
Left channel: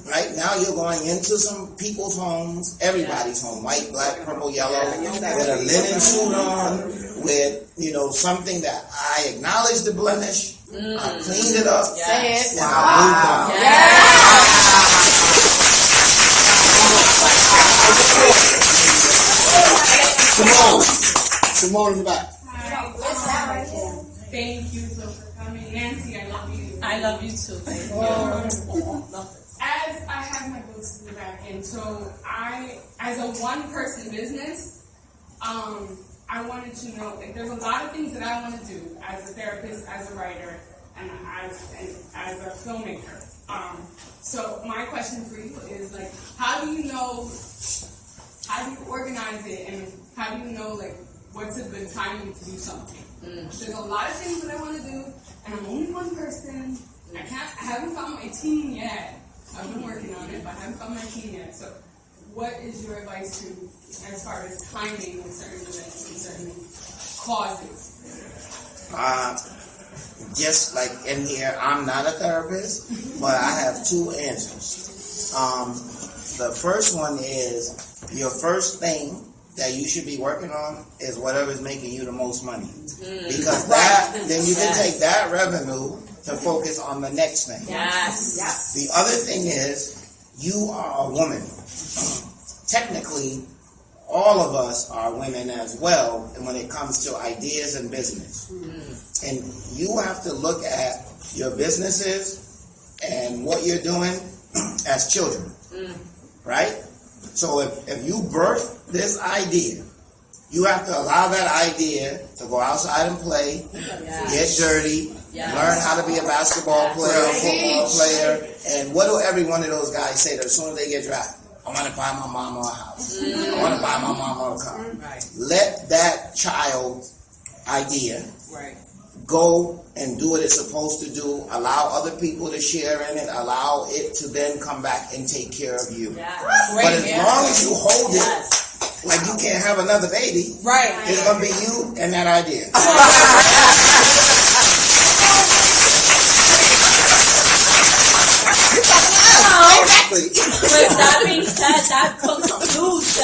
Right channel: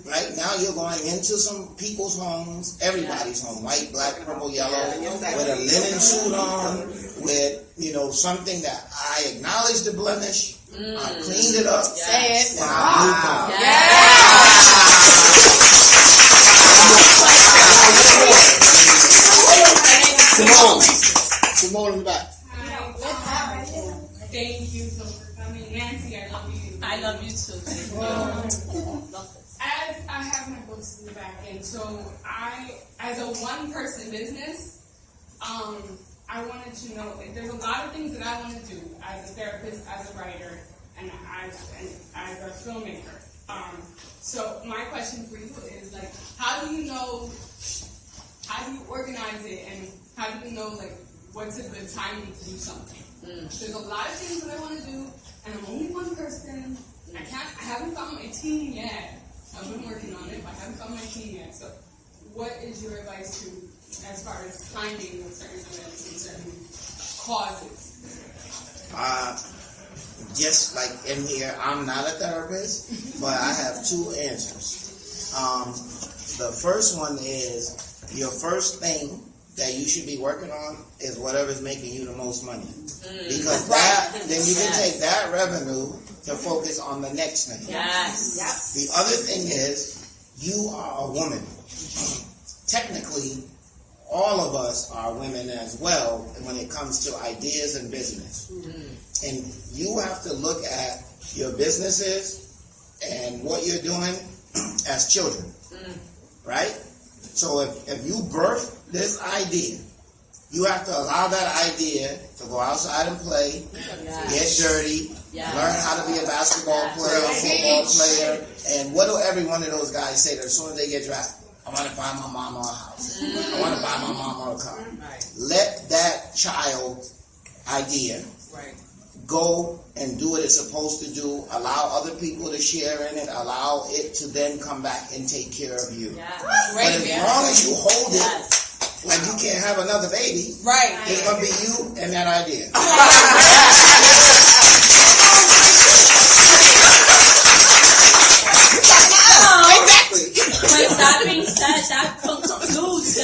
Right now you're going into some people's homes, everybody's home, white, black, purple, yellow, with a linen suit on, with something that I acknowledge the blemish, I cleaned it up, and I moved on. Simone in the back. Thank you so for coming. Nancy, I love you. I love you too. As I have my books at the back end, so as a one-person business, I wanted to know, like, there's a lot of things that I want to do as a therapist, as a writer, and as a filmmaker. So my question for you is, like, how do you organize it, and how do you know, like, what's a good timing to do something? There's a lot of things that I want to do, and I'm only one person. I haven't found my team yet. I've been working on it, but I haven't found my team yet. So what is your advice as far as timing on certain events and certain causes? Just like in here, I'm not a therapist, but I have two answers. The first one is, your first thing that you should be working on is whatever's making you the most money. Because then you can take that revenue to focus on the next thing. Yes. The other thing is, you are a woman. Technically, all of us are women as well, and when it comes to ideas and business. And you have to look at your businesses and what you're doing as children. Right? So if you birth this idea, you have to allow that idea to go outside and play, get dirty, learn how to be a basketball player, a football player, and what do every one of those guys say that as soon as they get drafted? I want to buy my mama a house. I want to buy my mama a car. Let that child's idea go and do what it's supposed to do. Allow other people to share in it. Allow it to then come back and take care of you. But as long as you hold it, like you can't have another baby, it's going to be you and that idea. Exactly. With that being said, that concludes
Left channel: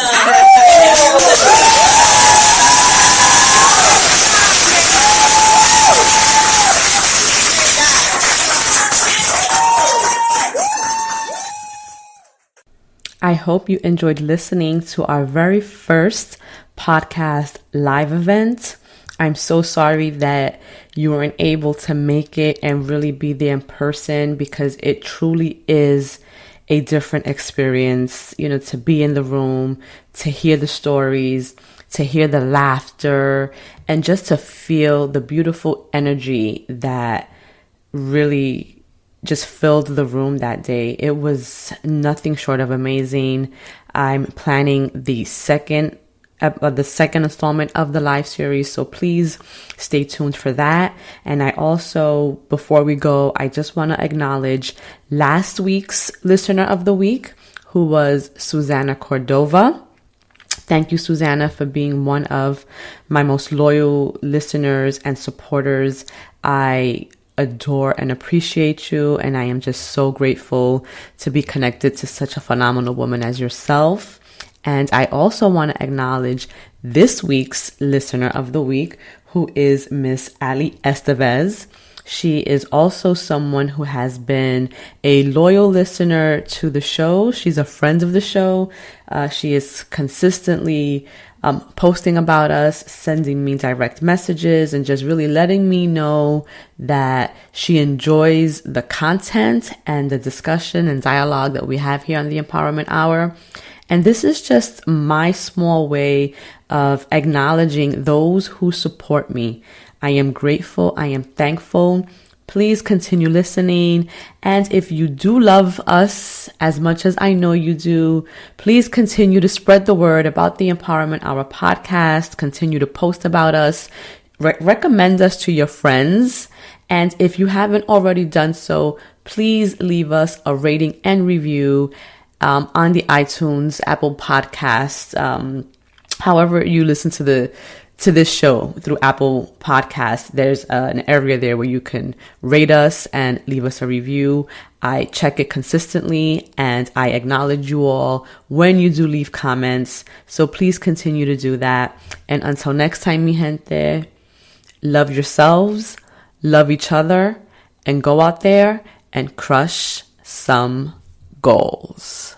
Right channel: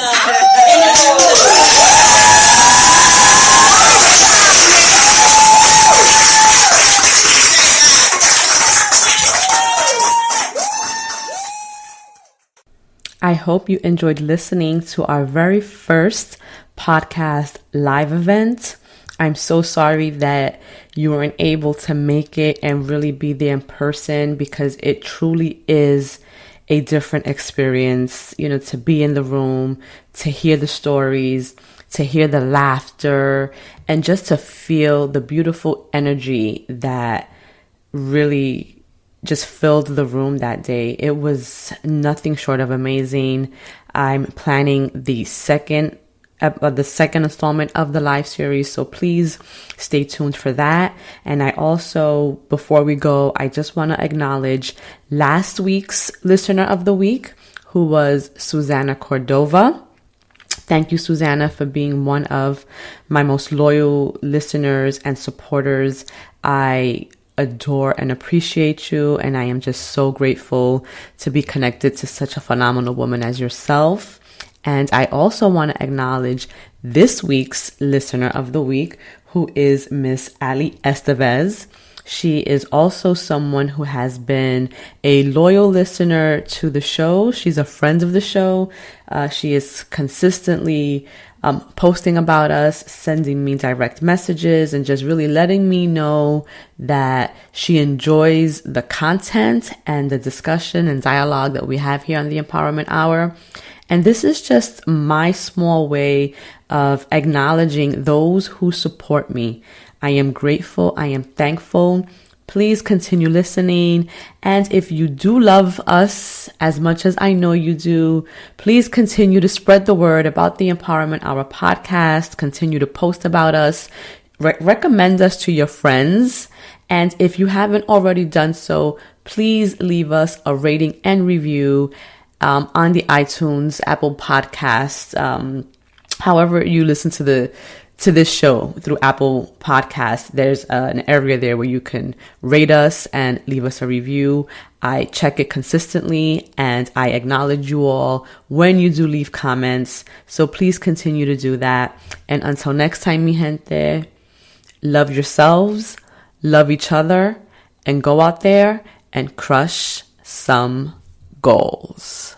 I hope you enjoyed listening to our very first podcast live event. I'm so sorry that you weren't able to make it and really be there in person, because it truly is a different experience, to be in the room, to hear the stories, to hear the laughter, and just to feel the beautiful energy that really just filled the room that day. It was nothing short of amazing. I'm planning the second installment of the live series, so please stay tuned for that. And I also, before we go, I just want to acknowledge last week's listener of the week, who was Susanna Cordova. Thank you, Susanna, for being one of my most loyal listeners and supporters. I adore and appreciate you, and I am just so grateful to be connected to such a phenomenal woman as yourself. And I also want to acknowledge this week's listener of the week, who is Miss Ali Estevez. She is also someone who has been a loyal listener to the show. She's a friend of the show. She is consistently posting about us, sending me direct messages, and just really letting me know that she enjoys the content and the discussion and dialogue that we have here on the Empowerment Hour. And this is just my small way of acknowledging those who support me. I am grateful. I am thankful. Please continue listening. And if you do love us as much as I know you do, please continue to spread the word about the Empowerment Hour podcast. Continue to post about us. Recommend us to your friends. And if you haven't already done so, please leave us a rating and review on the iTunes, Apple Podcasts, however you listen to this show through Apple Podcasts. There's an area there where you can rate us and leave us a review. I check it consistently, and I acknowledge you all when you do leave comments. So please continue to do that. And until next time, mi gente, love yourselves, love each other, and go out there and crush some goals.